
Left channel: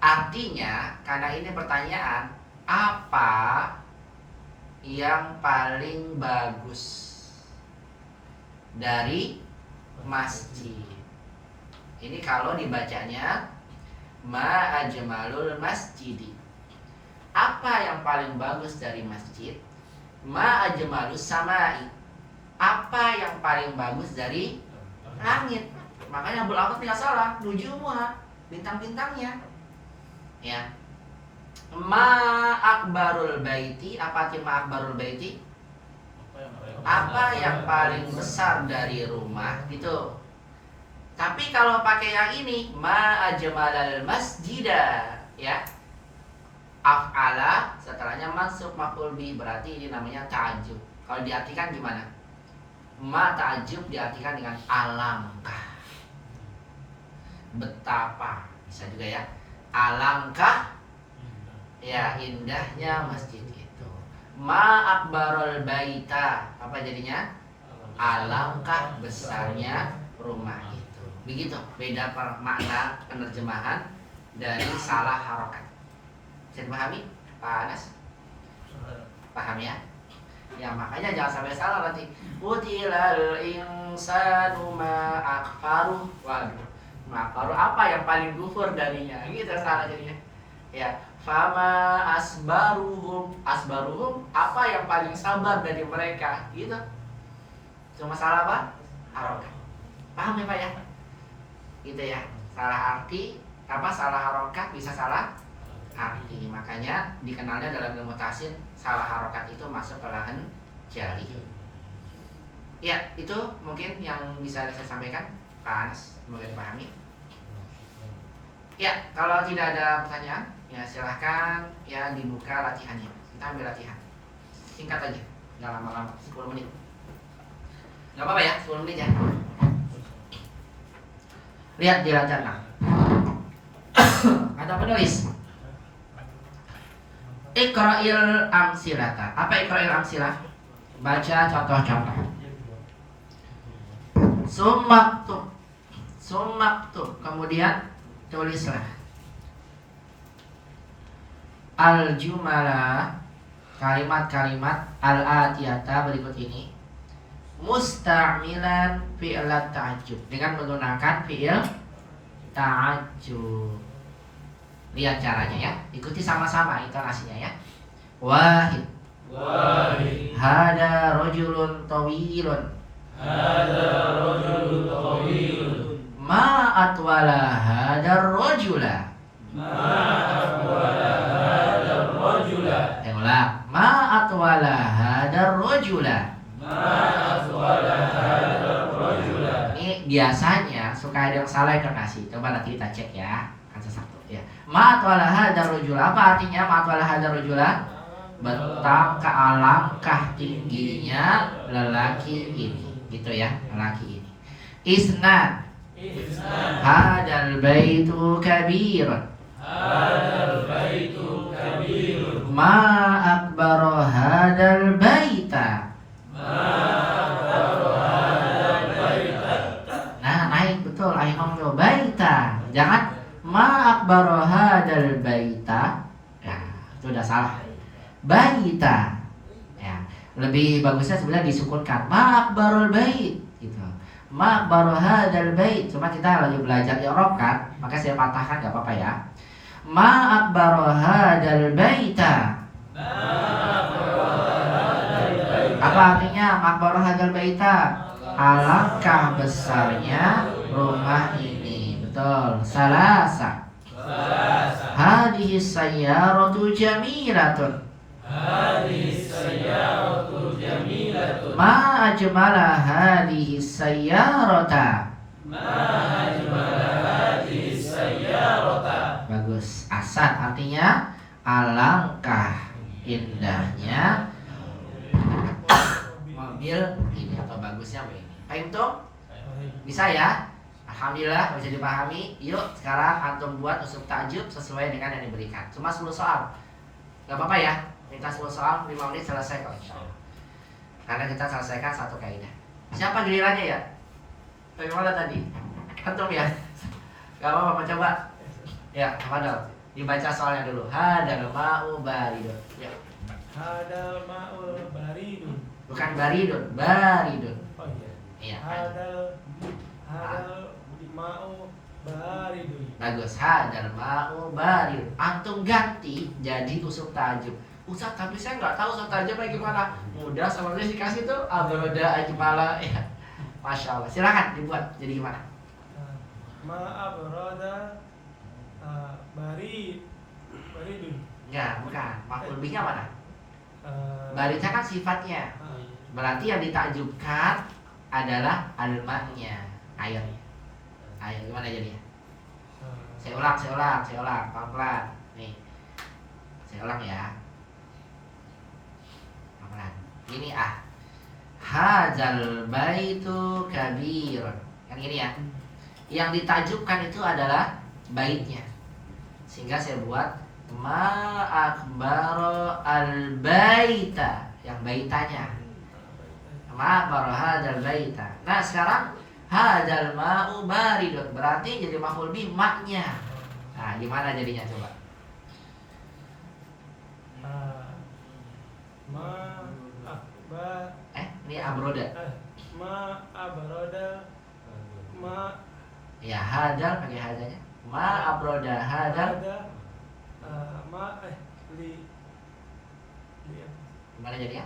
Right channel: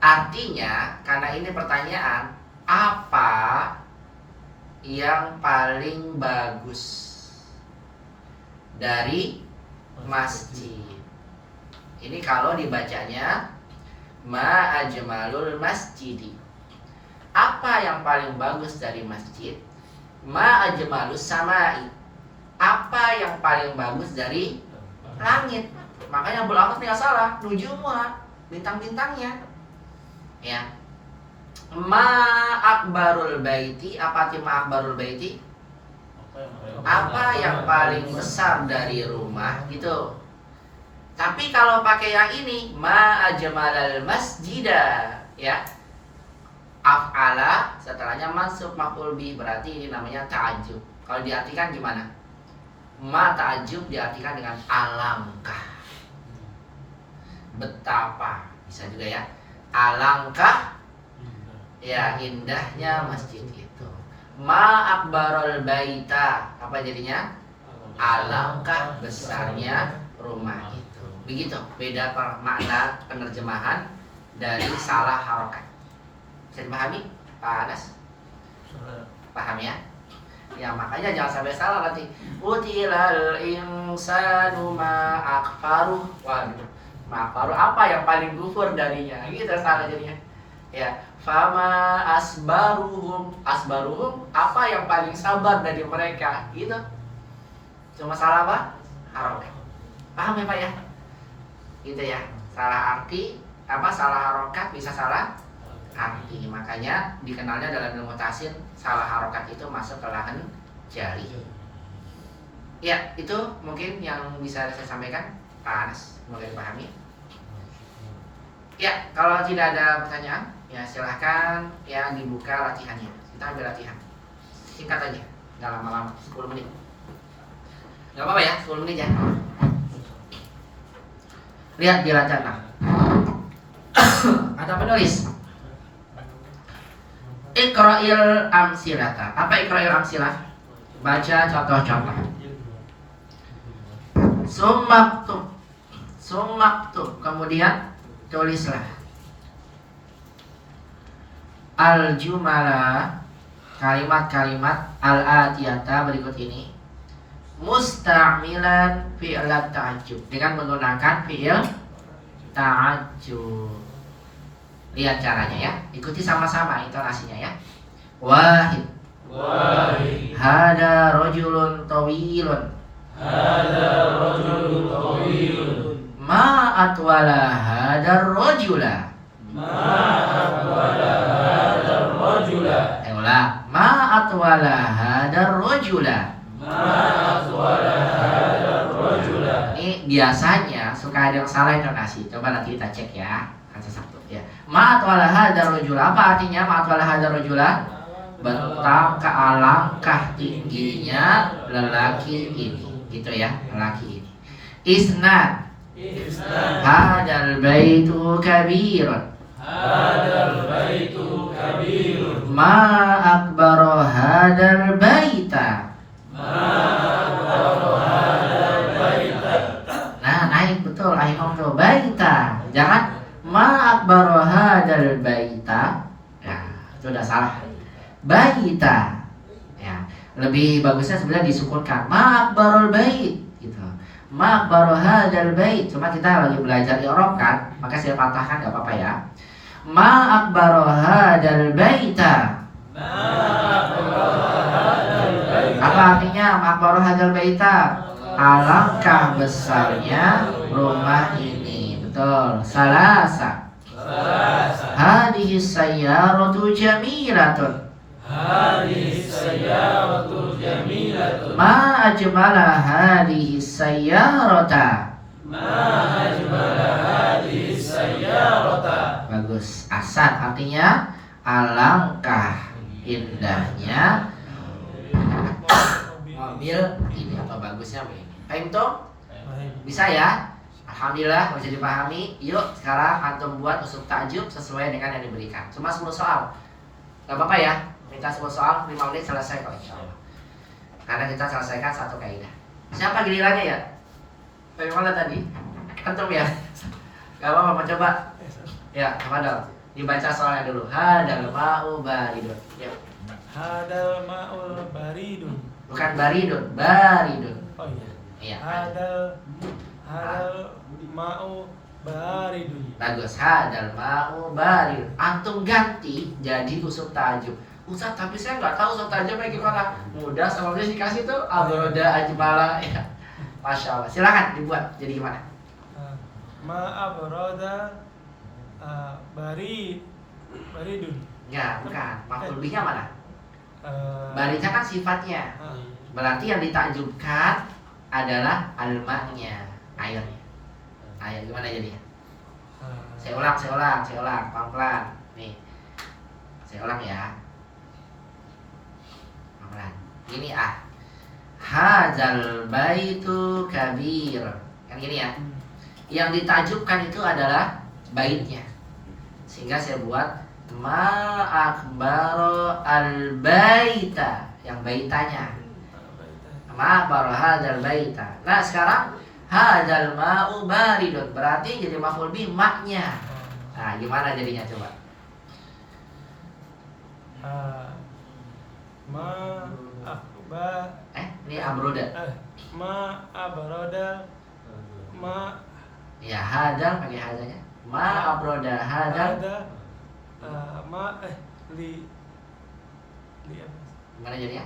Artinya karena ini pertanyaan, apa yang paling bagus dari masjid? Ini kalau dibacanya ma ajmalul masjidi. Apa yang paling bagus dari masjid? Ma ajmalus samai. Apa yang paling bagus dari langit? Makanya Abul Abbas tidak salah, nujumuha, bintang-bintangnya. Ya. Ma akbarul baiti. Apa arti ma akbarul baiti? Apa yang paling besar dari rumah gitu. Tapi kalau pakai yang ini ma ajmalal masjidah ya. Af'ala setelahnya mansub maf'ul bi, berarti ini namanya ta'ajjub. Kalau diartikan gimana? Ma ta'ajjub diartikan dengan alangkah, betapa, bisa juga ya. Alangkah ya indahnya masjid itu. Ma akbarul baita, apa jadinya? Alangkah besarnya rumah itu. Begitu, beda makna penerjemahan dari salah harokat. Bisa dipahami Pak Anas? Paham ya? Ya makanya jangan sampai salah nanti. Utilal insanu ma akfaruh. Wah, ma akfaruh apa yang paling kufur darinya? Gitu salah jadinya. Ya, fama asbaruhum. Asbaruhum apa yang paling sabar dari mereka? Gitu. Cuma salah apa? Harokat. Paham ya Pak ya? Gitu ya. Salah arti apa? Salah harokat bisa salah arti. Makanya dikenalnya dalam ilmu tafsir salah harokat itu masuk ke lahan jari. Ya, itu mungkin yang bisa saya sampaikan Pak Anas, semoga dipahami. Ya, kalau tidak ada pertanyaan, ya silahkan ya dibuka latihannya. Kita ambil latihan. Singkat aja, nggak lama-lama, 10 menit. Nggak apa-apa ya, 10 menit ya. Lihat di lajana. Ada penulis. Iqra'il amsilata. Apa iqra'il amsilah? Baca contoh-contoh. Sumaktub. Kemudian tulislah. Al-jumala, kalimat-kalimat al-atiyata berikut ini. Musta'milan fi'lat ta'ajjub, dengan menggunakan fi'il ta'ajjub. Lihat caranya ya, ikuti sama-sama intonasinya ya. Wahid. Wahid. Hada rajulun tawilun. Hada rajulun tawilun. Ma atwala hada rajula. Ma atwala hada rajula. atwala hadar rajula. Ini biasanya suka ada yang salah intonasi. Coba nanti kita cek ya. Satu ya. Ma atwala hadar rajula. Apa artinya ma atwala hadar rajula? Betapa alangkah tingginya lelaki ini. Gitu ya, lelaki ini. Isnad. Hadal baitu kabirun. Ma akbaru hadal baita. Nah, naik betul akhirnya tuh baita. Jangan ma akbaru hadal baita. Ya, itu udah salah. Baita. Ya, lebih bagusnya sebenarnya disukunkan. Ma akbarul bait gitu. Ma akbaru hadal bait. Cuma kita lagi belajar i'rab kan, maka saya patahkan enggak apa-apa ya. Ma akbaru hadal baita. Apa artinya ma akbaru hadal baita? Alangkah besarnya rumah ini. Betul. Salasa. Hadhihi sayyaratu jamilatun. Ma ajmala hadhihi sayyarata. Bagus. Asan artinya alangkah indahnya mobil ini atau bagusnya mobil ini. Paham tuh? Bisa ya? Alhamdulillah bisa dipahami. Yuk sekarang antum buat usuk ta'jub sesuai dengan yang diberikan. Cuma 10 soal. Gak apa-apa ya? Minta 10 soal 5 menit selesai kok insyaallah. Karena kita selesaikan satu kaidah. Siapa gilirannya ya? Bagaimana tadi? Antum ya? Gak apa-apa, mau coba? Ya, Fadal. Dibaca soalnya dulu. Hadal ma'u baridun. Ya. Hadal ma'ul baridun. Bukan baridun, baridun. Oh iya. Iya. Hadal ma'u baridun. Bagus. Hadal ma'u baridun. Antum ganti jadi usuk ta'jub. Ustaz, tapi saya nggak tahu usuk ta'jubnya gimana. Mudah, sama dia dikasih tuh abroda ajmala. Ya. Masya Allah. Silakan dibuat. Jadi gimana? Ma'abroda baridun. Ya, bukan. Maf'ul bihnya mana? Eh, Baridnya kan sifatnya. Berarti yang ditakjubkan adalah alma-nya, air. Air gimana jadinya? Saya ulang, pelan-pelan. Nih. Saya ulang ya. Pelan-pelan. Ini Hadzal baitu kabir. Kan gini ya. Yang ditajubkan itu adalah baitnya. Sehingga saya buat ma akbaru al baita, yang baitanya. Ma akbaru hadzal baita. Nah, sekarang hadzal ma'u baridun berarti jadi maf'ul bih maknya. Nah, gimana jadinya coba? Ini abroda. Ma abroda Ya, hadal pakai hadanya. Ma abroda hadal. li Gimana jadinya?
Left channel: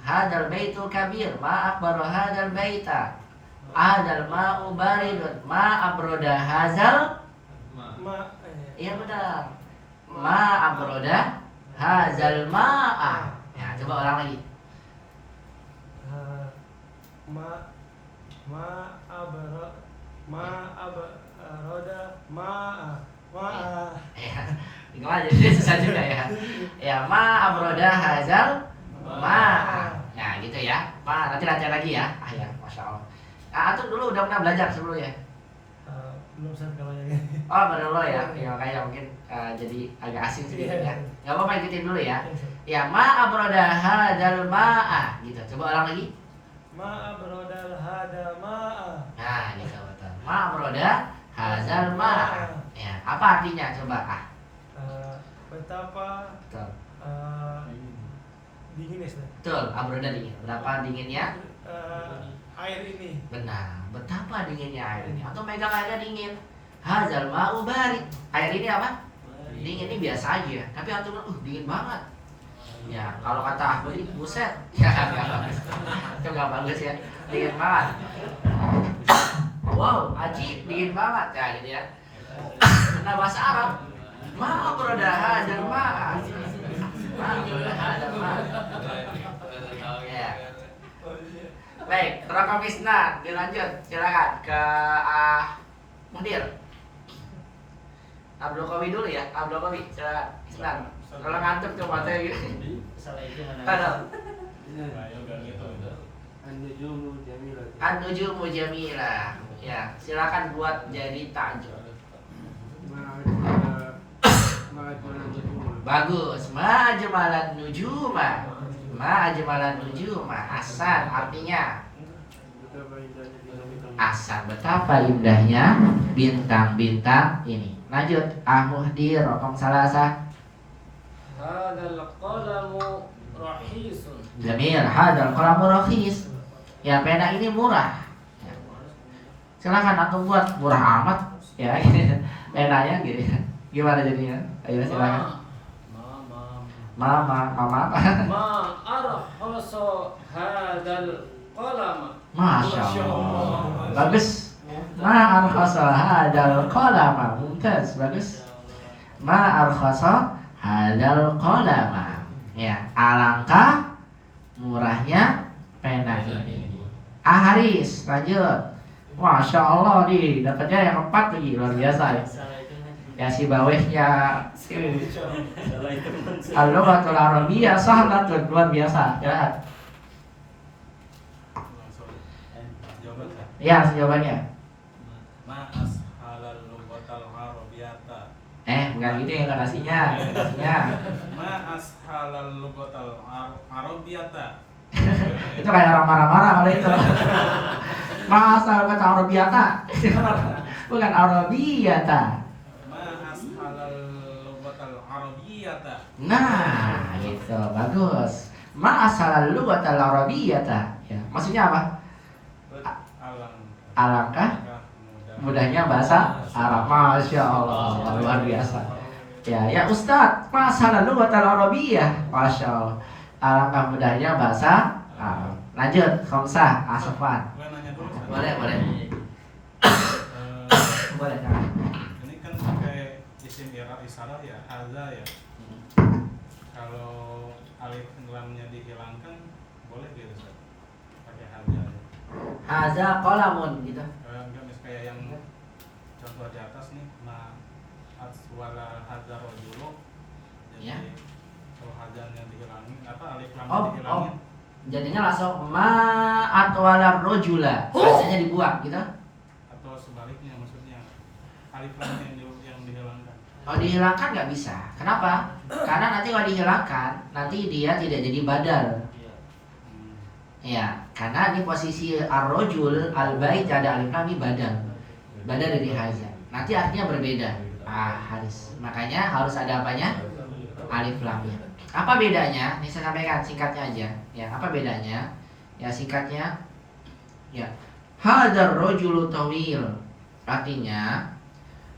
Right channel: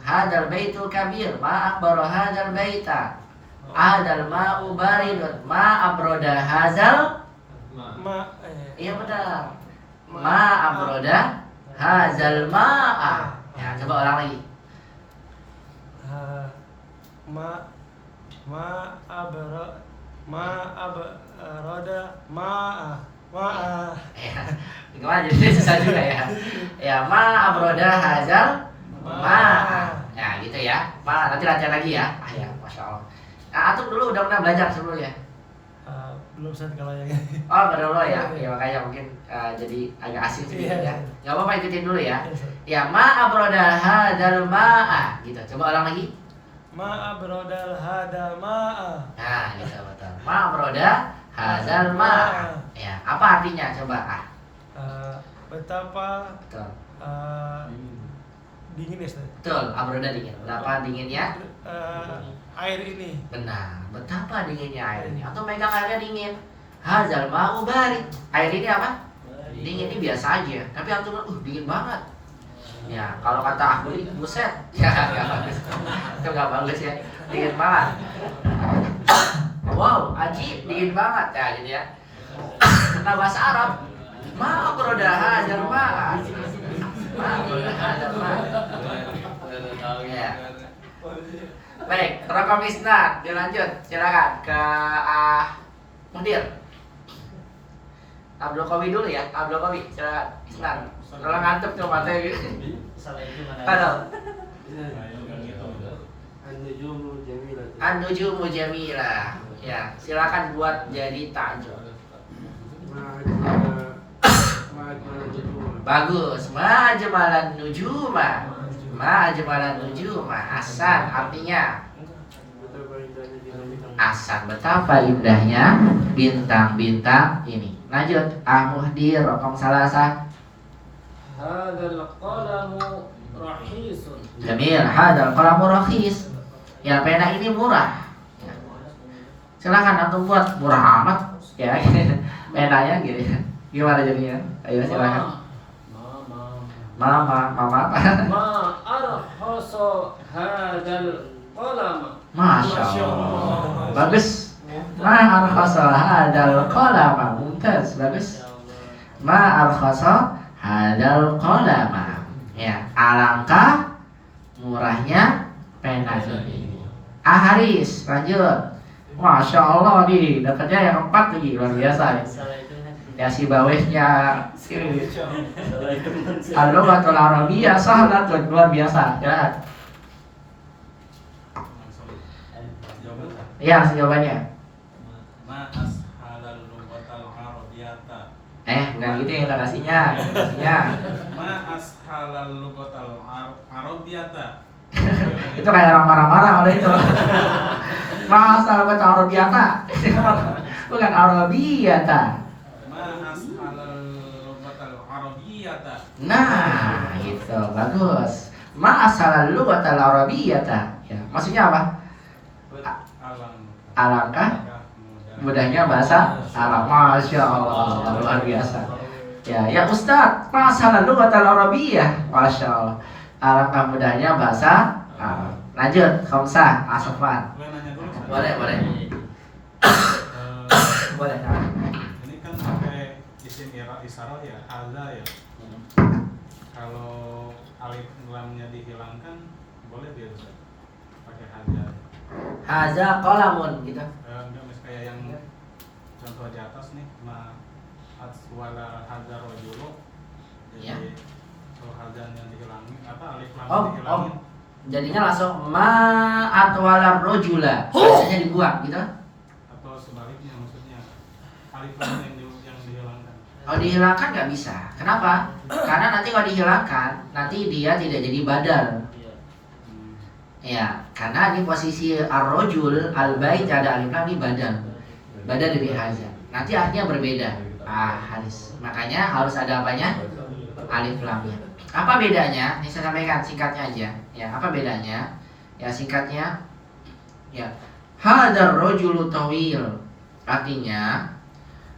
Hadal baitul kabir, ma akbaru hadal baita. Hadal ma'u baridun, ma abroda hazal. Iya benar. Ma abroda hazal ma'a. Ya, coba ulang lagi. Ya, gimana jadi susah juga ya. Ya, ma abroda hazal ma'a. Ya, gitu ya. Ma, nanti latihan lagi ya. Ya, masya Allah. Nah, antum dulu udah pernah belajar sebelumnya? belum saat kalau yang Oh, benar ya. Ya, makanya mungkin jadi agak asing sedikit ya. Gak apa-apa, ikutin dulu ya. Ya, ma abroda hadal ma'a. Gitu. Coba ulang lagi. ma abrodal hada ma'a. Nah, gitu betul. Ma abroda hadal ma'a. Ya, apa artinya? Coba Betapa Betul. dingin ya Ustaz? Betul, abroda dingin. Betapa dinginnya? Air ini. Benar. Betapa dinginnya air ini. Atau megang airnya dingin. Hazal ma'u barid. Air ini apa? Dingin. Ini biasa aja. Tapi antum dingin banget. Ya, kalau kata aku ini buset. Ya, enggak bagus. Itu enggak bagus ya. Dingin banget. Wow, ajib, dingin banget ya gitu ya. Nah, bahasa Arab, ma abroda hazal ma'a. Ya. Baik, Rokam Isnad, dilanjut, silakan ke Mudir. Abdul Qawi dulu ya, Abdul Qawi, silakan. Isnad. Kalau ngantuk tuh matanya gitu. Salah itu mana? Halo. An-Nujumu Jamilah. An-Nujumu Jamilah. Ya, silakan buat jadi tajuk. Bagus. Ma'ajmalan nujuma. Ma'ajmalan nujuma. Hasan artinya Hasan, betapa indahnya bintang-bintang ini. Lanjut, Muhdir, Rokam Salasa. Hadzal qalamu rahisun. Jamil, hadal qalamu rakhis. Ya, pena ini murah. Ya. Silakan antum buat murah amat. Ya, penanya gitu. Gimana jadinya? Ayo silakan. Mama. Ma arkhasa hadzal qalam. Masya Allah. Bagus. Ma arkhasa hadal qalama. Mumtaz, bagus. Ma arkhasa hadal qalama. Ya, alangkah murahnya pena ini. Haris, lanjut. Masya Allah nih, dapatnya yang 4 lagi, luar biasa nih. Ya si bawahnya sini. Al-Lughatul Arabiyyah sahlatun, luar biasa. Ya. Ya, jawabannya. Bukan gitu yang narasinya. Itu kayak orang marah-marah oleh itu. Masa kata Arabiyata. Bukan Arabiyata. Nah, gitu, bagus. Ma'asal lughatal arabiyyata. Ya, maksudnya apa? Alangkah mudahnya bahasa Arab. Masya Allah, luar biasa. Ya Ustaz, ma'asal lughatal arabiyyah. Masya Allah. Alangkah mudahnya bahasa Arab. Lanjut, Khamsah, Asafan. Boleh. Boleh. Ini kan pakai isim isyarat ya, hadza ya. Kalau alif lamnya dihilangkan boleh dia Ustaz? Pakai hadza. Haza qalamun gitu. Enggak kayak yang contoh di atas nih, ma aswala hadza rajulu. Ya. Kalau hadzanya dihilangi apa alif lam Oh. dihilangi? Jadinya langsung ma'atwalar rojula. Biasanya dibuang gitu. Atau sebaliknya maksudnya alif lam yang dihilangkan. Kalau dihilangkan nggak bisa. Kenapa? Karena nanti kalau dihilangkan, nanti dia tidak jadi badal. Ya, karena ini posisi ar-rojul, al-bait ada alif lam ini badal. Badal dari haza. Nanti artinya berbeda. Haris. Makanya harus ada apanya? Alif lamnya. Apa bedanya? Ini saya sampaikan singkatnya aja. Ya, apa bedanya? Ya, singkatnya. Ya, hadar rojulu tawil. Artinya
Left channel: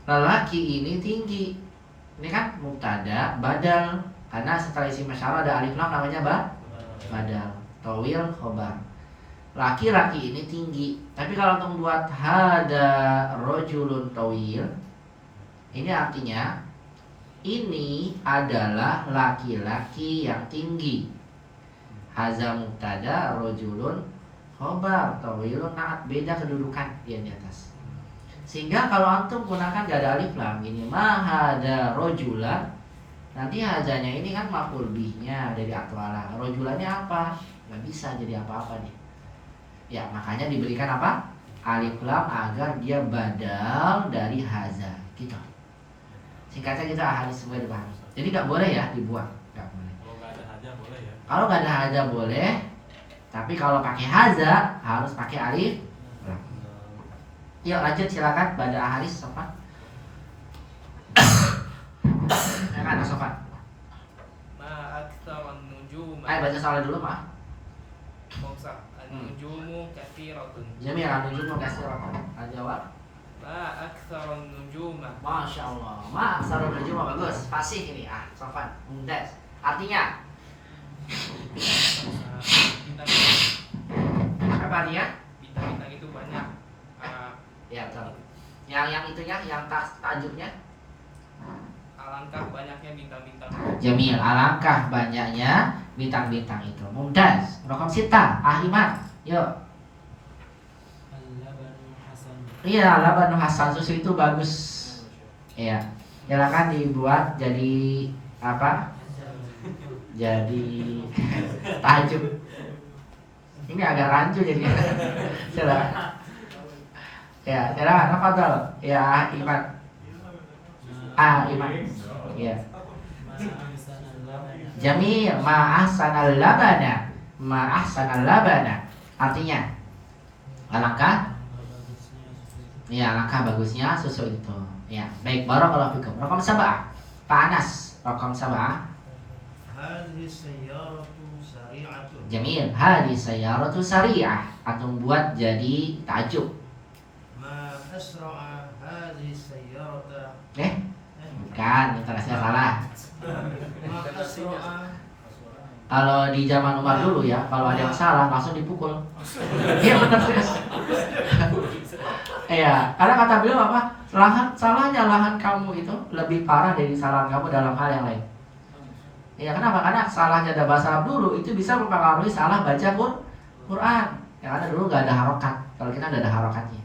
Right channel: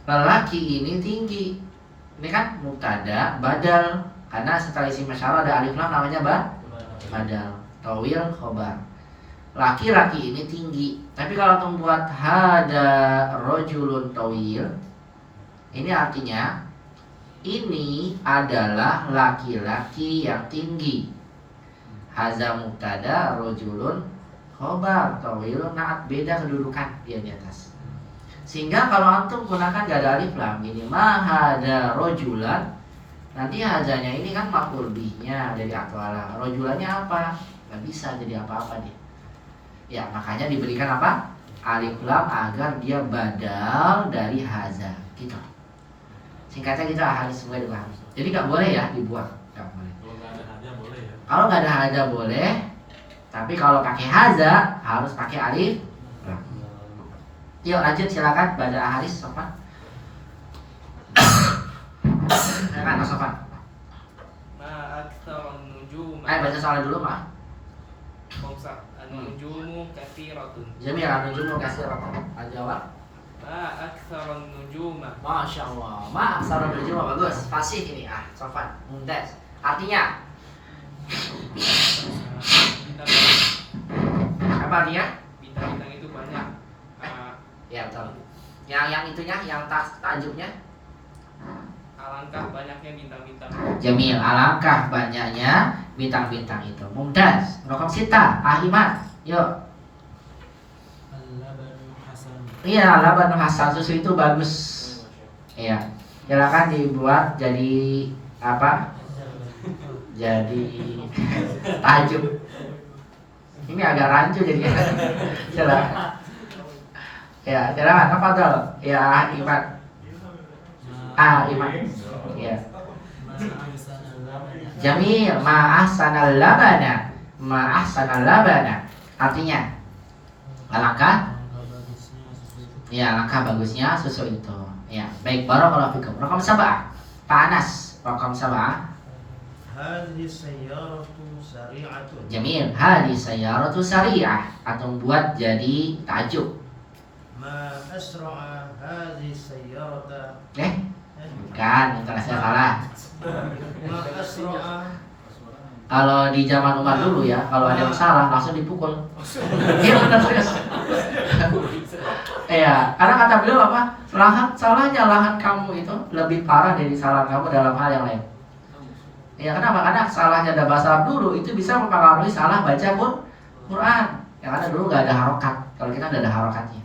lelaki ini tinggi. Ini kan mubtada, badal. Karena setelah isim masyarah ada alif lam namanya badal. Tawil khobar. Laki-laki ini tinggi. Tapi kalau untuk buat hada rojulun tawil, ini artinya ini adalah laki-laki yang tinggi. Haza mubtada, rojulun khobar, tawilun naat, beda kedudukan dia di atas. Sehingga kalau antum gunakan gak ada alif lam ini mahada rojulan, nanti hazanya ini kan maf'ul bihnya dari atwala. Rojulannya apa? Gak bisa jadi apa-apa dia. Ya, makanya diberikan apa? Alif lam agar dia badal dari haza. Gitu. Singkatnya kita ahli semua dipahami. Jadi gak boleh ya dibuang. Gak boleh. Kalau nggak ada haja boleh ya. Kalau gak ada haza boleh. Tapi kalau pakai haza harus pakai alif lam. Yuk lanjut silakan pada Haris Sofan. Silakan Sofan. Ma aktsarun nujum. Baca soalnya dulu maaf. Khamsah. An-nujumu katsiratun. Jamil an-nujumu katsiratun. Al-jawab. Ma aktsarun nujuma. Masya Allah. Ma aktsarun nujuma bagus. Fasih ini Sofan. Mumtaz. Artinya apa artinya? Bintang-bintang itu banyak. Ya betul. Yang itunya, yang tajuknya Alangkah banyaknya bintang-bintang. Jamil, alangkah banyaknya bintang-bintang itu. Mumtaz. Rokam sita, Ahimad. Yuk. Al-labanu hasan. Iya, laban hasan, susu itu bagus. Iya. Silakan dibuat jadi apa? Jadi tajuk. Ini agak rancu jadi. Silakan. Ya, silakan. Tafadhol. Ya, Iman. Iman. Ya. Jamil, ma ahsanal labana. Ma ahsanal labana. Artinya alangkah ya, alangkah bagusnya susu itu. Ya, baik, barakallahu fikum. Raqam 7. Pak Anas, raqam 7. Hadhihi sayyaratu sari'atun. Jamil, hadhihi sayyaratu sari'ah. Atau buat jadi tajuk. Ma asra'a hadhihi sayyarata. Bukan, intonasinya salah. Ma asra'a. Kalau di zaman Umar dulu ya, kalau ada yang salah langsung dipukul. Iya benar serius. Iya, karena kata beliau apa? Salahnya lahan kamu itu lebih parah dari kesalahan kamu dalam hal yang lain. Iya, kenapa? Karena salahnya ada bahasa Arab dulu itu bisa mempengaruhi salah baca Quran. Ya karena dulu nggak ada harokat. Kalau kita nggak ada harokatnya.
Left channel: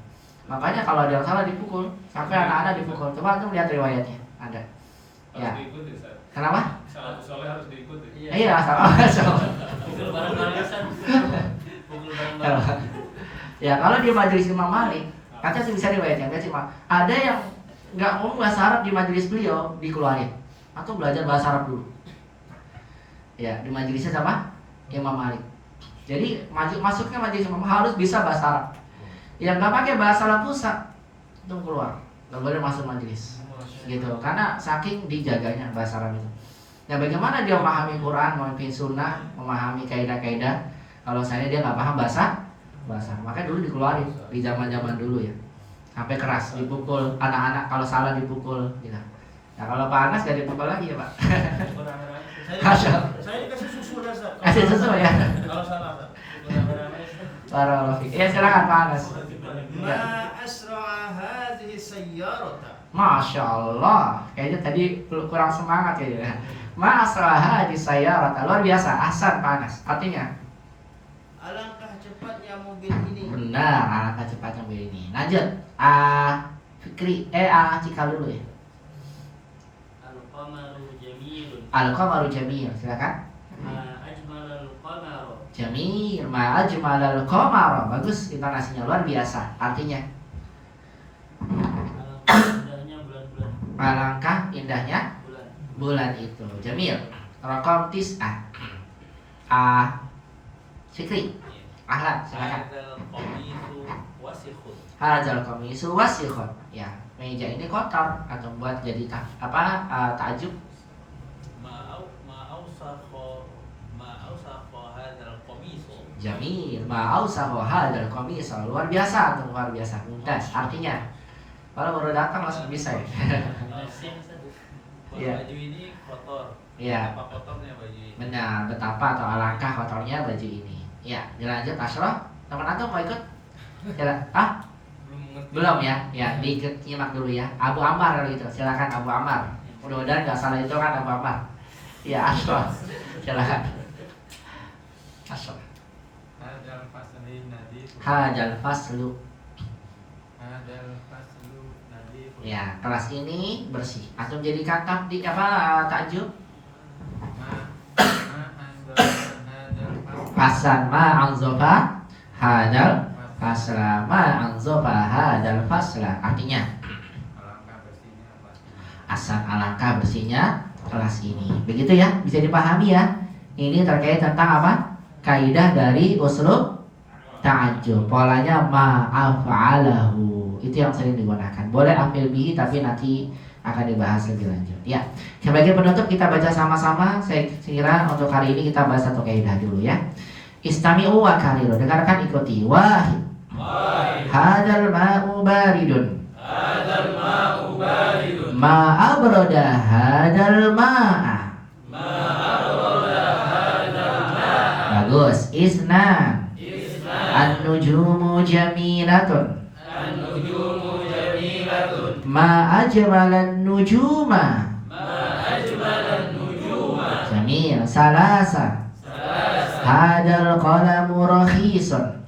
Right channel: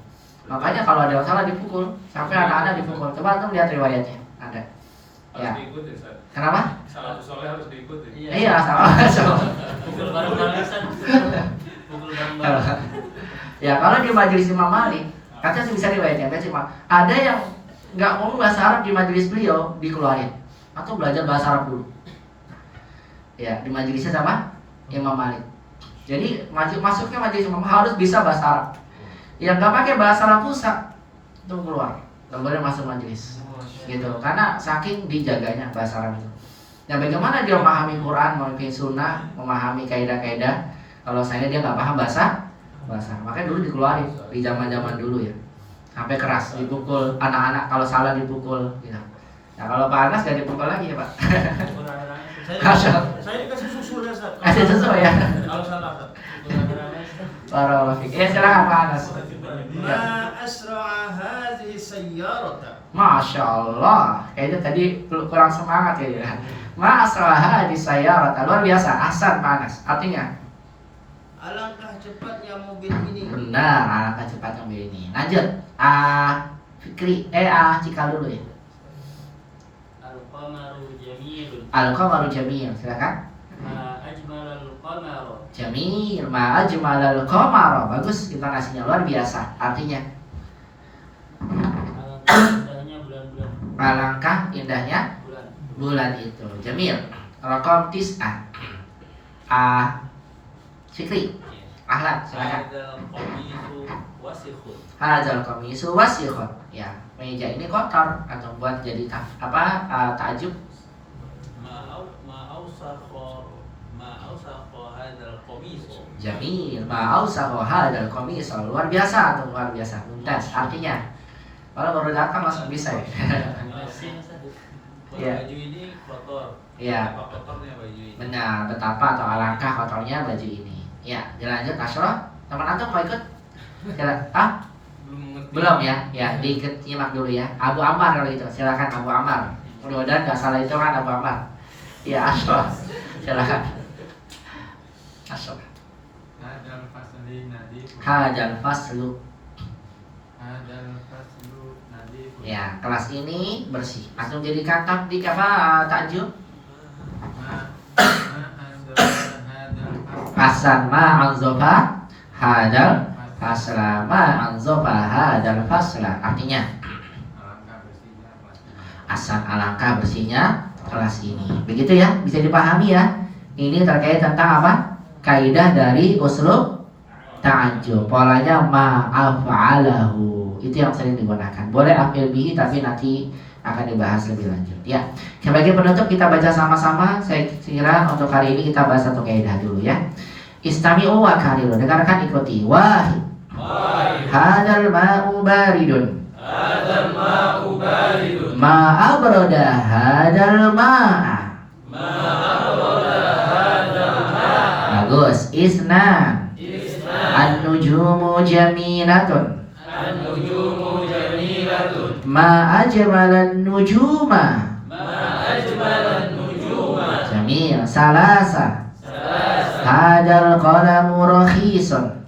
Makanya kalau ada yang salah dipukul, sampai anak-anak dipukul. Coba tuh lihat riwayatnya. Ada. Ya. Diikuti, Ustaz. Kenapa? Salafus saleh harus diikuti. Iya, sama. Pukul bareng-bareng Ustaz. Pukul bareng-bareng. Ya kalau di majelis Imam Malik, katanya sih bisa riwayatnya, ada yang nggak ngomong bahasa Arab di majelis beliau dikeluarin atau belajar bahasa Arab dulu. Ya di majelisnya sama Imam Malik. Jadi masuknya majelis Imam harus bisa bahasa Arab. Yang nggak pakai bahasa Arab rusak itu keluar, nggak boleh masuk majelis. Gitu, karena saking dijaganya bahasa Arab itu. Ya bagaimana dia memahami Quran, memahami Sunnah, memahami kaidah-kaidah kalau saya dia nggak paham bahasa. Makanya dulu dikeluarin di zaman dulu ya, sampai keras dipukul anak-anak kalau salah dipukul gitu. Nah kalau Pak Anas gak dipukul lagi ya Pak. Saya kasih susu ya Ustaz. Kasih susu ya. Kalau salah Ustaz. Barakallahu fiik. Ya silakan Pak Anas. Ma asra'a hadhihi sayyarata. Masya Allah, kayaknya tadi kurang semangat ya dia. Ma asra'a hadhihi sayyarata, luar biasa. Ahsan Pak Anas. Artinya Alangkah cepatnya mobil ini. benar, alangkah cepatnya mobil ini. Lanjut, Fikri, Cikal dulu ya. Al-qamaru jamilun. Al-qamaru jamil, silakan. Ma ajmalal qamaru. Jamil, ma ajmalal qamara. Bagus, intonasinya luar biasa. Artinya Alangkah indahnya bulan-bulan. alangkah indahnya Bulan. bulan itu. Jamil. Raqam 9. Fikri, Ahlan, silakan. Hadzal qamisu wasikhun. Hadzal qamisu wasikhun. Ya, meja ini kotor atau buat jadi tajuk. Ma'ausakho hadzal qamisu. Jamil, ma'ausahu hadzal qamisu. Luar biasa atau luar biasa. Mumtaz. Artinya kalau baru datang langsung bisa ya. Iya. Baju ini kotor. Iya. Apa kotornya baju ini? Benar, betapa atau alangkah kotornya baju ini. Ya, dilanjut Ashraf. Teman antum mau ikut? Belum ya? Ya, diikut nyimak dulu ya. Abu Ammar kalau itu. Silakan Abu Ammar. Mudah-mudahan nggak salah itu kan Abu Ammar. Ya, Ashraf. Silakan. Ashraf. Hadal fasli nadif. Hadzal faslu. Hadal faslu nadif. Ya, kelas ini bersih. Antum jadi kata di apa tajuk? Hasan ma anzofa hadal fasla ma anzofa hadal fasla. Artinya Hasan alangkah bersihnya kelas ini. Begitu ya, bisa dipahami ya. Ini terkait tentang apa? Kaidah dari uslub ta'ajjub. Polanya ma'af'alahu. Itu yang sering digunakan. Boleh afil bihi tapi nanti akan dibahas lebih lanjut. Ya. Sebagai penutup kita baca sama-sama. Saya kira untuk hari ini kita bahas satu kaidah dulu ya. Istami'u wa kariru. Dengarkan, ikuti. Wahid. Hadal ma'u baridun. Hadzal ma'u baridun. Ma'abroda hadal ma'a. Bagus. Isna. An-nujumu jamilatun. An-nujumu jamilatun. Ma ajmalan nujuma. Ma salasa. Hadal qalamu rakhisun.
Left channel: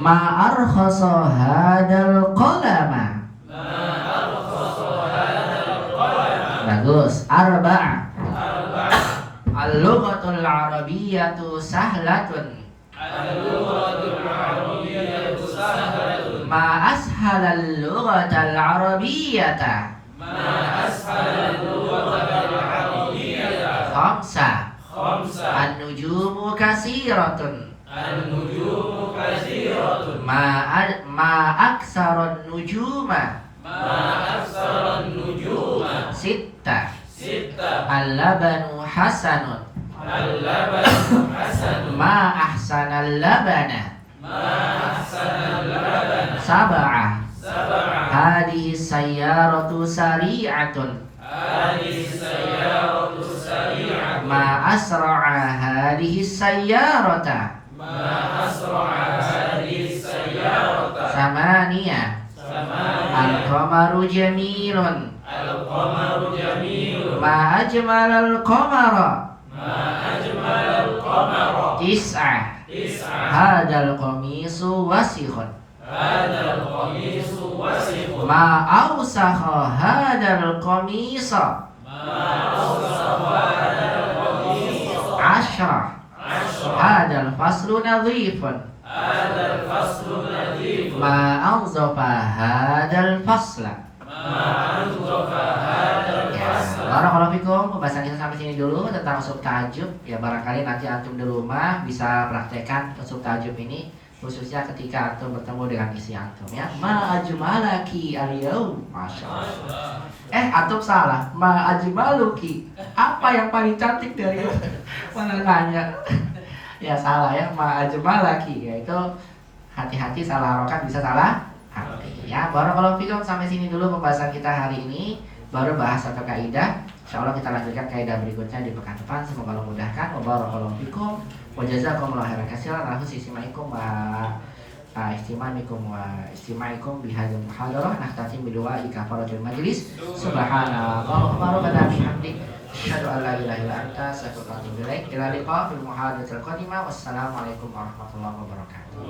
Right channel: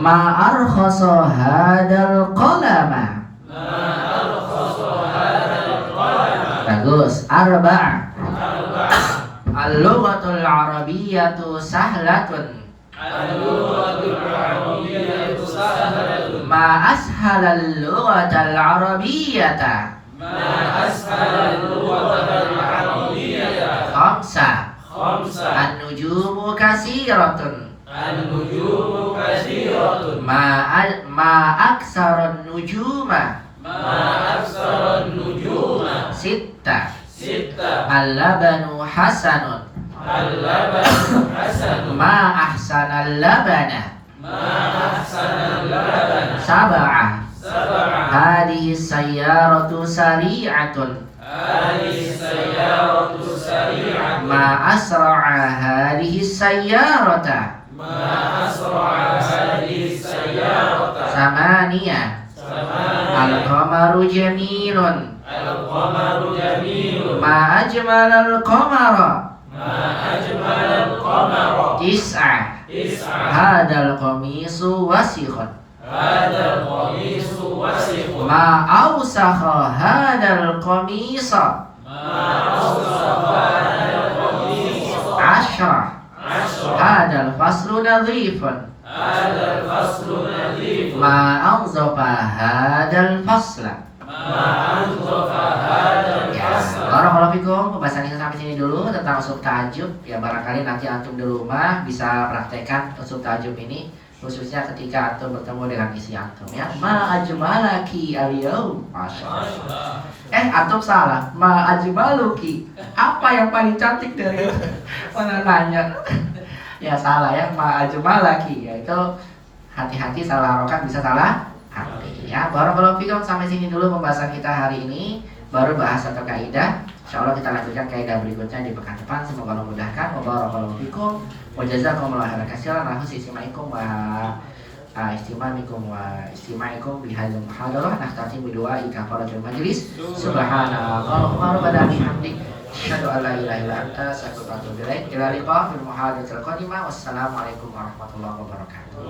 Ma arkhasa hadal qalama. Bagus. Arba'a. Al-lughatul arabiyyatu sahlatun. Ma ashalal lughatal arabiyyata. Khamsa. An-nujumu kasiratun. Ma aksaran nujuma. Sitta. Al-labanu hasanun. Ma ahsanal labana. Sab'ah. Hadhihi sayyaratu sari'atun. Ma asra'a hadhihi sayyarata. Samaniyah. Al-qamaru jamilun. Ma ajmalal qamara. Tis'ah. Hadal qamisu wasikhun. Ma awsakha hadal qamisa. Ashrah. Hadal faslu nadhifun. Ma anzafa hadal fasla. Ya, barakallahu fikum. Pembahasan kita sampai sini dulu tentang usul ta'ajub. Ya, barangkali nanti antum di rumah bisa praktekkan usul ta'ajub ini, khususnya ketika antum bertemu dengan isi antum ya. Ma ajmalaki al-yaum. Masyaallah. Antum salah. Ma ajmaluki. Apa yang paling cantik dari mana nanya? Ya salah ya. Ma ajmalaki, yaitu hati-hati salah harokat bisa salah hati ya. Barakallahu fikum. Sampai sini dulu pembahasan kita hari ini. Baru bahas satu kaidah. Insyaallah kita lanjutkan kaidah berikutnya di pekan depan. Semoga Allah mudahkan. Wa barakallahu fikum. Wa jazakumullahu khairan katsiran. Lahus istimaikum wa istima'ikum bihadzal muhadarah. Nahtati bidu'ai kafaratul majlis. Subhanallah wa bihamdik. Asyhadu an la ilaha illa anta astaghfiruka wa atubu ilaik. Ila liqa fil muhadaratil qadimah. Wassalamualaikum warahmatullahi wabarakatuh.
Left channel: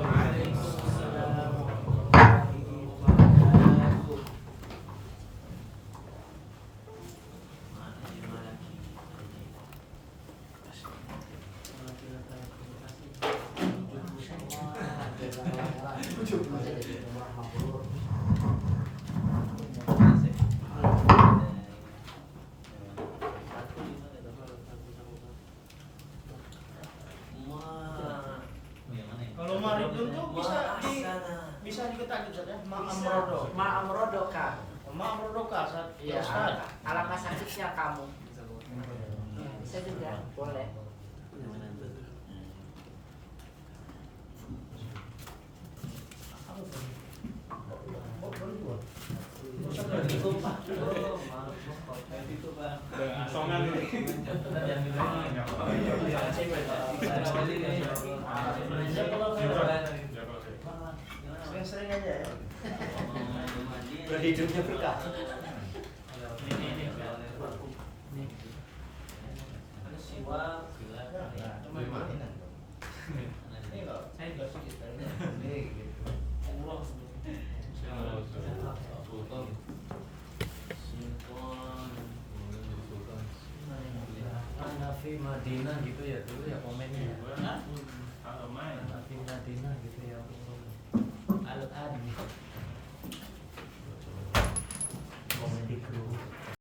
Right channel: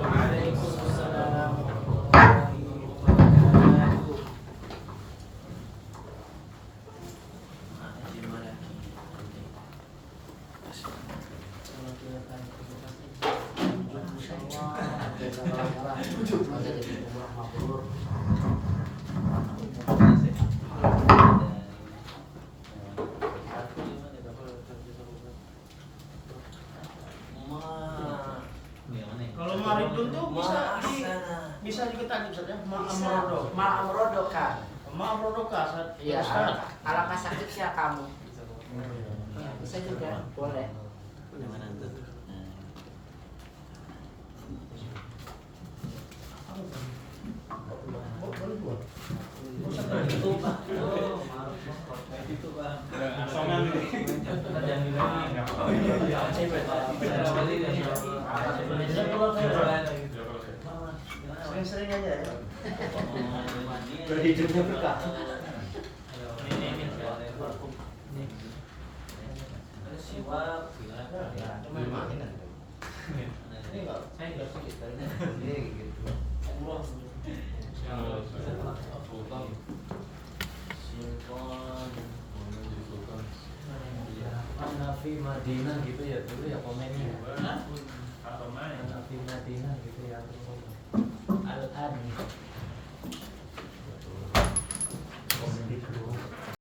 Kalau maribun tuh bisa diketahui Ustaz ya. Ma'amrodoka. Ma'amrodoka Ustaz. Iya, alangkah sakitnya kamu. Ya, bisa juga, boleh. Sering-sering aja ya. Hidupnya berkah. Nafi Madinah gitu ya dulu ya komennya.